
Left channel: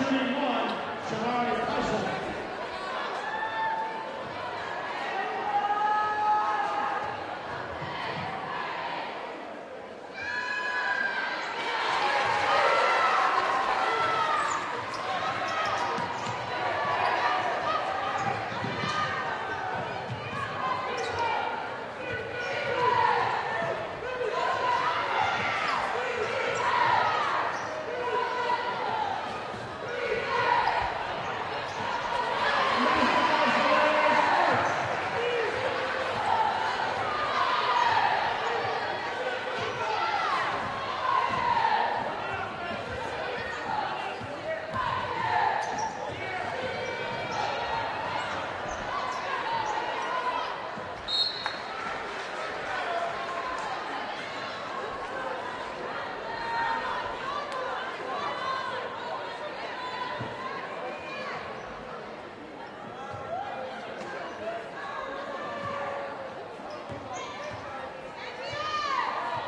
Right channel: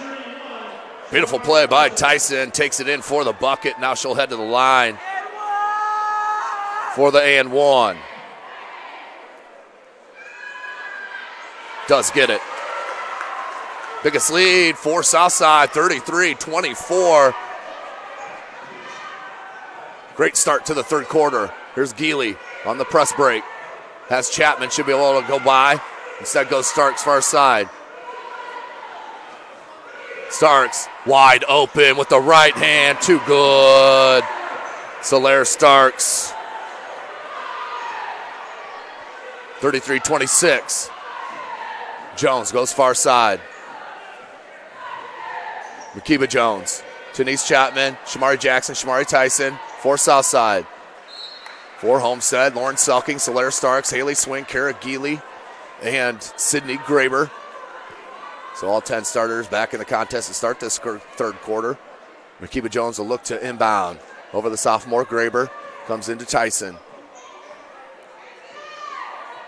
Beautiful play by Tyson. Takes it in for the bucket. Now she'll head to the line for the and one. Does get it. Biggest lead for Southside, 33-24. Great start to the third quarter. Here's Healy on the press break. Has Chapman, should be able to go by. Instead goes Starks far side. Starks wide open with the right hand, too good. Solaire Starks. 33-26. Jones goes far side. Makiba Jones Denise Chapman, Shamari Jackson, Shamari Tyson for Southside. For Homestead, Lauren Selking, Solaire Starks, Haley Swing, Kara Geely, and Sydney Graber. So all 10 starters back in the contest to start this third quarter. Makiba Jones will look to inbound over the sophomore. Graber comes into Tyson.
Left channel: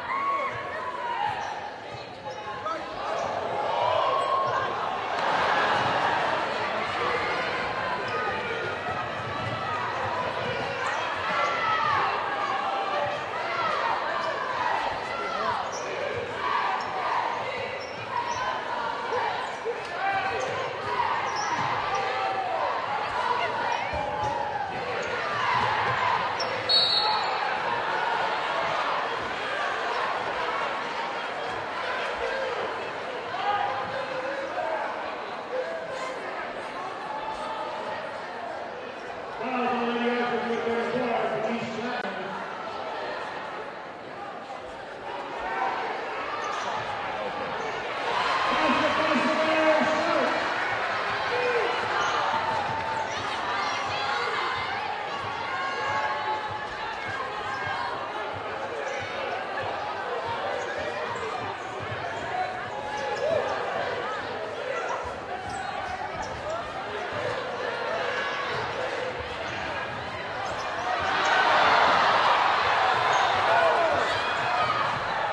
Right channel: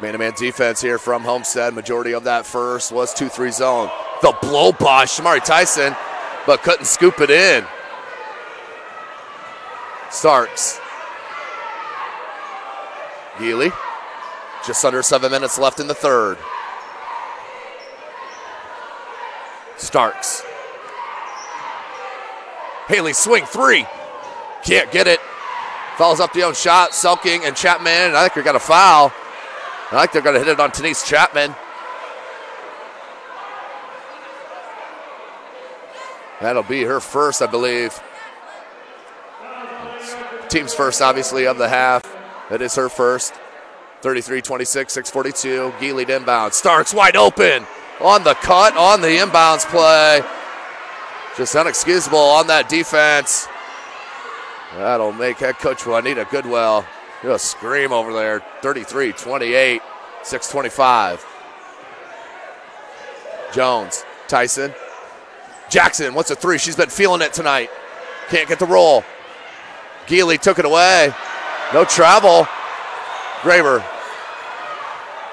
Man-to-man defense here from Homestead. Majority of that first was 2-3 zone. The blow by Shamari Tyson, but couldn't scoop it in. Starks. Healy. Just under 7 minutes left in the third. Starks. Haley Swing, 3. Can't get it. Fouls up the own shot. Selking and Chapman, and I think we got a foul. I think they're going to hit it on Denise Chapman. That'll be her first, I believe. Team's first, obviously, of the half. That is her first. 33-26, 6:42. Geely to inbound. Starks wide open on the cut, on the inbounds play. Just unexcusable on that defense. That'll make head coach Juanita Goodwell real scream over there. 33-28, 6:25. Jones, Tyson. Jackson, what's a 3? She's been feeling it tonight. Can't get the roll. Geely took it away. No travel. Graber.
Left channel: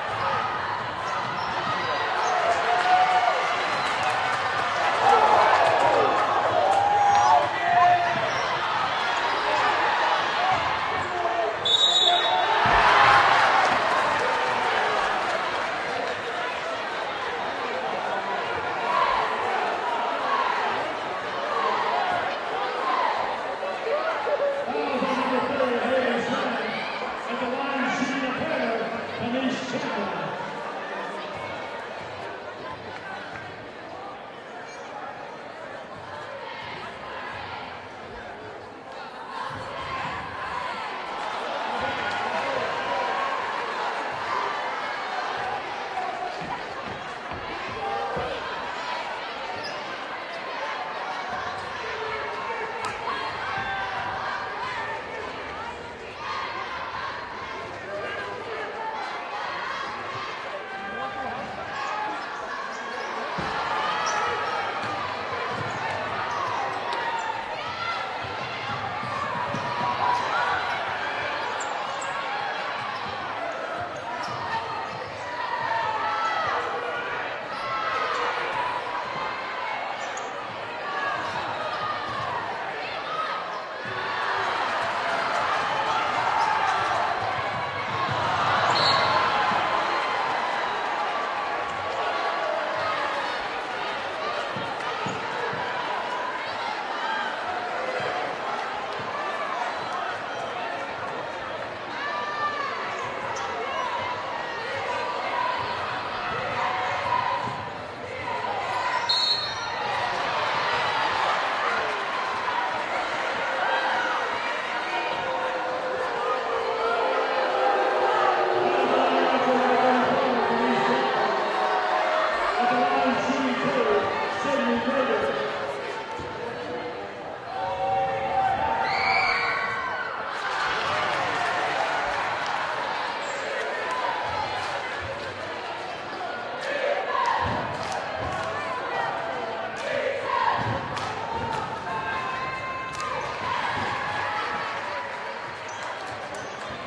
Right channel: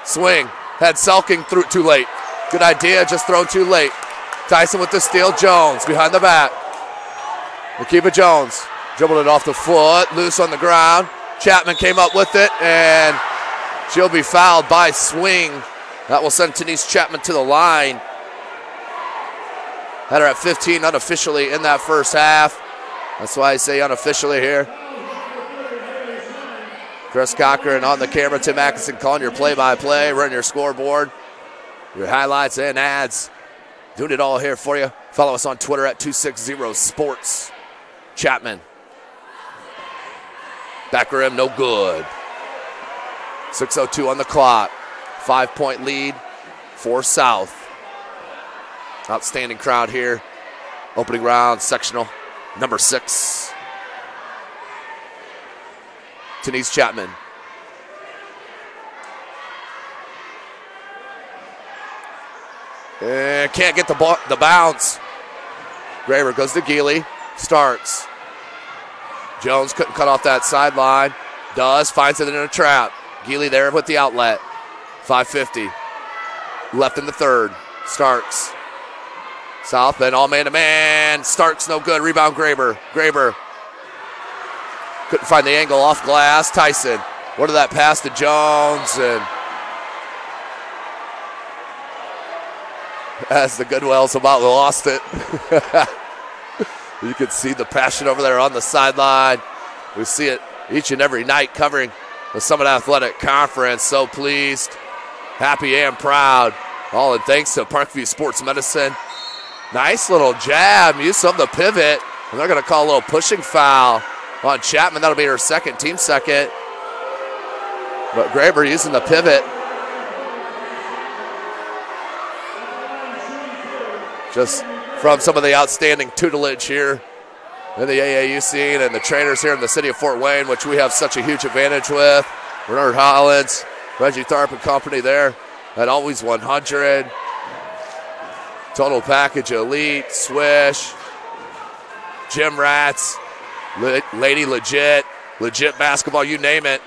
Swing. Had Selking through too late. Good idea, just throw too late. Tyson with the steal. Jones behind the back. Makiba Jones dribbled it off the foot. Loose on the ground. Chapman came up with it, and she'll be fouled by Swing. That will send Denise Chapman to the line. Had her at 15 unofficially in that first half. That's why I say unofficially here. Chris Cochran on the camera, Tim Atkinson calling your play-by-play, running your scoreboard, your highlights and ads. Doing it all here for you. Follow us on Twitter at 260sports. Chapman. Back rim, no good. 6:02 on the clock. 5-point lead for South. Outstanding crowd here. Opening round, sectional number 6. Denise Chapman. And can't get the bounce. Graber goes to Geely. Starks. Jones couldn't cut off that sideline. Does, finds it in a trap. Healy there with the outlet. 5:50 left in the third. Starks. South Bend all man-to-man. Starks no good. Rebound Graber. Graber couldn't find the angle off glass. Tyson. What did that pass to Jones? And as the Goodwells about lost it. You can see the passion over there on the sideline. We see it each and every night covering the Summit Athletic Conference. So pleased, happy and proud. All in thanks to Parkview Sports Medicine. Nice little jab, use of the pivot. And they're gonna call a little pushing foul on Chapman. That'll be her second, team second. But Graber using the pivot. Just from some of the outstanding tutelage here in the AAU scene and the trainers here in the city of Fort Wayne, which we have such a huge advantage with. Bernard Hollins, Reggie Tharp and company there at Always 100. Total package, elite, swish, gym rats, lady legit basketball, you name it.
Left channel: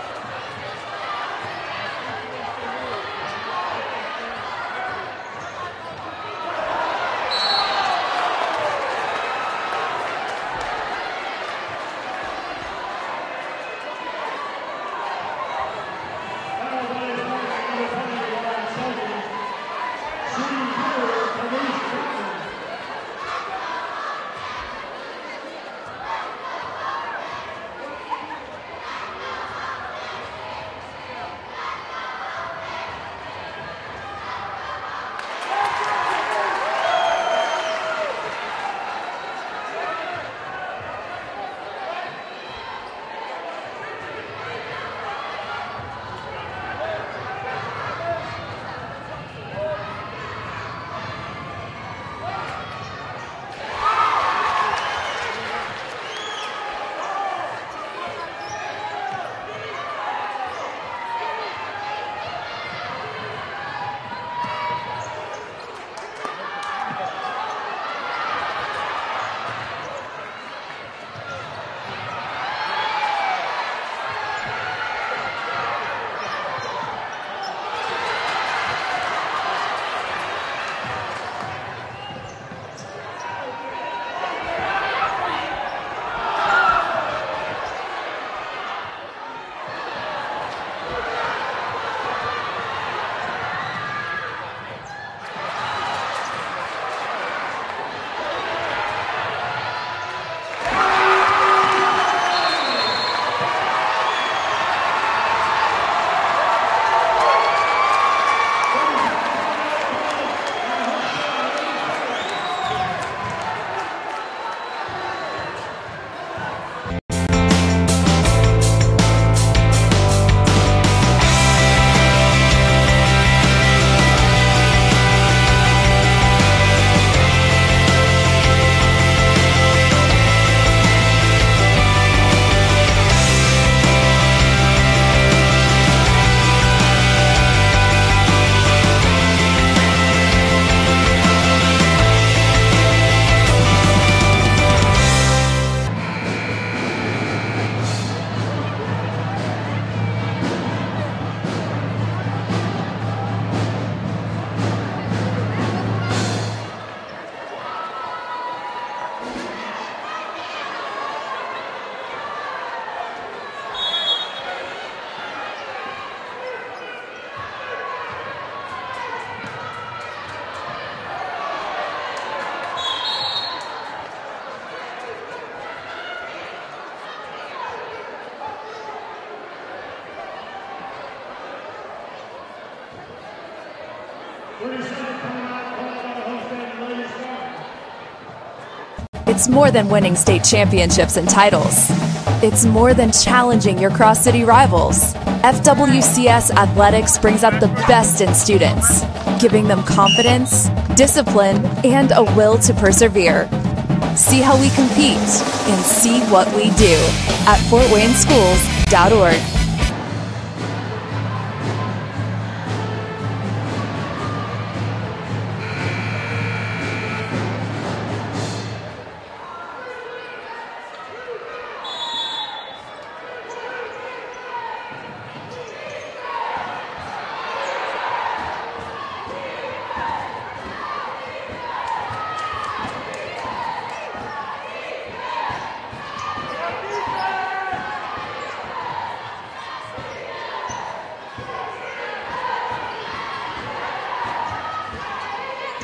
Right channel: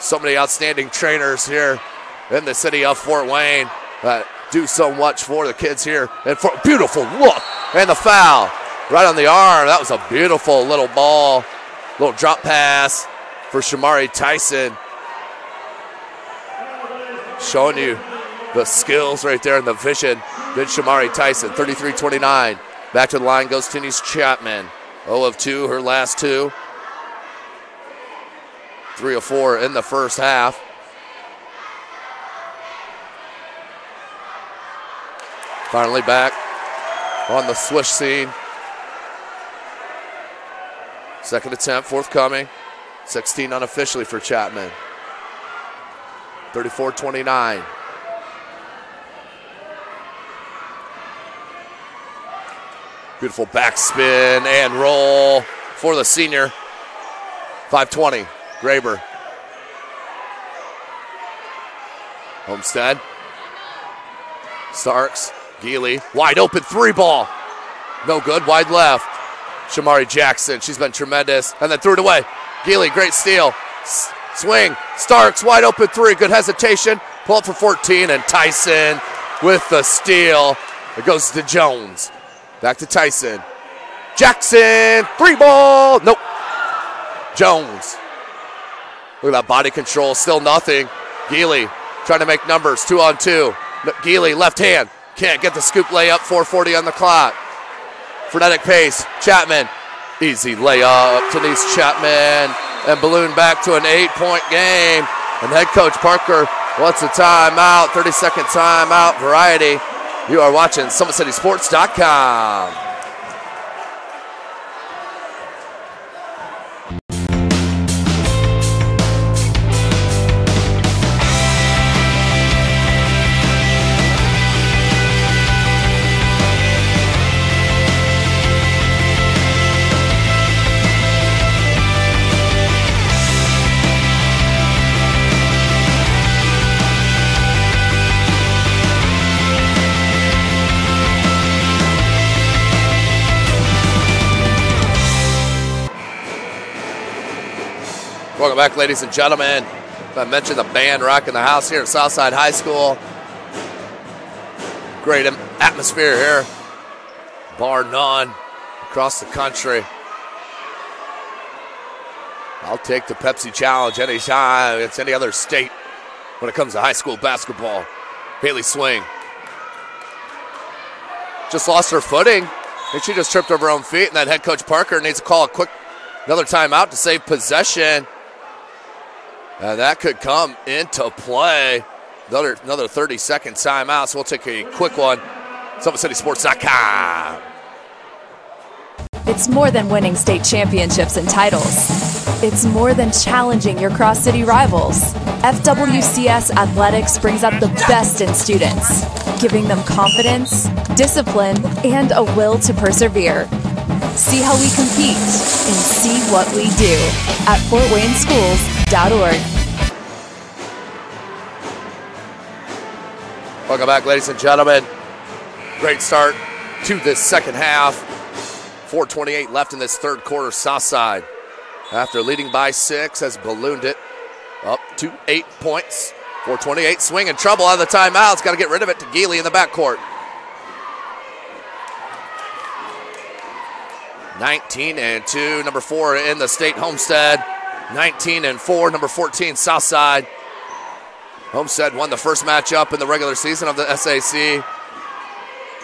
So many outstanding trainers here in the city of Fort Wayne that do so much for the kids here. And for beautiful look, and the foul right on the arm. That was a beautiful little ball, little drop pass for Shamari Tyson. Showing you the skills right there and the vision. Then Shamari Tyson, 33-29. Back to the line goes Denise Chapman. 0 of 2, her last 2. 3 of 4 in the first half. Finally back on the swish scene. Second attempt forthcoming. 16 unofficially for Chapman. 34-29. Beautiful backspin and roll for the senior. 5:20, Graber. Homestead. Starks, Healy, wide open 3-ball. No good, wide left. Shamari Jackson, she's been tremendous. And then threw it away. Healy, great steal. Swing, Starks, wide open 3, good hesitation. Pull up for 14, and Tyson with the steal. It goes to Jones. Back to Tyson. Jackson, 3-ball, nope. Jones. Look at that body control, still nothing. Healy trying to make numbers, 2-on-2. Healy, left hand, can't get the scoop layup, 4:40 on the clock. Frenetic pace, Chapman, easy layup to Denise Chapman, and balloon back to an 8-point game. And head coach Parker wants a timeout, 30-second timeout, variety. You are watching SummitCitySports.com. Welcome back, ladies and gentlemen. I mentioned the band rocking the house here at Southside High School. Great atmosphere here, bar none, across the country. I'll take the Pepsi Challenge anytime against any other state when it comes to high school basketball. Healy swing. Just lost her footing. I think she just tripped over her own feet, and then head coach Parker needs to call a quick another timeout to save possession. And that could come into play. Another 30-second timeout, so we'll take a quick one. SummitCitySports.com. It's more than winning state championships and titles. It's more than challenging your cross-city rivals. FWCS Athletics brings out the best in students, giving them confidence, discipline, and a will to persevere. See how we compete and see what we do at FortWayneSchools.org. Welcome back, ladies and gentlemen. Great start to this second half. 4:28 left in this third quarter. Southside, after leading by 6, has ballooned it up to 8 points. 4:28, swing in trouble out of the timeout. It's got to get rid of it to Healy in the backcourt. 19-2, number 4 in the state, Homestead. 19-4, number 14, Southside. Homestead won the first matchup in the regular season of the SAC.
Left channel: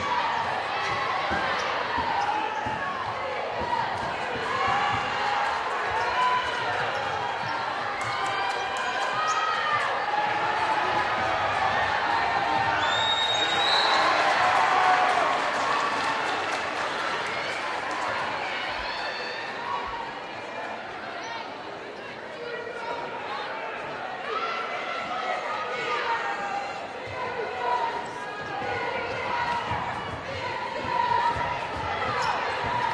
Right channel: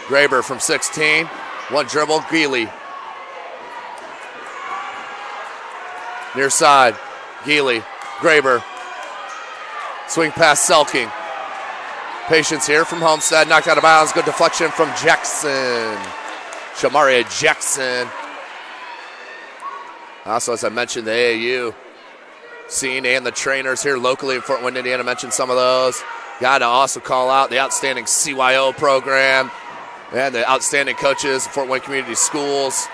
Graber from 16, one dribble, Healy. Near side, Healy, Graber. Swing pass, Selking. Patience here from Homestead, knocked out of bounds, good deflection from Jackson. Shamaria Jackson. Also, as I mentioned, the AAU scene and the trainers here locally in Fort Wayne, Indiana, mentioned some of those. Got to also call out the outstanding CYO program and the outstanding coaches, Fort Wayne Community Schools,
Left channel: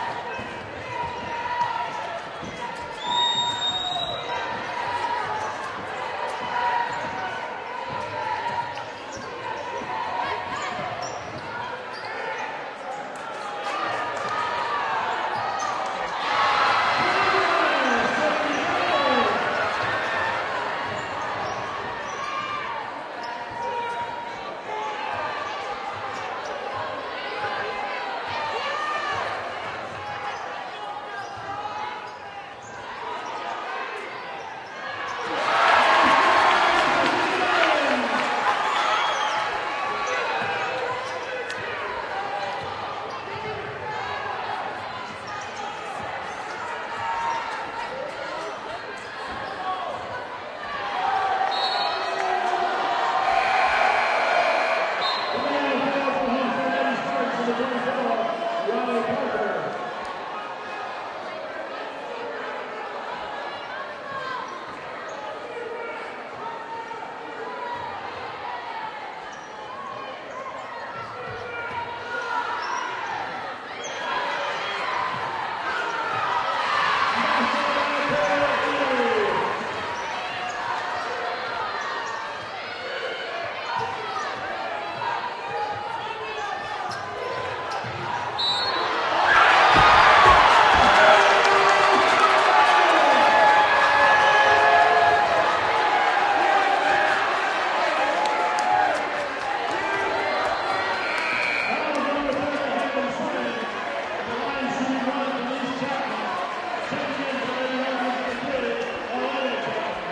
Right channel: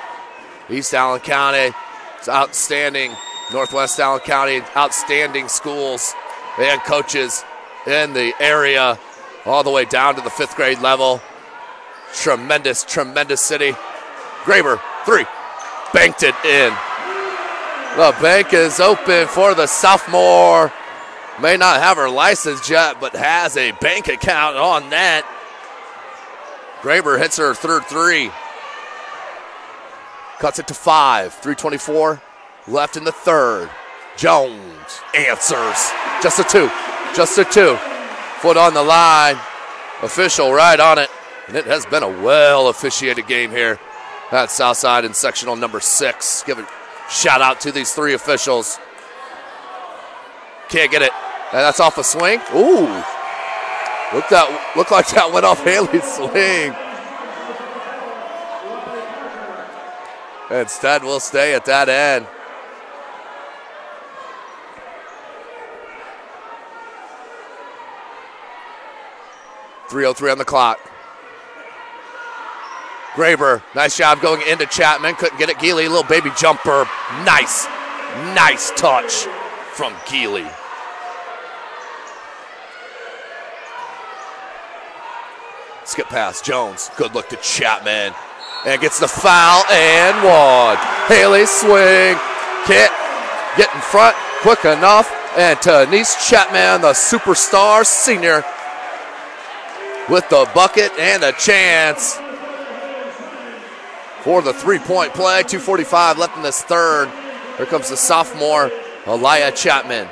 East Allen County, it's outstanding Northwest Allen County, outstanding schools and coaches in the area, all the way down to the 5th grade level. Tremendous, tremendous city. Graber, 3, banked it in. The bank is open for the sophomore. May not have her license yet, but has a bank account on that. Graber hits her third 3. Cuts it to 5. 3:24 left in the third. Jones answers. Just a 2. Just a 2. Foot on the line. Official right on it. And it has been a well-officiated game here at Southside in sectional number 6. Give a shout out to these 3 officials. Can't get it. And that's off a swing. Ooh. Looked like that went off Haley's swing. Instead, we'll stay at that end. .303 on the clock. Graber, nice job going into Chapman. Couldn't get it. Healy, little baby jumper. Nice touch from Healy. Skip pass, Jones. Good look to Chapman. And gets the foul and one. Healy swing. Can't get in front quick enough. And Denise Chapman, the superstar senior, with the bucket and a chance for the three-point play. 2:45 left in this third. Here comes the sophomore, Elia Chapman.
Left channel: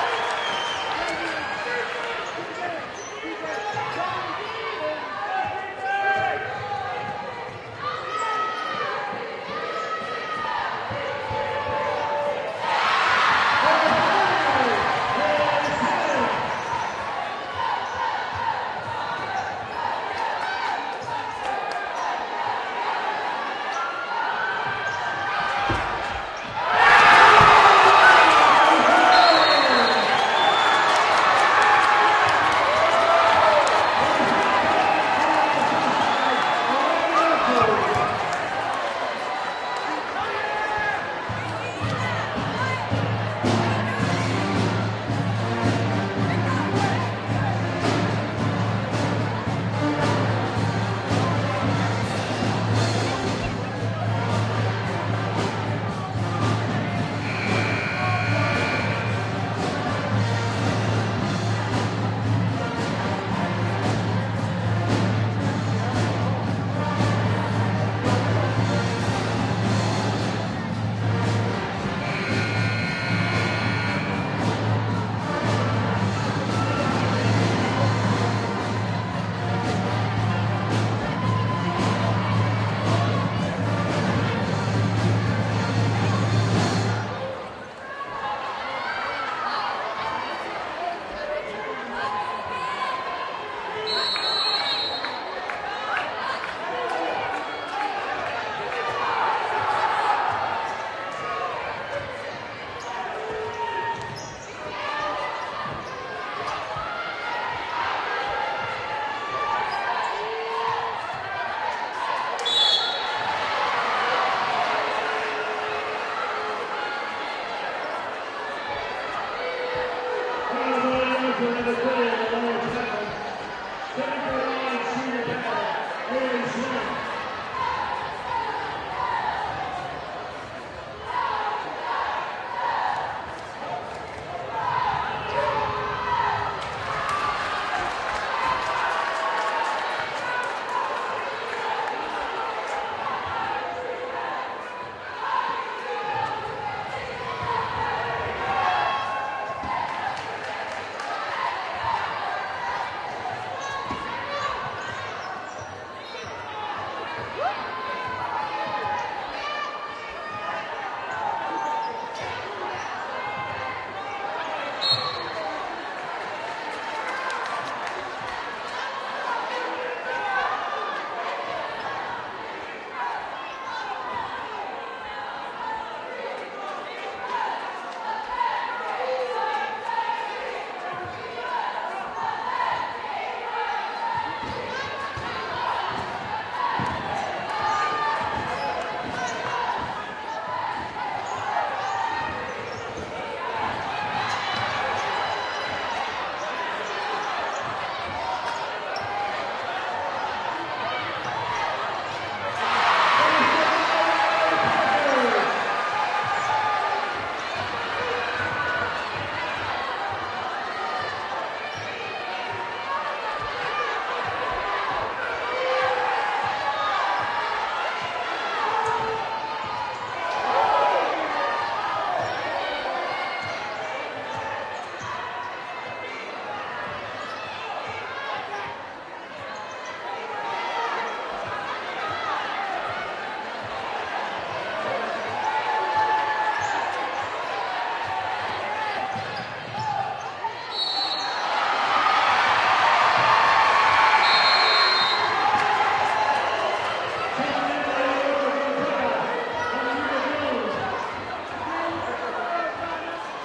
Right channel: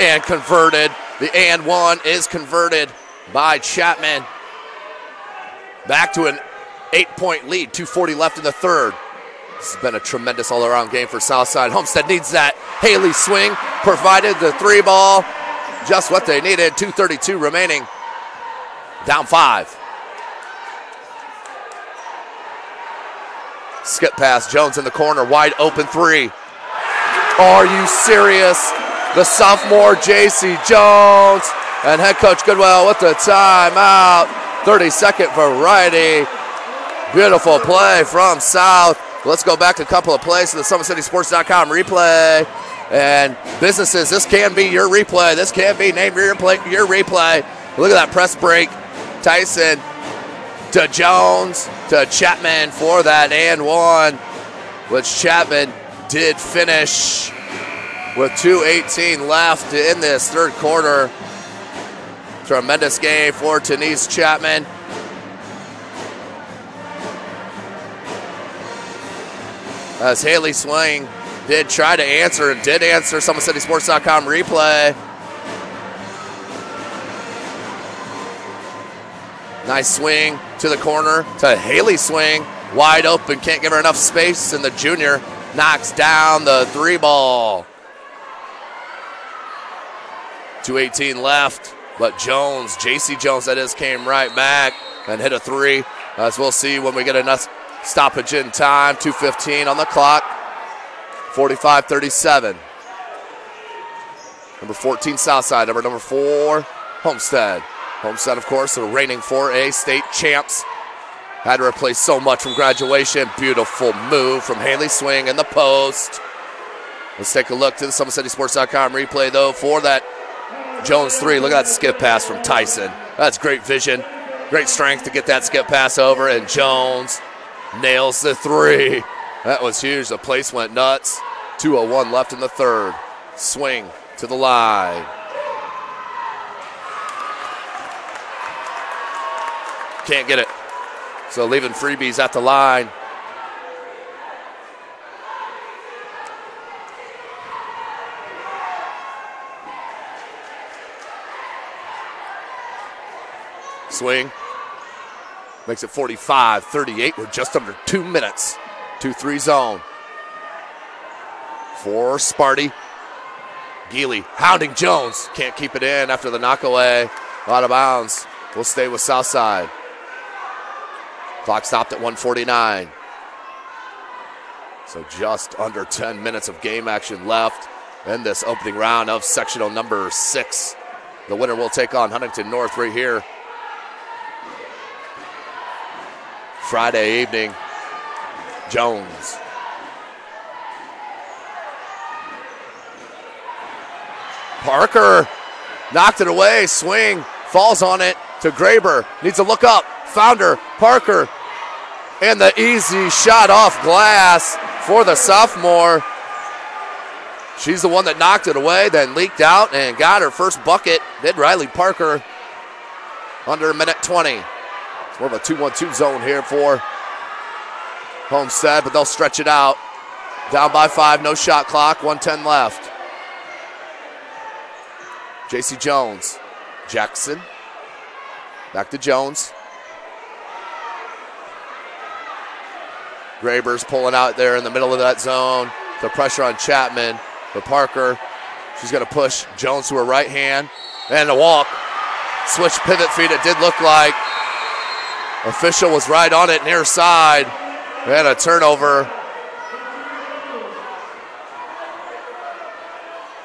And converted. The and one is converted by Chapman. Back to an 8-point lead, 2:40 left in the third. It's been a tremendous all-around game for Southside. Homestead needs that Healy swing, provided the three ball, just what they needed. 2:32 remaining, down 5. Skip pass, Jones in the corner, wide open three. Are you serious? The sophomore J.C. Jones and head coach Goodwell with the timeout. 30-second variety. Beautiful play from South. Let's go back to a couple of plays to the SummitCitySports.com replay. And businesses, this can be your replay. This can be named your replay. Look at that press break. Tyson to Jones to Chapman for that and one, which Chapman did finish with 2:18 left in this third quarter. Tremendous game for Denise Chapman. As Healy swing did try to answer and did answer. SummitCitySports.com replay. Nice swing to the corner to Healy swing. Wide open, can't give her enough space, and the junior knocks down the three ball. 2:18 left, but Jones, J.C. Jones that is, came right back and hit a three, as we'll see when we get enough stoppage in time. 2:15 on the clock, 45-37. Number 14 Southside, number 4 Homestead. Homestead, of course, the reigning 4A state champs. Had to replace so much from graduation. Beautiful move from Healy swing in the post. Let's take a look to the SummitCitySports.com replay, though, for that Jones three. Look at that skip pass from Tyson. That's great vision, great strength to get that skip pass over, and Jones nails the three. That was huge. The place went nuts. 2:01 left in the third. Swing to the line. Can't get it. So leaving freebies at the line. Swing. Makes it 45-38. We're just under 2 minutes. 2-3 zone. For Sparty. Healy hounding Jones. Can't keep it in after the knockaway. Out of bounds. We'll stay with Southside. Clock stopped at 1:49. So just under 10 minutes of game action left in this opening round of sectional number 6. The winner will take on Huntington North right here Friday evening. Jones. Parker knocked it away. Swing. Falls on it to Graber. Needs to look up. Found her. Parker. And the easy shot off glass for the sophomore. She's the one that knocked it away, then leaked out and got her first bucket. Did Riley Parker under a minute 20. More of a 2-1-2 zone here for Homestead, but they'll stretch it out. Down by 5, no shot clock, 1:10 left. J.C. Jones, Jackson, back to Jones. Graber's pulling out there in the middle of that zone. The pressure on Chapman. For Parker, she's going to push Jones to her right hand. And a walk. Switch pivot feed, it did look like. Official was right on it near side. And a turnover.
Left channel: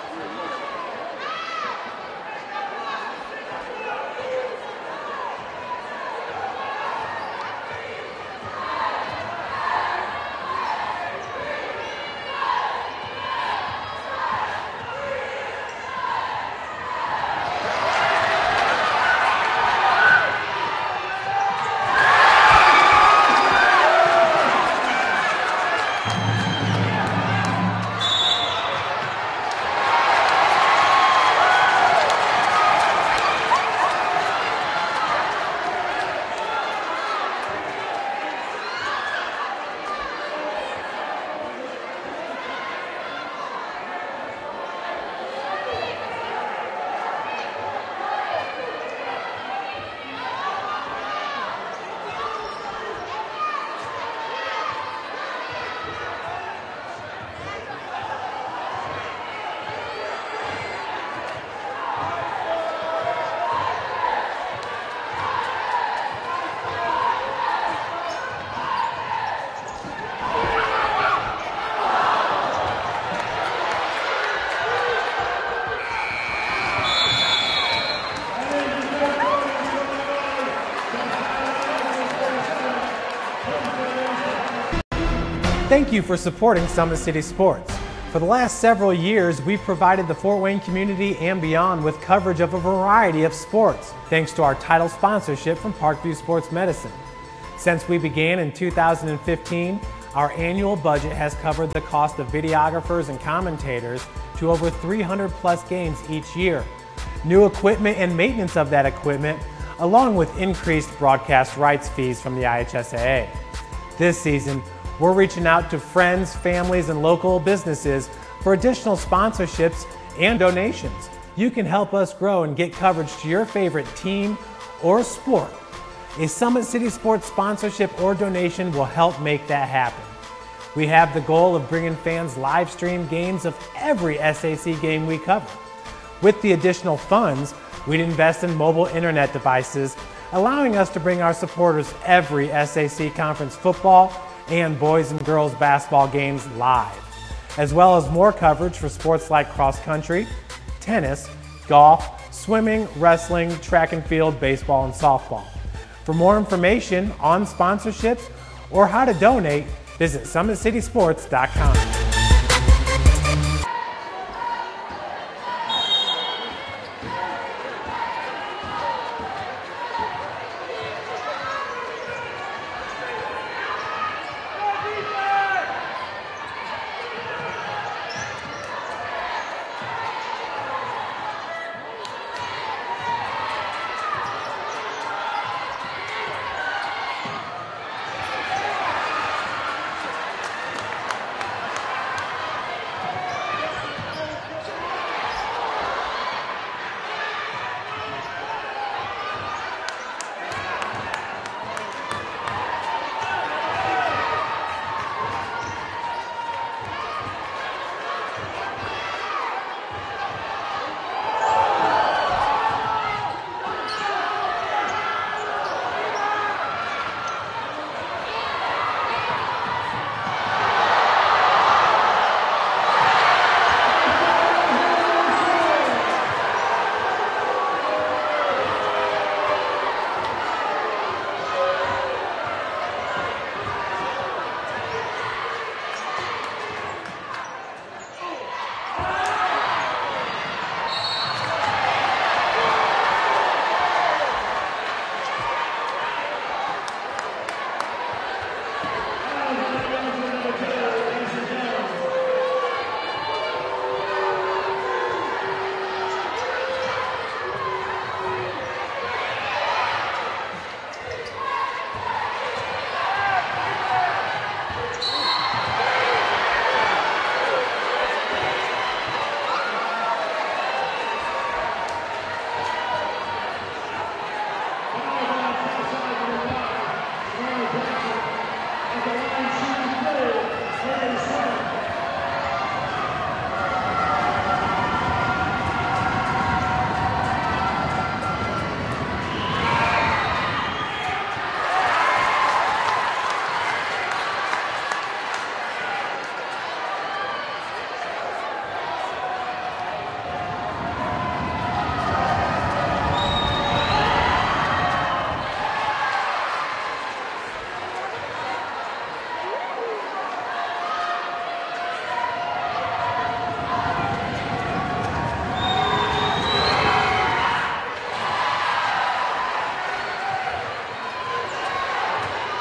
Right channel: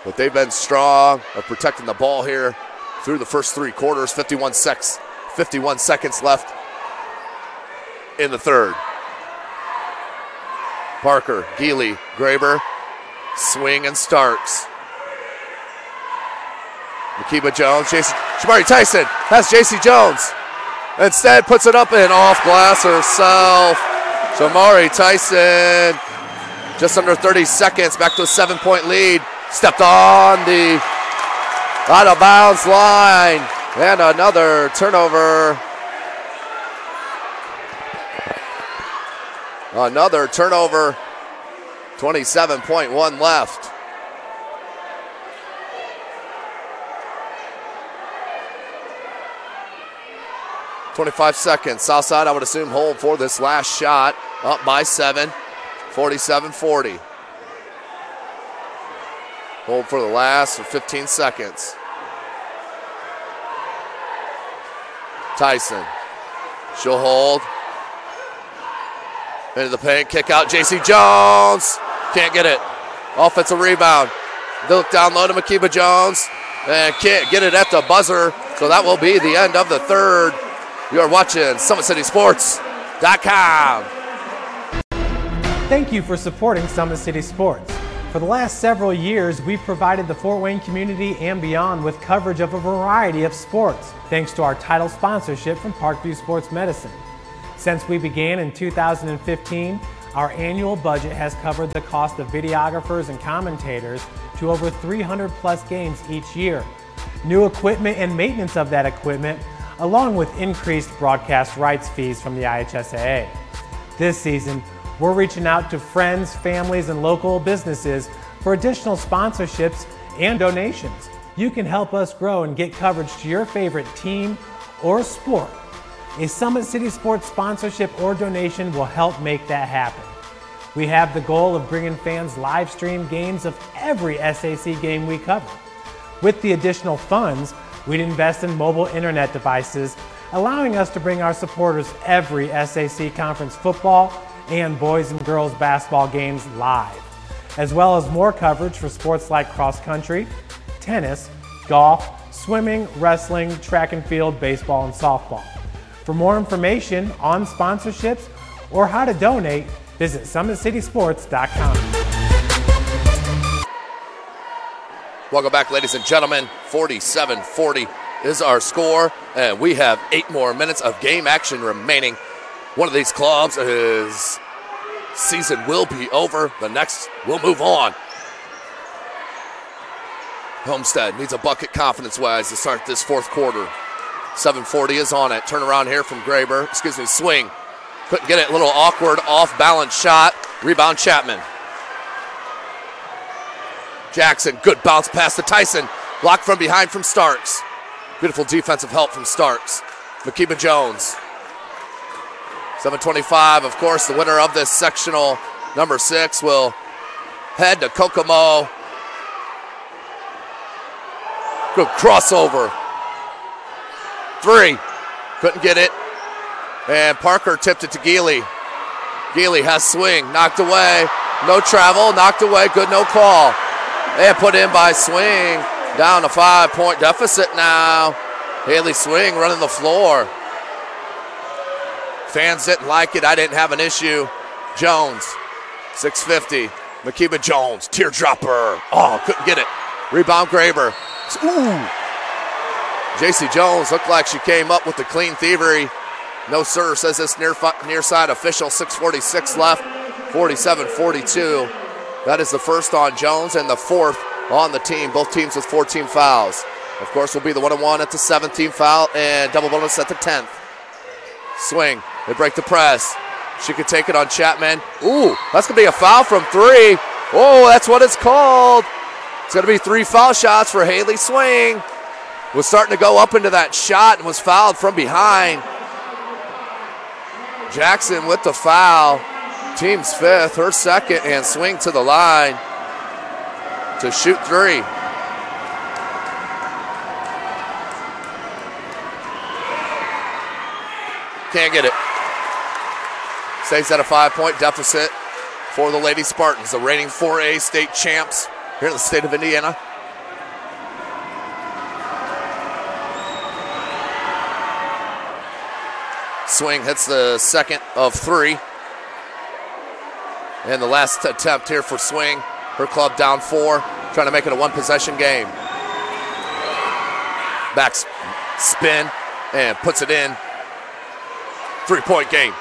But they've been strong of protecting the ball here through the first 3 quarters. 51 seconds left in the third. Parker, Healy, Graber, swing and Starks. Akiba Jones, Shamari Tyson has JC Jones. Instead puts it up and off glass herself. Shamari Tyson, just under 30 seconds, back to a 7-point lead. Stepped on the out of bounds line. And another turnover. Another turnover. 27.1 left. .25 seconds. Southside, I would assume, hold for this last shot. Up by 7. 47-40. Hold for the last 15 seconds. Tyson. She'll hold. Into the paint, kick out, JC Jones. Can't get it. Offensive rebound. Look down low to Makiba Jones. And can't get it at the buzzer. So that will be the end of the third. You are watching SummitCitySports.com. Thank you for supporting Summit City Sports. For the last several years, we've provided the Fort Wayne community and beyond with coverage of a variety of sports, thanks to our title sponsorship from Parkview Sports Medicine. Since we began in 2015, our annual budget has covered the cost of videographers and commentators to over 300 plus games each year. New equipment and maintenance of that equipment, along with increased broadcast rights fees from the IHSAA. This season, we're reaching out to friends, families, and local businesses for additional sponsorships and donations. You can help us grow and get coverage to your favorite team or sport. A Summit City Sports sponsorship or donation will help make that happen. We have the goal of bringing fans live stream games of every SAC game we cover. With the additional funds, we'd invest in mobile internet devices, allowing us to bring our supporters every SAC conference football and boys and girls basketball games live, as well as more coverage for sports like cross country, tennis, golf, swimming, wrestling, track and field, baseball, and softball. For more information on sponsorships or how to donate, visit SummitCitySports.com. Welcome back, ladies and gentlemen. 47-40 is our score, and we have 8 more minutes of game action remaining. One of these clubs, his season will be over. The next will move on. Homestead needs a bucket confidence-wise to start this fourth quarter. 7:40 is on it. Turnaround here from Graber. Swing. Couldn't get it. A little awkward off-balance shot. Rebound Chapman. Jackson, good bounce pass to Tyson. Blocked from behind from Starks. Beautiful defensive help from Starks. Makiba Jones. 7:25, of course, the winner of this sectional, number 6, will head to Kokomo. Good crossover. 3, couldn't get it. And Parker tipped it to Healy. Healy has swing, knocked away. No travel, knocked away, good no call. And put in by Swing. Down to 5-point deficit now. Healy Swing running the floor. Fans didn't like it, I didn't have an issue. Jones, 6:50. Makiba Jones, teardropper. Oh, couldn't get it. Rebound Graber. Ooh. JC Jones looked like she came up with the clean thievery. No sir, says this near side official. 6:46 left, 47-42. That is the first on Jones and the 4th on the team. Both teams with 14 fouls. Of course, will be the 1-on-1 at the 17th foul and double bonus at the 10th. Swing, they break the press. She could take it on Chapman. Ooh, that's gonna be a foul from 3. Oh, that's what it's called. It's gonna be 3 foul shots for Healy Swing. Was starting to go up into that shot and was fouled from behind. Jackson with the foul. Team's 5th, her 2nd, and Swing to the line to shoot 3. Can't get it. Stays at a 5-point deficit for the Lady Spartans, the reigning 4A state champs here in the state of Indiana. Swing hits the second of 3. And the last attempt here for Swing. Her club down 4, trying to make it a one-possession game. Back spin and puts it in. 3-point game.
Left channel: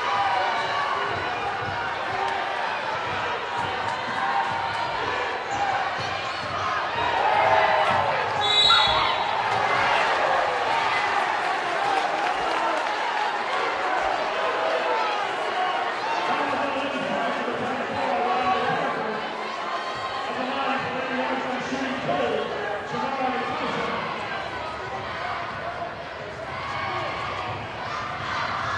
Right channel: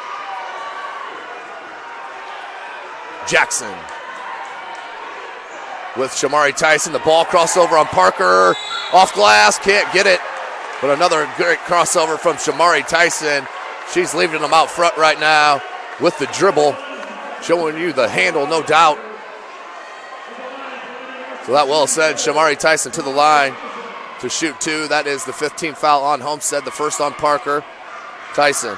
Jackson with Shamari Tyson. The ball crossover on Parker. Off glass, can't get it. But another great crossover from Shamari Tyson. She's leaving them out front right now with the dribble. Showing you the handle, no doubt. So that well said, Shamari Tyson to the line to shoot 2. That is the 15th foul on Homestead, the first on Parker. Tyson.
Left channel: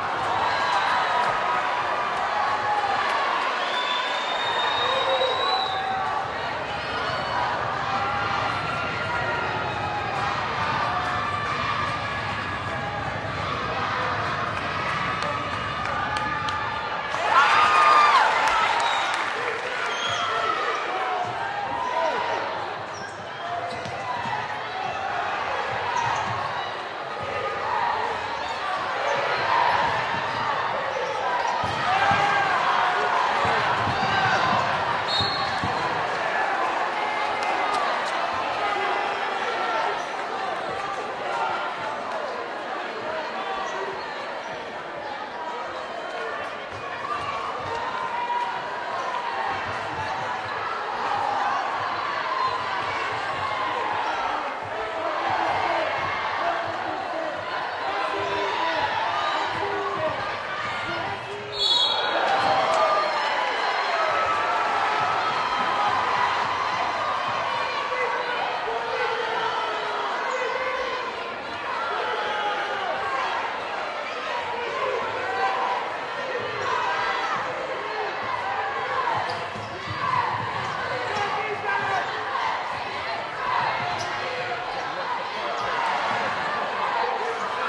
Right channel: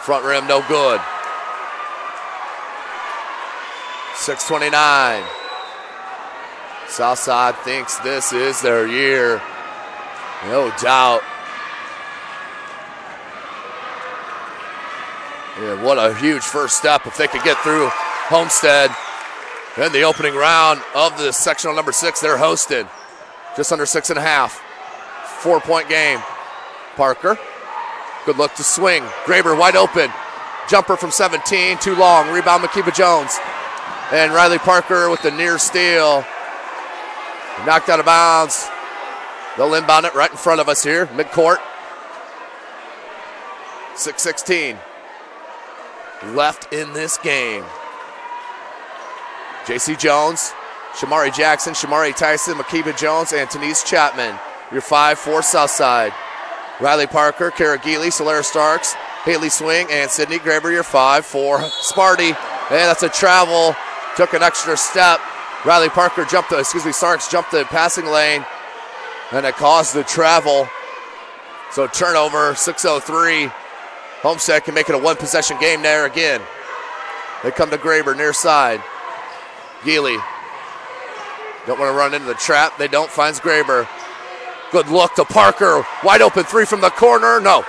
Front rim, no good. 6:29. Southside thinks this is their year. No doubt. Yeah, what a huge first step if they could get through Homestead in the opening round of the sectional number 6. They're hosted. Just under 6.5. 4-point game. Parker. Good look to Swing. Graber wide open. Jumper from 17. Too long. Rebound Makiba Jones. And Riley Parker with the near steal. Knocked out of bounds. They'll inbound it right in front of us here. Midcourt. 6:16 left in this game. J.C. Jones, Shamari Jackson, Shamari Tyson, Makiba Jones, and Denise Chapman. Your 5-4 Southside. Riley Parker, Kara Geely, Solera Starks, Healy Swing, and Sydney Graber, your 5-4 Sparty. And that's a travel. Took an extra step. Riley Parker Starks jumped the passing lane, and it caused the travel. So turnover, 6:03. Homestead can make it a one-possession game there again. They come to Graber near side. Healy. Don't want to run into the trap. They don't. Finds Graber. Good look to Parker. Wide open 3 from the corner. No.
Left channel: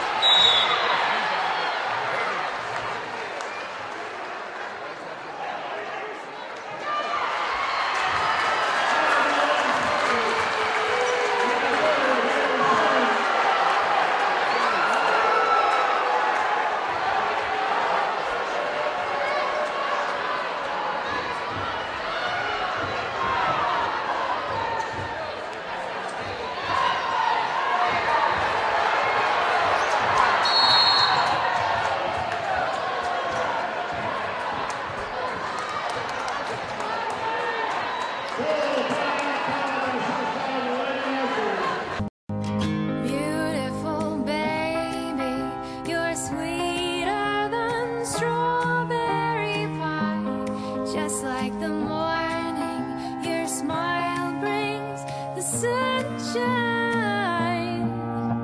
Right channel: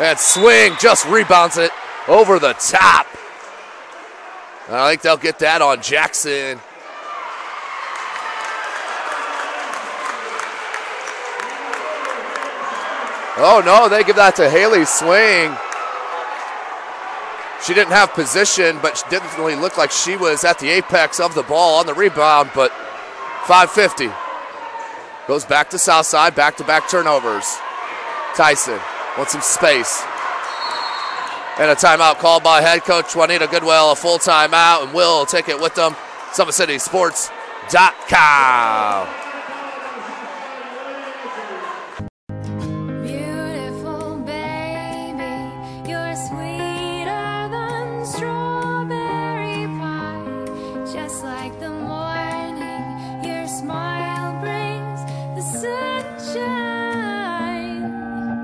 And Swing just rebounds it over the top. And I think they'll get that on Jackson. Oh no, they give that to Healy Swing. She didn't have position, but she didn't really look like she was at the apex of the ball on the rebound, but 5:50. Goes back to Southside, back-to-back turnovers. Tyson with some space. And a timeout called by head coach Juanita Goodwell, a full timeout, and we'll take it with them. SummitCitySports.com. Beautiful baby, you're sweeter than strawberry pie. Just like the morning, your smile brings the sunshine.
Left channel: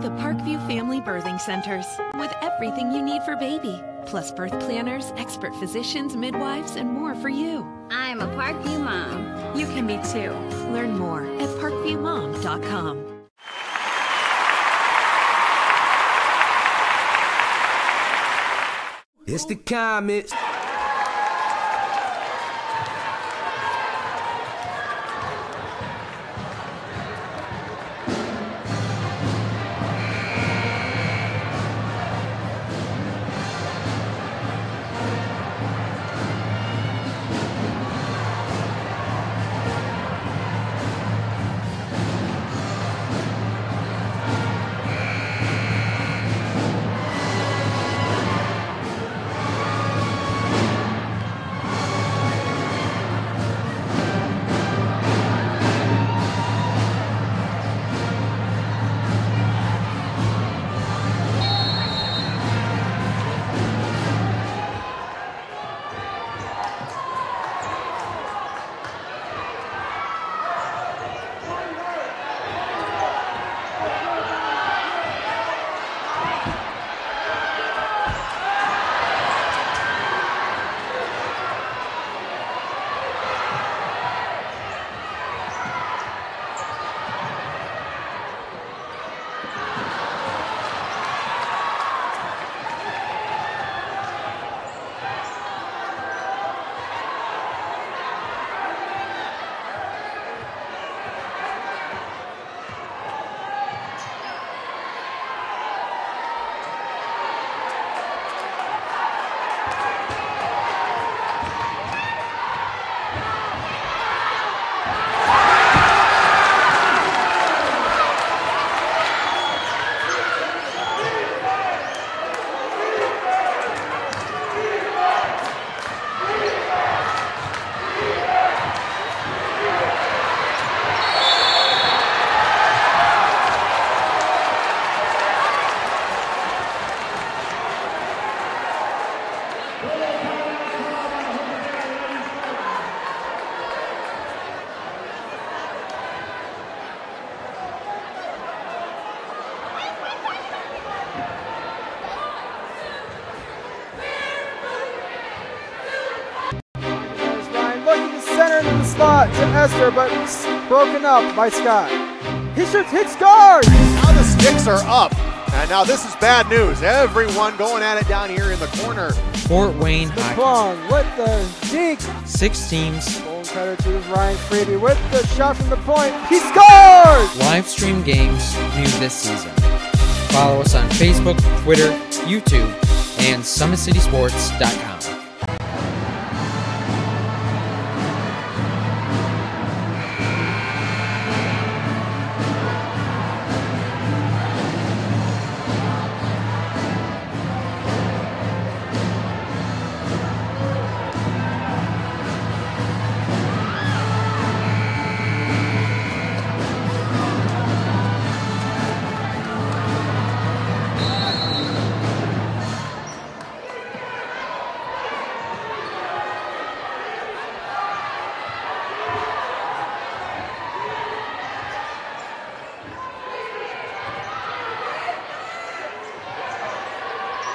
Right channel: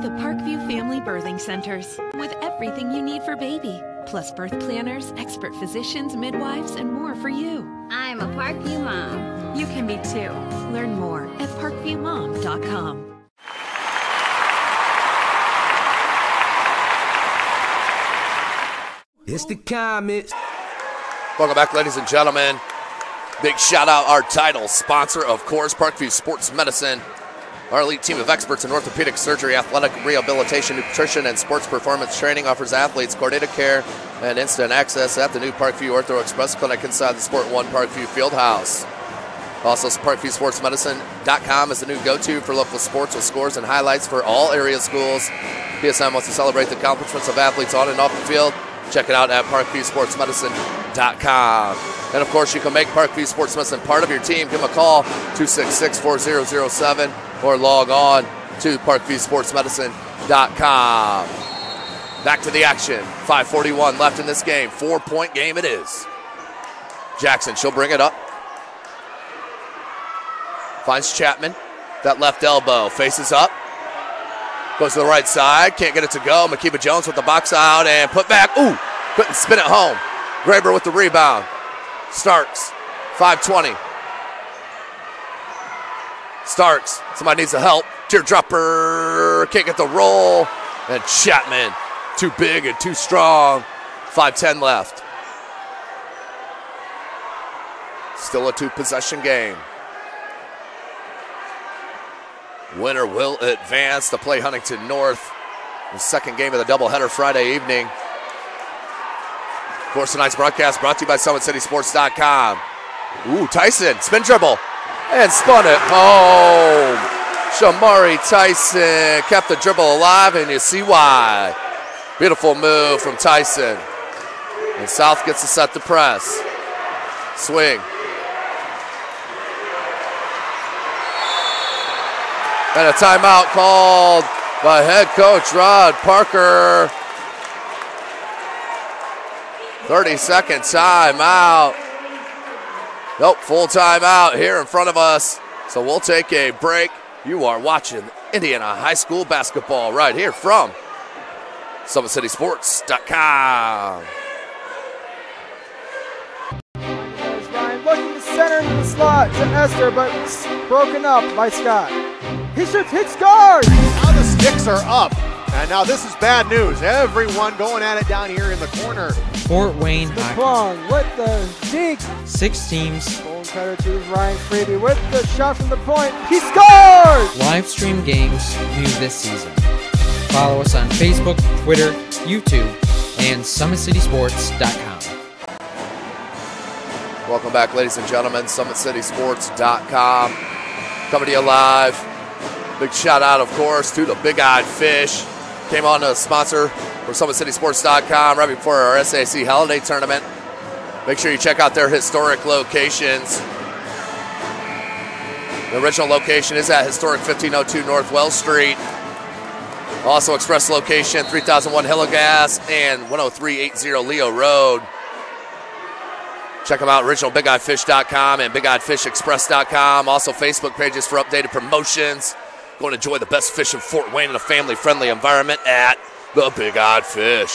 The Parkview Family Birthing Centers, with everything you need for baby, plus birth planners, expert physicians, midwives, and more for you. I'm a Parkview mom. You can be too. Learn more at parkviewmom.com. It's the comments. Welcome back, ladies and gentlemen. Big shout out our title sponsor, of course, Parkview Sports Medicine. Our elite team of experts in orthopedic surgery, athletic rehabilitation, nutrition, and sports performance training offers athletes coordinated care and instant access at the new Parkview Ortho Express Clinic inside the Sport 1 Parkview Fieldhouse. Also, ParkviewSportsMedicine.com is the new go-to for local sports with scores and highlights for all area schools. PSM wants to celebrate the accomplishments of athletes on and off the field. Check it out at ParkviewSportsMedicine.com. And of course, you can make Parkview Sports Medicine part of your team. Give them a call, 266-4007, or log on to ParkviewSportsMedicine.com. Back to the action. 5:41 left in this game. 4-point game it is. Jackson, she'll bring it up. Finds Chapman. That left elbow. Faces up. Goes to the right side. Can't get it to go. Makiba Jones with the box out and put back. Ooh! Couldn't spin it home. Graber with the rebound. Starks. 5:20. Starks. Somebody needs the help. Teardropper. Can't get the roll. And Chapman, too big and too strong. 5:10 left. Still a 2-possession game. Winner will advance to play Huntington North. The second game of the doubleheader Friday evening. Of course, tonight's broadcast brought to you by SummitCitySports.com. Ooh, Tyson, spin dribble, and spun it. Oh, Shamari Tyson kept the dribble alive, and you see why. Beautiful move from Tyson. And South gets to set the press. Swing. And a timeout called by head coach Rod Parker. 30-second timeout. Nope, full timeout here in front of us. So we'll take a break. You are watching Indiana High School basketball right here from SummitCitySports.com. There's Ryan looking to center into the slot to Esther, but broken up by Scott. He shoots, hits guard! Now the sticks are up. And now this is bad news. Everyone going at it down here in the corner. Fort Wayne Hockey. LeBlanc with the deke. 6 teams. Bone cutter to Ryan Freeby with the shot from the point. He scores! Live stream games new this season. Follow us on Facebook, Twitter, YouTube, and SummitCitySports.com. Welcome back, ladies and gentlemen. SummitCitySports.com. Coming to you live. Big shout out, of course, to the Big Eyed Fish. Came on to sponsor for SummitCitySports.com right before our SAC holiday tournament. Make sure you check out their historic locations. The original location is at historic 1502 North Wells Street. Also express location 3001 Hillegas and 10380 Leo Road. Check them out, originalBigEyeFish.com and BigEyedFishExpress.com. Also Facebook pages for updated promotions. Go and enjoy the best fish in Fort Wayne in a family-friendly environment at the Big Eyed Fish.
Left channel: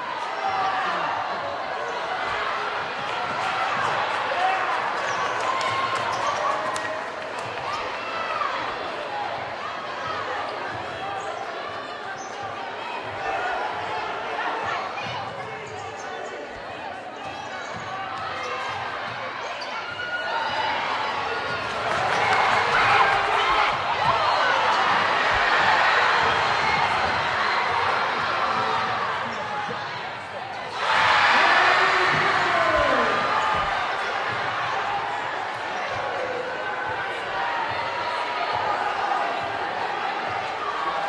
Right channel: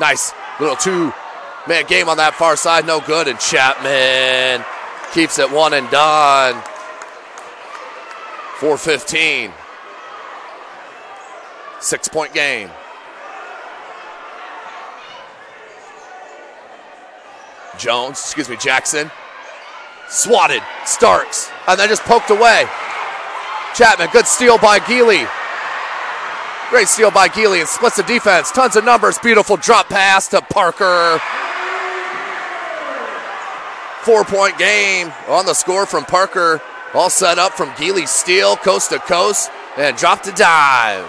Nice little 2-man game on that far side, no good. And Chapman keeps it one and done. 4:15. 6-point game. Jackson. Swatted, Starks, and then just poked away. Chapman, good steal by Healy. Great steal by Healy and splits the defense. Tons of numbers, beautiful drop pass to Parker. 4-point game on the score from Parker. All set up from Healy's steal, coast to coast, and dropped a dime.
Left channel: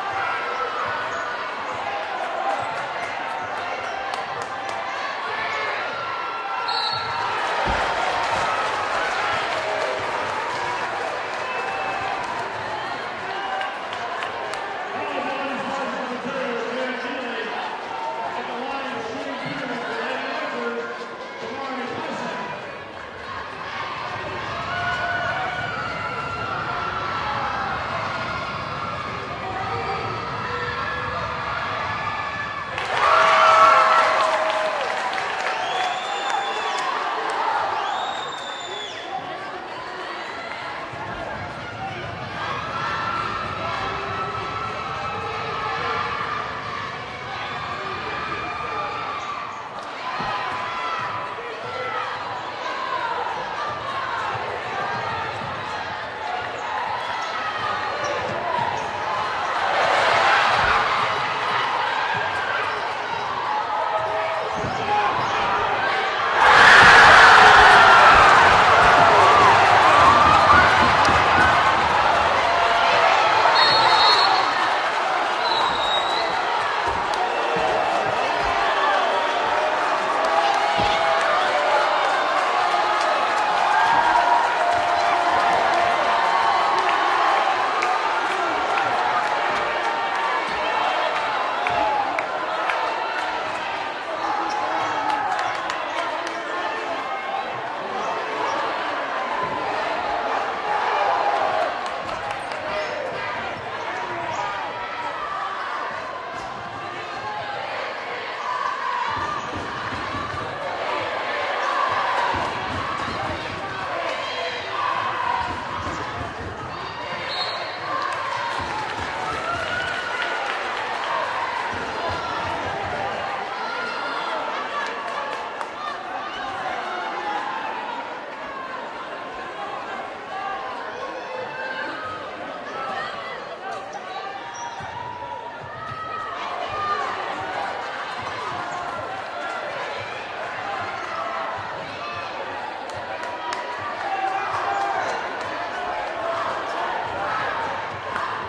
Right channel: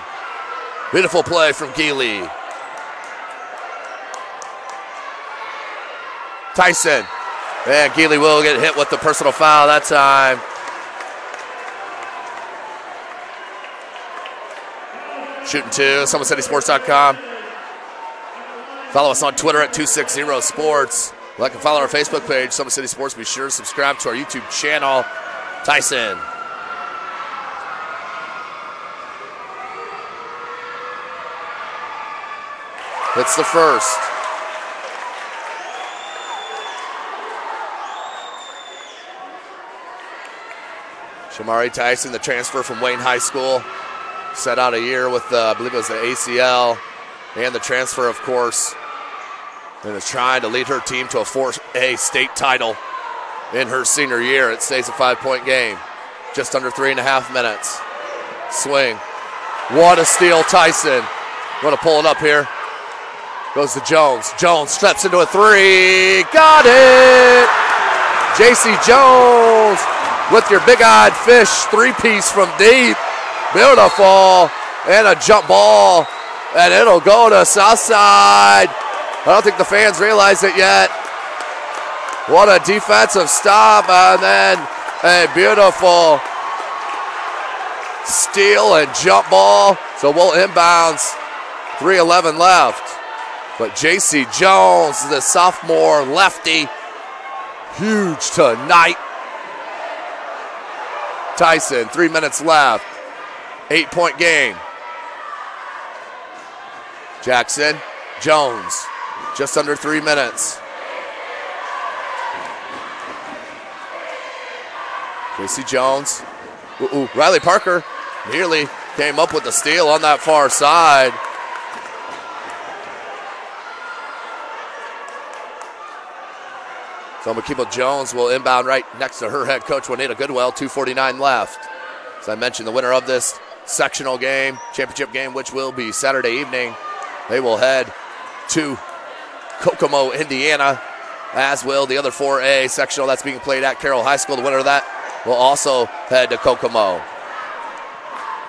Beautiful play from Healy. Tyson, and Healy will get hit with the personal foul that time. Shooting 2, SummitCitySports.com. Follow us on Twitter at 260sports. Like and follow our Facebook page, Summit City Sports. Be sure to subscribe to our YouTube channel. Tyson. It's the first. Shamari Tyson, the transfer from Wayne High School. Set out a year with, I believe it was the ACL, and the transfer, of course, and is trying to lead her team to a 4A state title in her senior year. It stays a 5-point game, just under 3.5 minutes. Swing. What a steal, Tyson. Want to pull it up here. Goes to Jones. Jones steps into a 3. Got it! J.C. Jones with your big-eyed fish 3-piece from deep. Beautiful, and a jump ball, and it'll go to Southside. I don't think the fans realize it yet. What a defensive stop, and then a beautiful steal and jump ball. So we'll inbounds, 3:11 left. But J.C. Jones, the sophomore lefty, huge tonight. Tyson, 3 minutes left. 8-point game. Jackson, Jones, just under 3 minutes. J.C. Jones, Riley Parker nearly came up with a steal on that far side. So Makeba Jones will inbound right next to her head coach, Juanita Goodwell, 2:49 left. As I mentioned, the winner of this sectional game, championship game, which will be Saturday evening, they will head to Kokomo, Indiana, as will the other 4A sectional that's being played at Carroll High School. The winner of that will also head to Kokomo.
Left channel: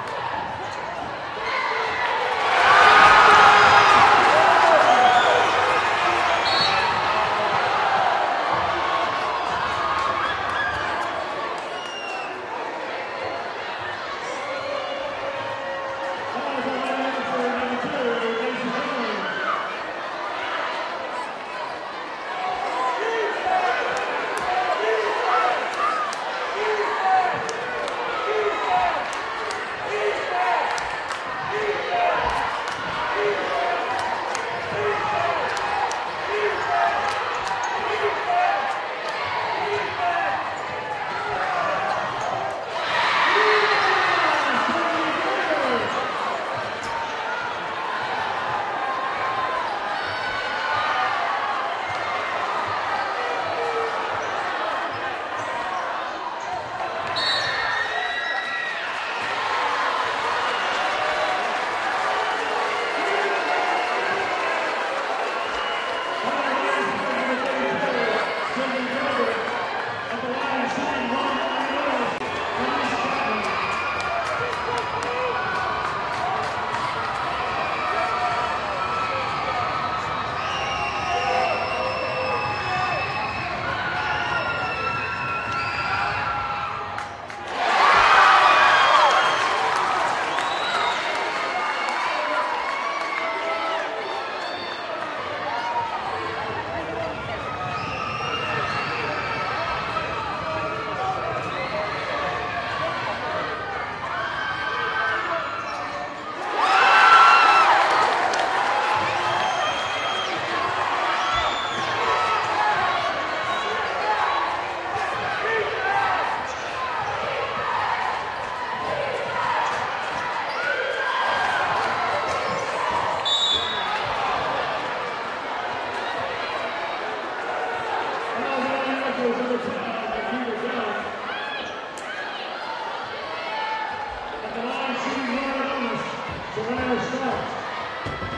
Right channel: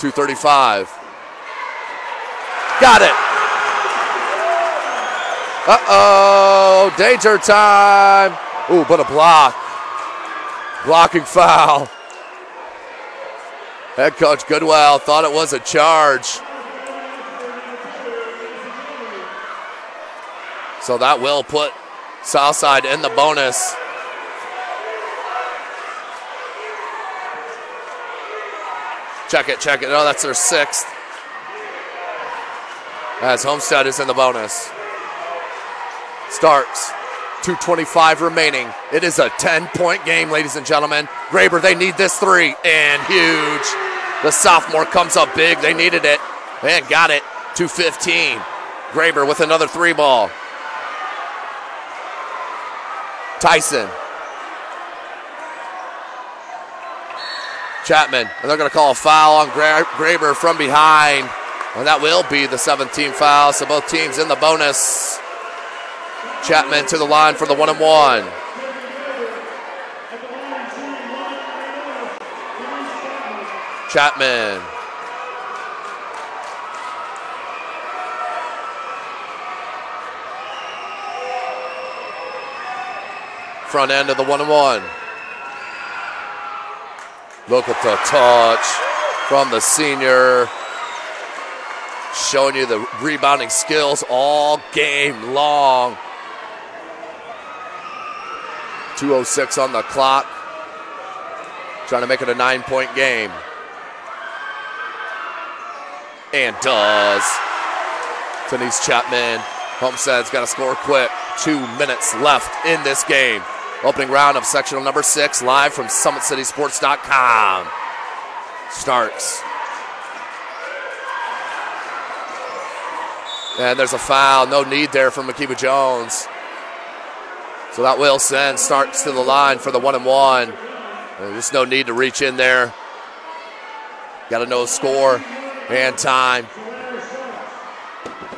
2:35. Got it. Uh-oh, danger time. Ooh, but a block. Blocking foul. Head coach Goodwell thought it was a charge. So that will put Southside in the bonus. Check it, check it. Oh, that's their 6th. As Homestead is in the bonus. Starks, 2:25 remaining. It is a 10-point game, ladies and gentlemen. Graber, they need this 3, and huge. The sophomore comes up big. They needed it, and got it. 2:15. Graber with another 3 ball. Tyson. Chapman, and they're going to call a foul on Graber from behind, and that will be the 17th foul, so both teams in the bonus. Chapman to the line for the 1-and-1. Chapman. Front end of the 1-and-1. Look at the touch from the senior. Showing you the rebounding skills all game long. 2:06 on the clock. Trying to make it a 9-point game. And does. Denise Chapman. Homestead's got to score quick. 2 minutes left in this game. Opening round of sectional number 6, live from SummitCitySports.com. Starks. And there's a foul. No need there from Makeba Jones. So that will send Starks to the line for the 1-and-1. There's no need to reach in there. Got to know score and time.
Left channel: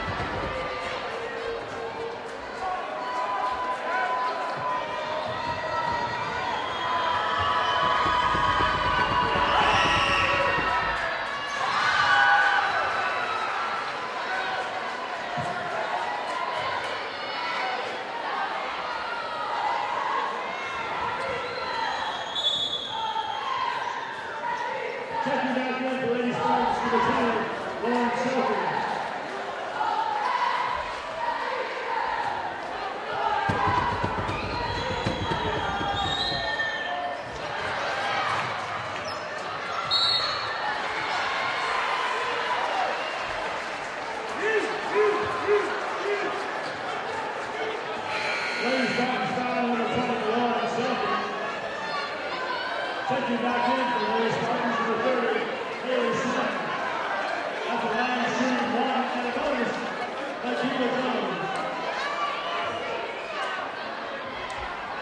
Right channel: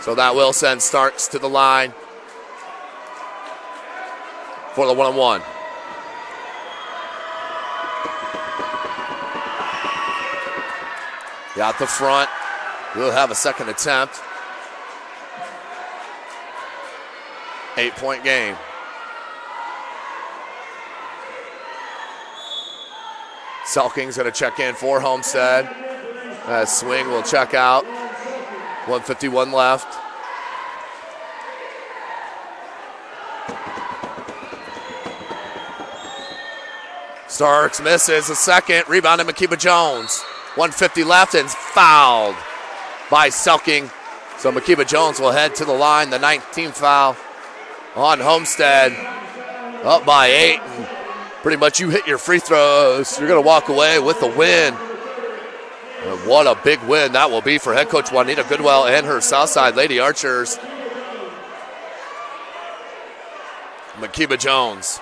So that will send Starks to the line for the 1-and-1. Out the front. We'll have a second attempt. 8-point game. Selking's going to check in for Homestead. As Swing will check out. 1:51 left. Starks misses a second. Rebound to Makeba Jones. 1:50 left and fouled by Selking. So Makeba Jones will head to the line. The 19th foul on Homestead. Up by 8. Pretty much you hit your free throws, you're going to walk away with the win. And what a big win that will be for head coach Juanita Goodwell and her Southside Lady Archers. Makeba Jones.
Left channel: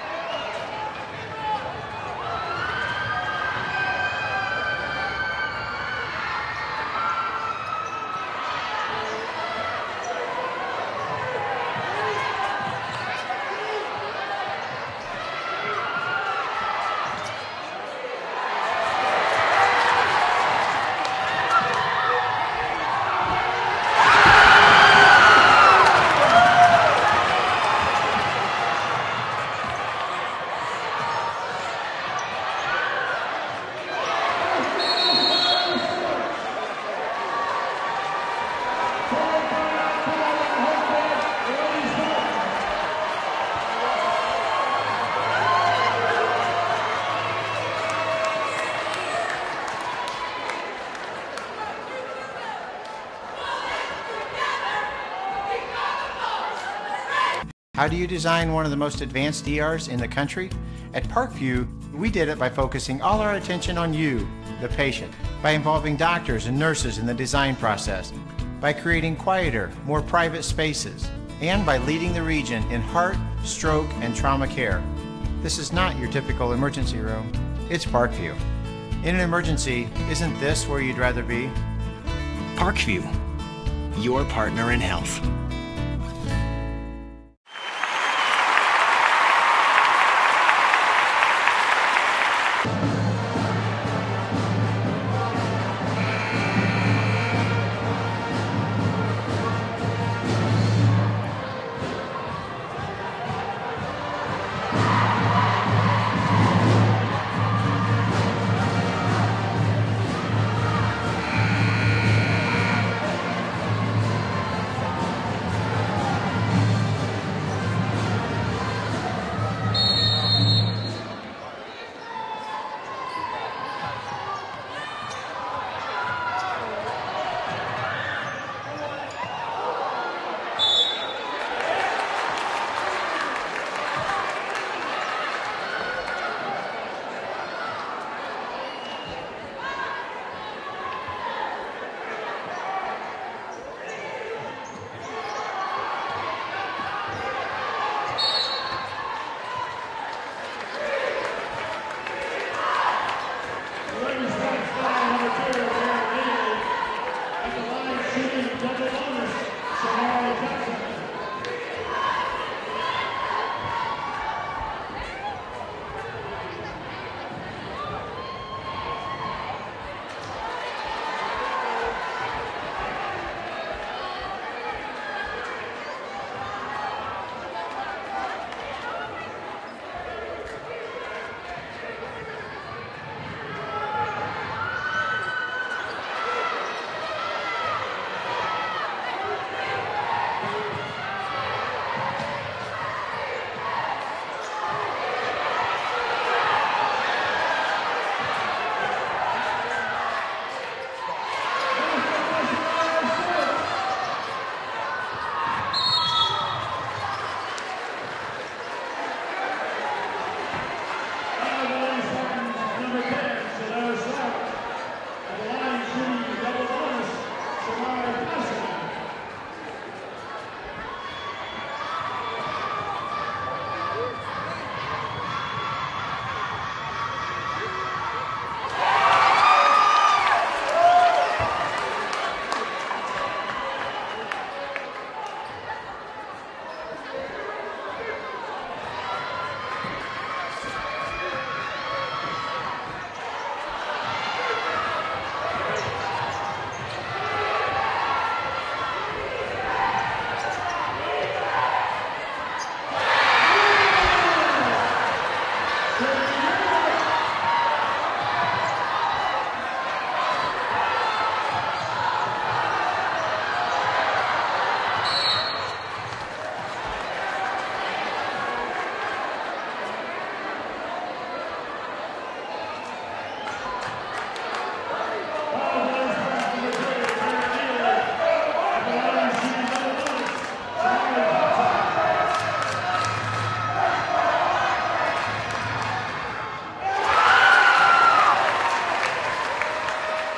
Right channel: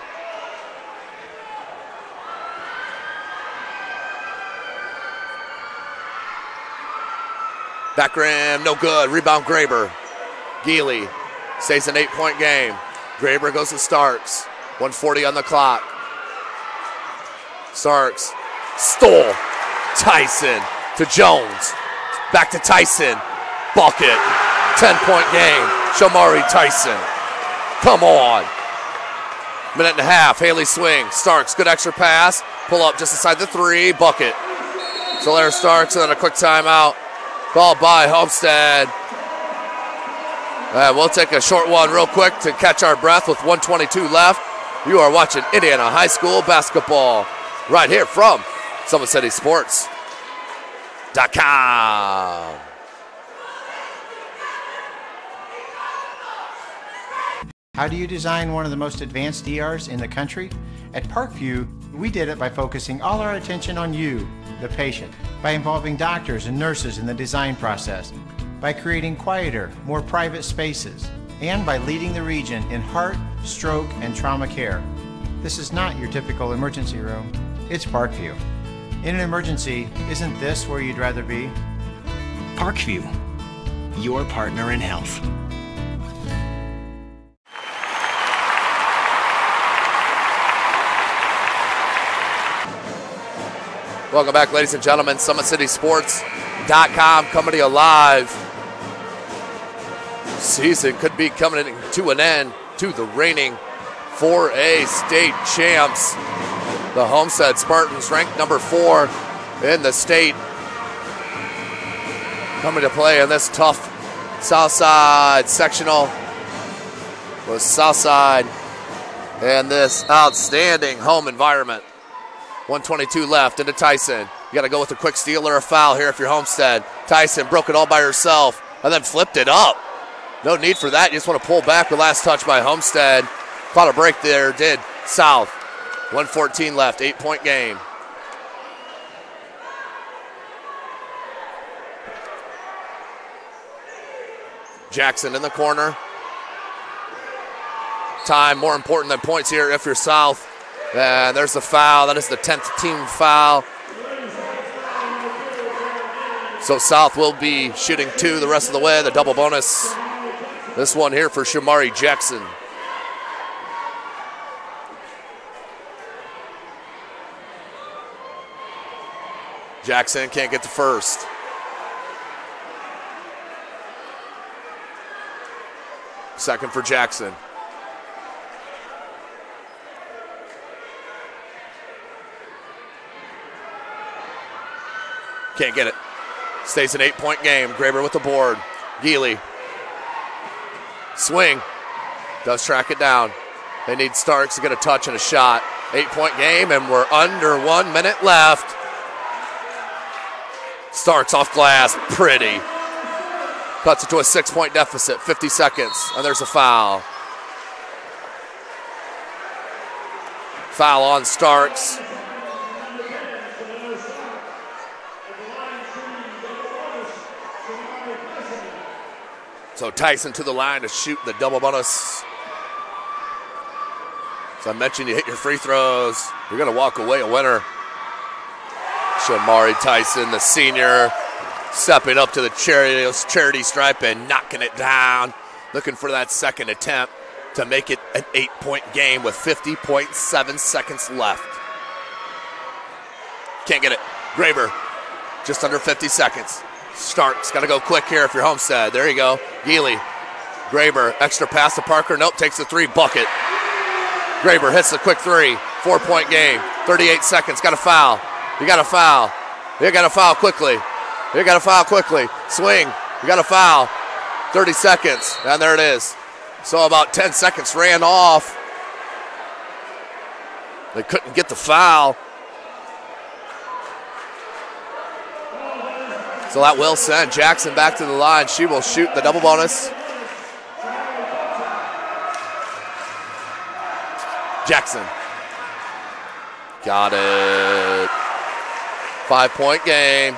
Back rim, no good. Rebound Graber. Healy stays an 8-point game. Graber goes to Starks. 1:40 on the clock. Starks stole. Tyson to Jones. Back to Tyson. Bucket. 10-point game. Shamari Tyson. Come on. Minute and a half. Healy swing. Starks, good extra pass. Pull up just inside the 3. Bucket. So there's Starks and then a quick timeout. Called by Homestead. We'll take a short one real quick to catch our breath with 1:22 left. You are watching Indiana High School basketball right here from SummitCitySports.com. How do you design one of the most advanced ERs in the country? At Parkview, we did it by focusing all our attention on you, the patient, by involving doctors and nurses in the design process, by creating quieter, more private spaces, and by leading the region in heart, stroke, and trauma care. This is not your typical emergency room. It's Parkview. In an emergency, isn't this where you'd rather be? Parkview, your partner in health. Welcome back, ladies and gentlemen. SummitCitySports.com coming to you live. Season could be coming to an end to the reigning 4A state champs. The Homestead Spartans, ranked number 4 in the state, coming to play in this tough Southside sectional with Southside and this outstanding home environment. 1:22 left into Tyson. You got to go with a quick steal or a foul here if you're Homestead. Tyson broke it all by herself and then flipped it up. No need for that. You just want to pull back. The last touch by Homestead. Thought a break there, did South. 1:14 left, 8-point game. Jackson in the corner. Time more important than points here if you're South. And there's the foul. That is the 10th team foul. So South will be shooting 2 the rest of the way, the double bonus. This one here for Shamari Jackson. Jackson can't get the first. Second for Jackson. Can't get it. Stays an 8-point game. Graber with the board. Healy. Swing. Does track it down. They need Starks to get a touch and a shot. 8-point game, and we're under 1 minute left. Starks off glass. Pretty. Cuts it to a 6-point deficit. 50 seconds, and there's a foul. Foul on Starks. So Tyson to the line to shoot the double bonus. As I mentioned, you hit your free throws, you're gonna walk away a winner. Shamari Tyson, the senior, stepping up to the charity stripe and knocking it down. Looking for that second attempt to make it an 8-point game with 50.7 seconds left. Can't get it. Graber, just under 50 seconds. Starks, gotta go quick here if you're Homestead. There you go. Healy, Graber, extra pass to Parker. Nope, takes the 3 bucket. Graber hits the quick 3. 4-point game. 38 seconds. Got a foul. You got a foul. You got to foul quickly. You got to foul quickly. Swing. You got a foul. 30 seconds, and there it is. So about 10 seconds ran off. They couldn't get the foul. So that will send Jackson back to the line. She will shoot the double bonus. Jackson. Got it. 5-point game.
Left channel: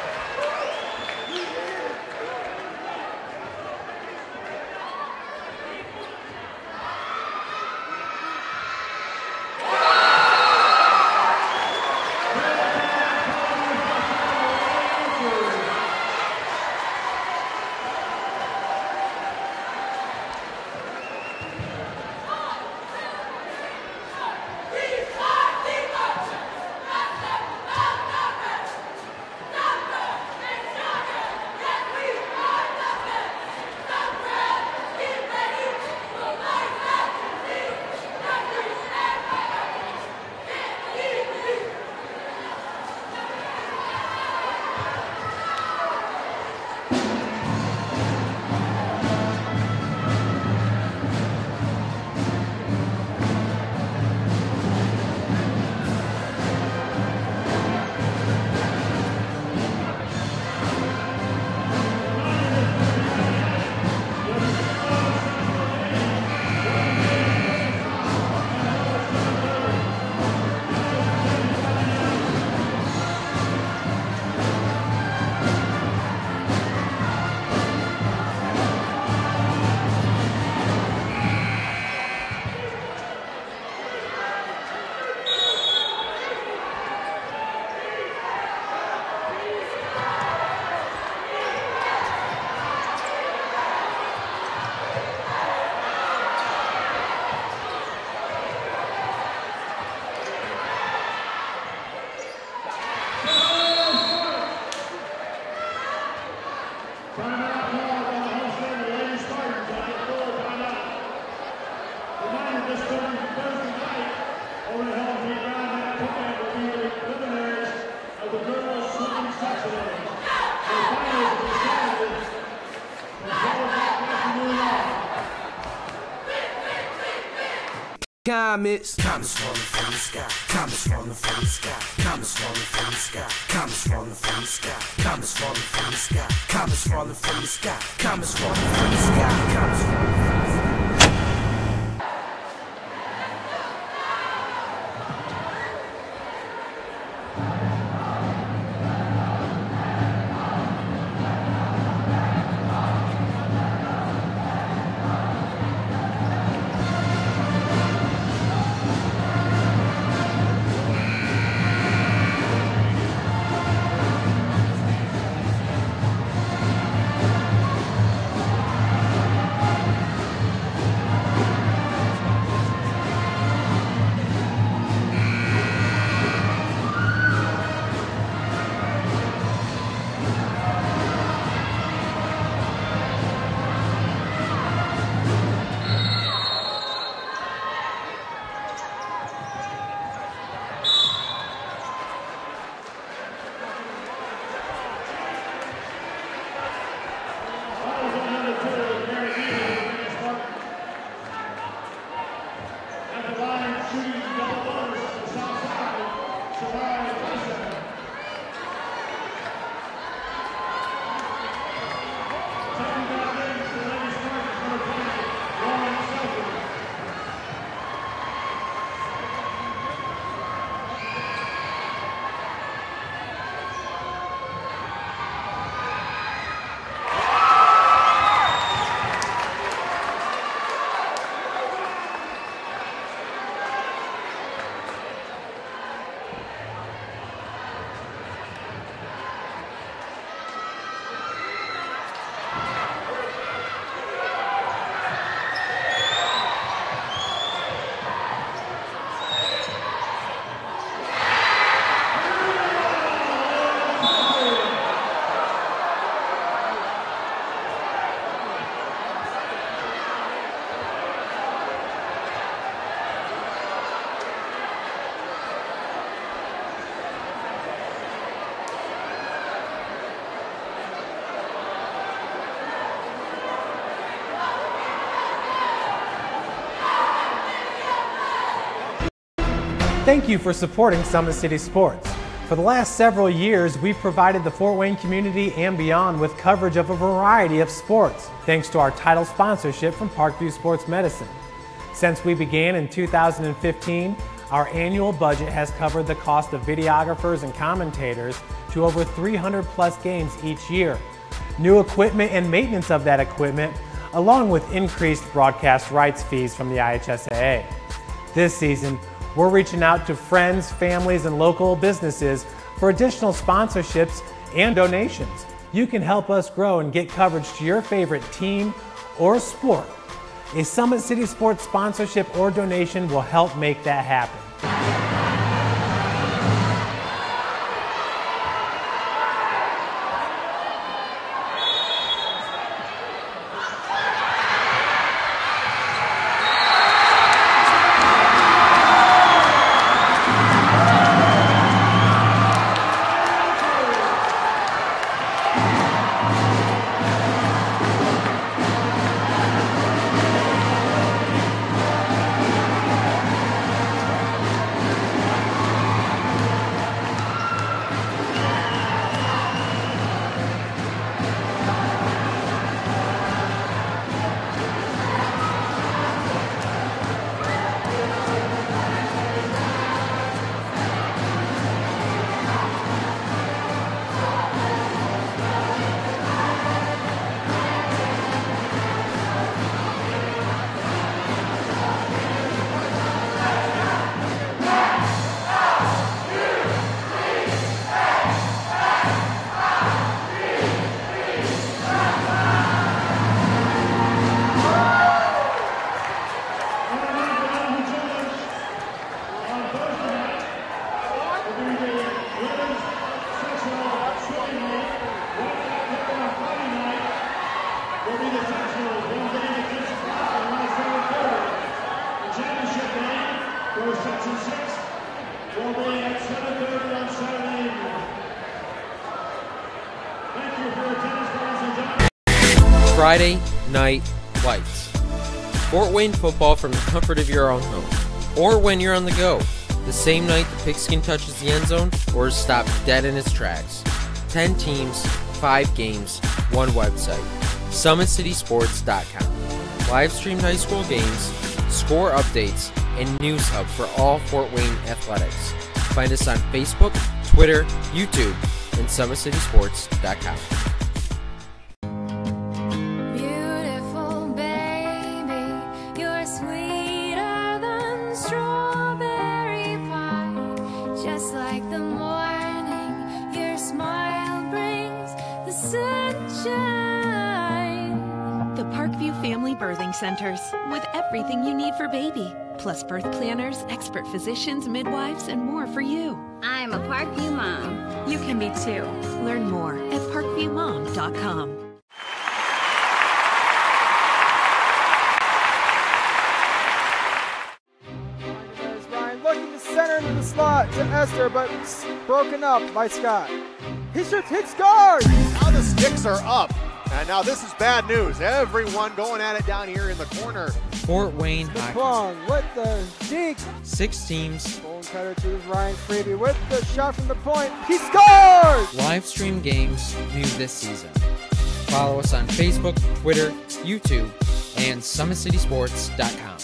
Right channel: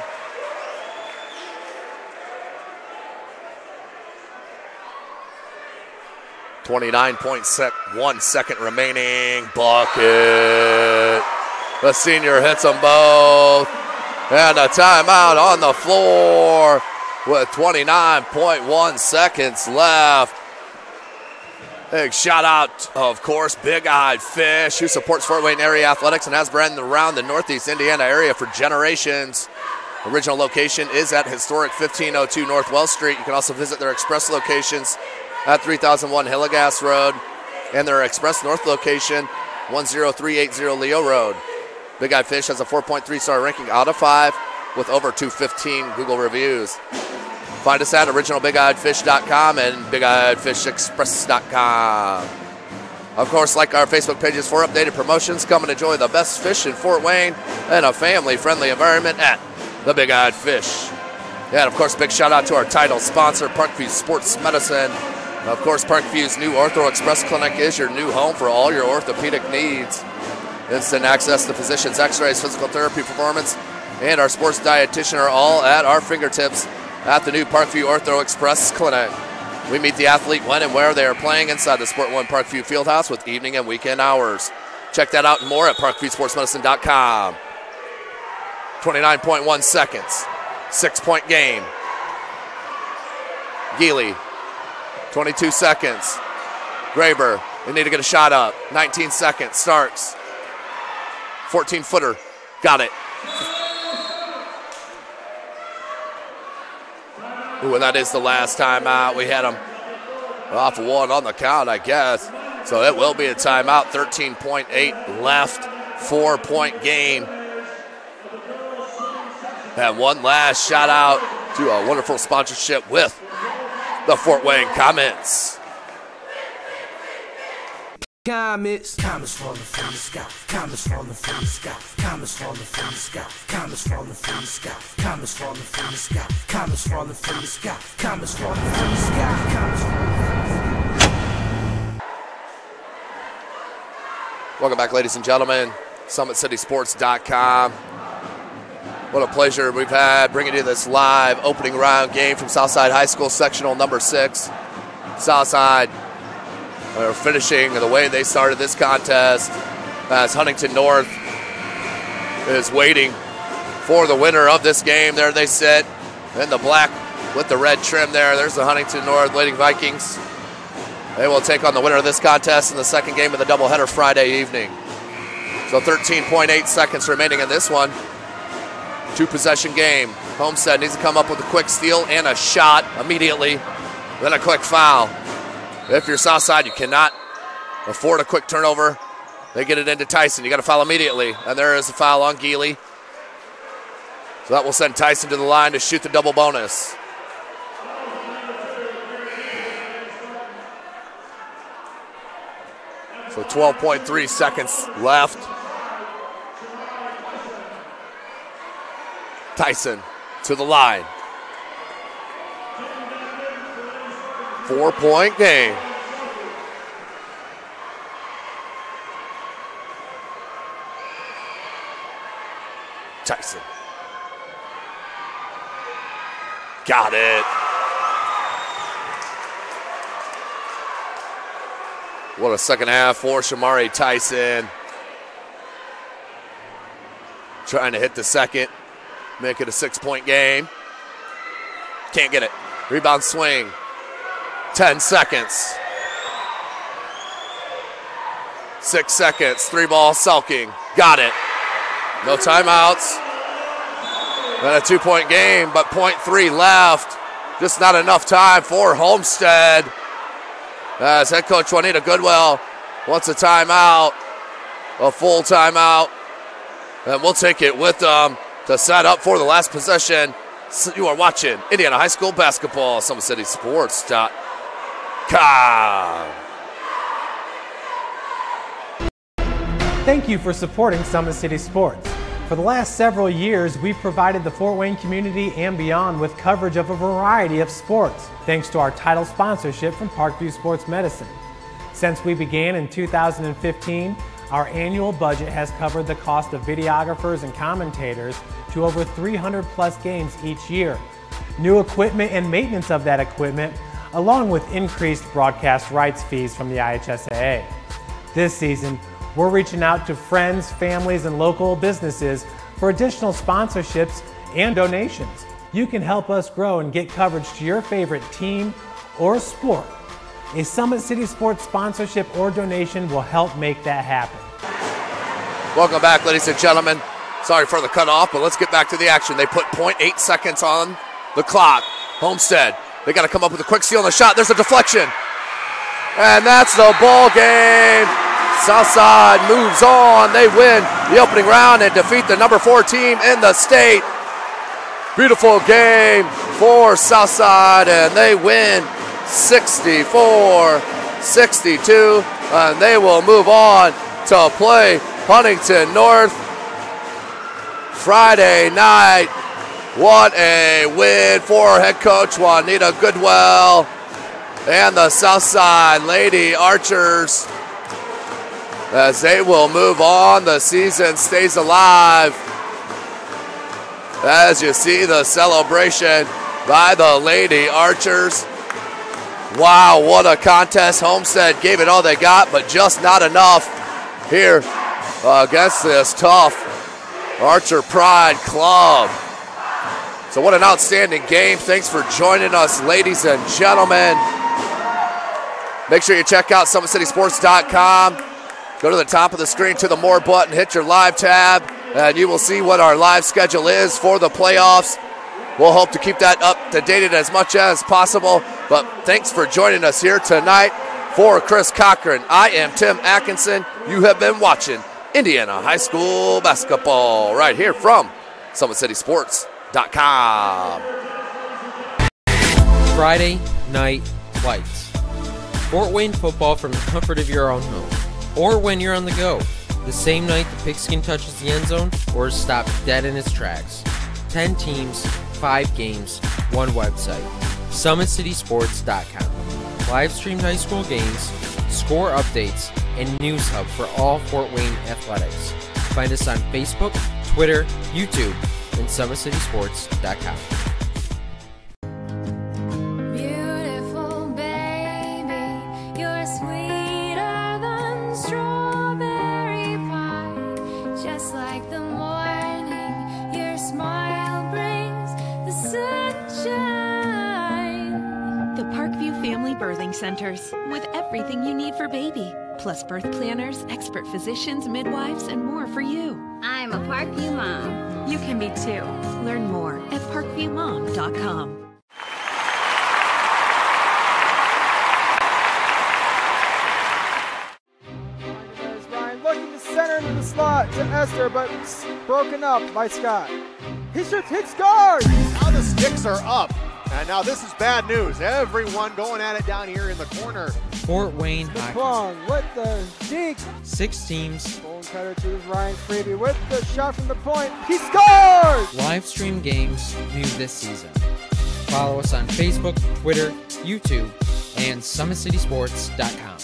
.1 second remaining. Bucket. The senior hits them both. And a timeout on the floor with 29.1 seconds left. Big shout out, of course, Big Eyed Fish, who supports Fort Wayne area athletics and has been around the Northeast Indiana area for generations. Original location is at historic 1502 North Wells Street. You can also visit their express locations at 3001 Hillegas Road and their express north location, 10380 Leo Road. Big Eyed Fish has a 4.3 star ranking out of 5 with over 215 Google reviews. Find us at originalbigeyedfish.com and bigeyedfishexpress.com. Of course, like our Facebook pages for updated promotions. Come and enjoy the best fish in Fort Wayne and a family-friendly environment at the Big Eyed Fish. And of course, big shout out to our title sponsor, Parkview Sports Medicine. Of course, Parkview's new Ortho Express Clinic is your new home for all your orthopedic needs. Instant access to physicians, x-rays, physical therapy, performance, and our sports dietitian are all at our fingertips at the new Parkview Ortho Express Clinic. We meet the athlete when and where they are playing inside the Sport One Parkview Fieldhouse with evening and weekend hours. Check that out and more at parkviewsportsmedicine.com. 29.1 seconds. 6-point game. Healy, 22 seconds. Graber, they need to get a shot up. 19 seconds. Starks, 14-footer. Got it. Ooh, and that is the last timeout. We had them off one on the count, I guess. So it will be a timeout. 13.8 left. 4-point game. And one last shout out to a wonderful sponsorship with the Fort Wayne Comets. Comets falling from the sky. Comets falling from the sky. Comets falling from the sky. Comets falling from the sky. Comets falling from the sky. Comets falling from the sky. Comets falling from the sky. Comets falling from the sky. Welcome back, ladies and gentlemen. SummitCitySports.com. What a pleasure we've had bringing you this live opening round game from Southside High School Sectional number 6. Southside are finishing the way they started this contest as Huntington North is waiting for the winner of this game. There they sit in the black with the red trim there. There's the Huntington North Lady Vikings. They will take on the winner of this contest in the second game of the doubleheader Friday evening. So 13.8 seconds remaining in this one. 2-possession game. Homestead needs to come up with a quick steal and a shot immediately, then a quick foul. If you're Southside, you cannot afford a quick turnover. They get it into Tyson. You got to foul immediately. And there is a foul on Healy. So that will send Tyson to the line to shoot the double bonus. So 12.3 seconds left. Tyson to the line. 4-point game. Tyson. Got it. What a second half for Shamari Tyson. Trying to hit the second. Make it a 6-point game. Can't get it. Rebound swing. 10 seconds. 6 seconds. 3-ball sulking. Got it. No timeouts. And a 2-point game, but 0.3 left. Just not enough time for Homestead. As head coach Juanita Goodwell wants a timeout. A full timeout. And we'll take it with them to set up for the last possession. You are watching Indiana High School basketball, SummitCitySports.com. Thank you for supporting Summit City Sports. For the last several years, we've provided the Fort Wayne community and beyond with coverage of a variety of sports, thanks to our title sponsorship from Parkview Sports Medicine. Since we began in 2015, our annual budget has covered the cost of videographers and commentators to over 300 plus games each year. New equipment and maintenance of that equipment, along with increased broadcast rights fees from the IHSAA. This season, we're reaching out to friends, families, and local businesses for additional sponsorships and donations. You can help us grow and get coverage to your favorite team or sport. A Summit City Sports sponsorship or donation will help make that happen. Welcome back, ladies and gentlemen. Sorry for the cutoff, but let's get back to the action. They put 0.8 seconds on the clock. Homestead, they got to come up with a quick steal on the shot. There's a deflection. And that's the ball game. Southside moves on. They win the opening round and defeat the number 4 team in the state. Beautiful game for Southside, and they win 64-62. They will move on to play Huntington North Friday night. What a win for head coach Juanita Goodwell and the Southside Lady Archers as they will move on. The season stays alive as you see the celebration by the Lady Archers. Wow, what a contest. Homestead gave it all they got, but just not enough here against this tough Archer Pride club. So what an outstanding game. Thanks for joining us, ladies and gentlemen. Make sure you check out SummitCitySports.com. Go to the top of the screen to the More button, hit your live tab, and you will see what our live schedule is for the playoffs. We'll hope to keep that up to date as much as possible. But thanks for joining us here tonight. For Chris Cochran, I am Tim Atkinson. You have been watching Indiana High School basketball right here from SummitCitySports.com. Friday Night Lights. Fort Wayne football from the comfort of your own home, or when you're on the go, the same night the pigskin touches the end zone or is stopped dead in its tracks. 10 teams, 5 games, 1 website. SummitCitySports.com. Live streamed high school games, score updates, and news hub for all Fort Wayne athletics. Find us on Facebook, Twitter, YouTube, and SummitCitySports.com. Beautiful baby, you're sweeter than strawberry pie. Just like the morning, your smile brings the sunshine. The Parkview Family Birthing Centers, with everything you need for baby, plus birth planners, expert physicians, midwives, and more for you. I'm a Parkview mom. You can be too. Learn more at parkviewmom.com. Ryan looking to center into the slot to Esther, but broken up by Scott. He shoots, hits, scores! Now the sticks are up. And now this is bad news. Everyone going at it down here in the corner. Fort Wayne Plung with the deke. 6 teams. Bone cutter to Ryan Freeby with the shot from the point. He scores! Live stream games new this season. Follow us on Facebook, Twitter, YouTube, and SummitCitySports.com.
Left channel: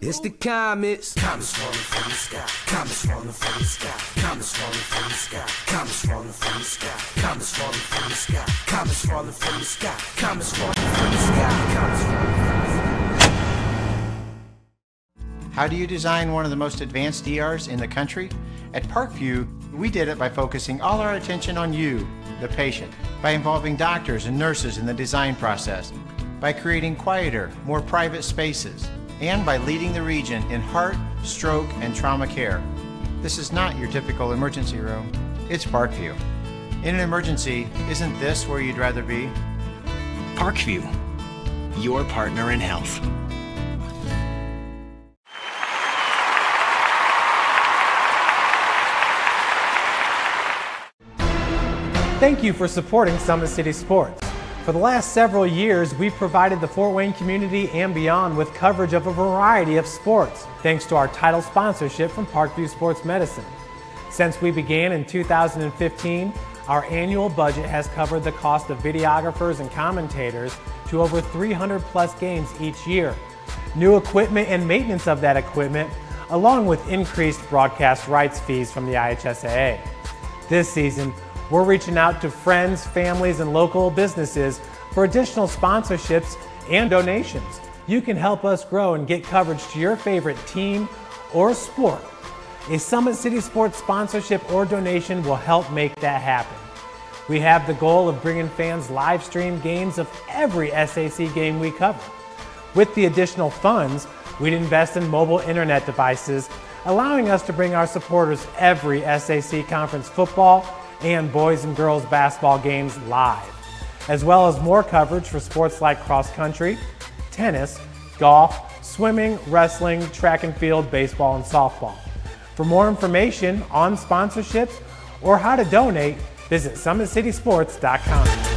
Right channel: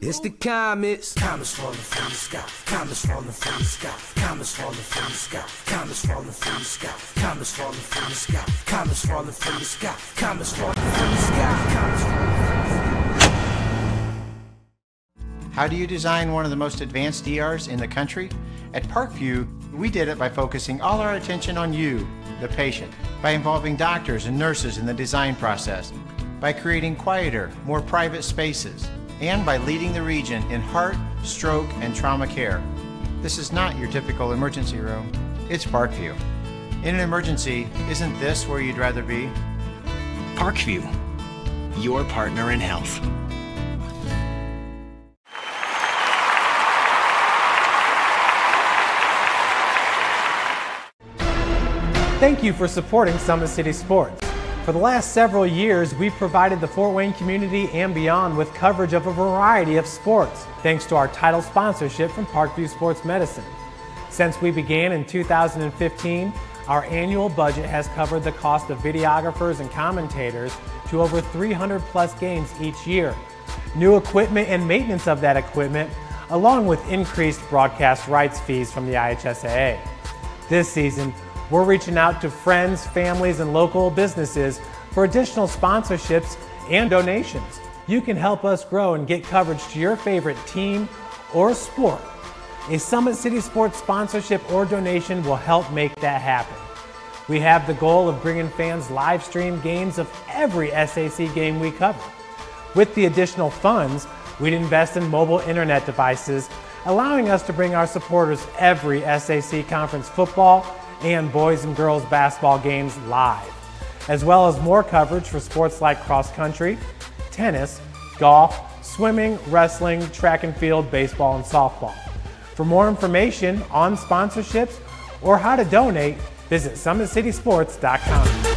It's the comets. Comets falling from the sky. Comets falling from the sky. Comets falling from the sky. Comets falling from the sky. Comets falling from the sky. Comets falling from the sky. Comets falling from the sky. Comets falling from the sky. How do you design one of the most advanced ERs in the country? At Parkview, we did it by focusing all our attention on you, the patient, by involving doctors and nurses in the design process, by creating quieter, more private spaces, and by leading the region in heart, stroke, and trauma care. This is not your typical emergency room. It's Parkview. In an emergency, isn't this where you'd rather be? Parkview, your partner in health. Thank you for supporting Summit City Sports. For the last several years, we've provided the Fort Wayne community and beyond with coverage of a variety of sports, thanks to our title sponsorship from Parkview Sports Medicine. Since we began in 2015, our annual budget has covered the cost of videographers and commentators to over 300 plus games each year. New equipment and maintenance of that equipment, along with increased broadcast rights fees from the IHSAA. This season, we're reaching out to friends, families, and local businesses for additional sponsorships and donations. You can help us grow and get coverage to your favorite team or sport. A Summit City Sports sponsorship or donation will help make that happen. We have the goal of bringing fans live stream games of every SAC game we cover. With the additional funds, we'd invest in mobile internet devices, allowing us to bring our supporters every SAC conference football and boys and girls basketball games live, as well as more coverage for sports like cross country, tennis, golf, swimming, wrestling, track and field, baseball, and softball. For more information on sponsorships or how to donate, visit SummitCitySports.com.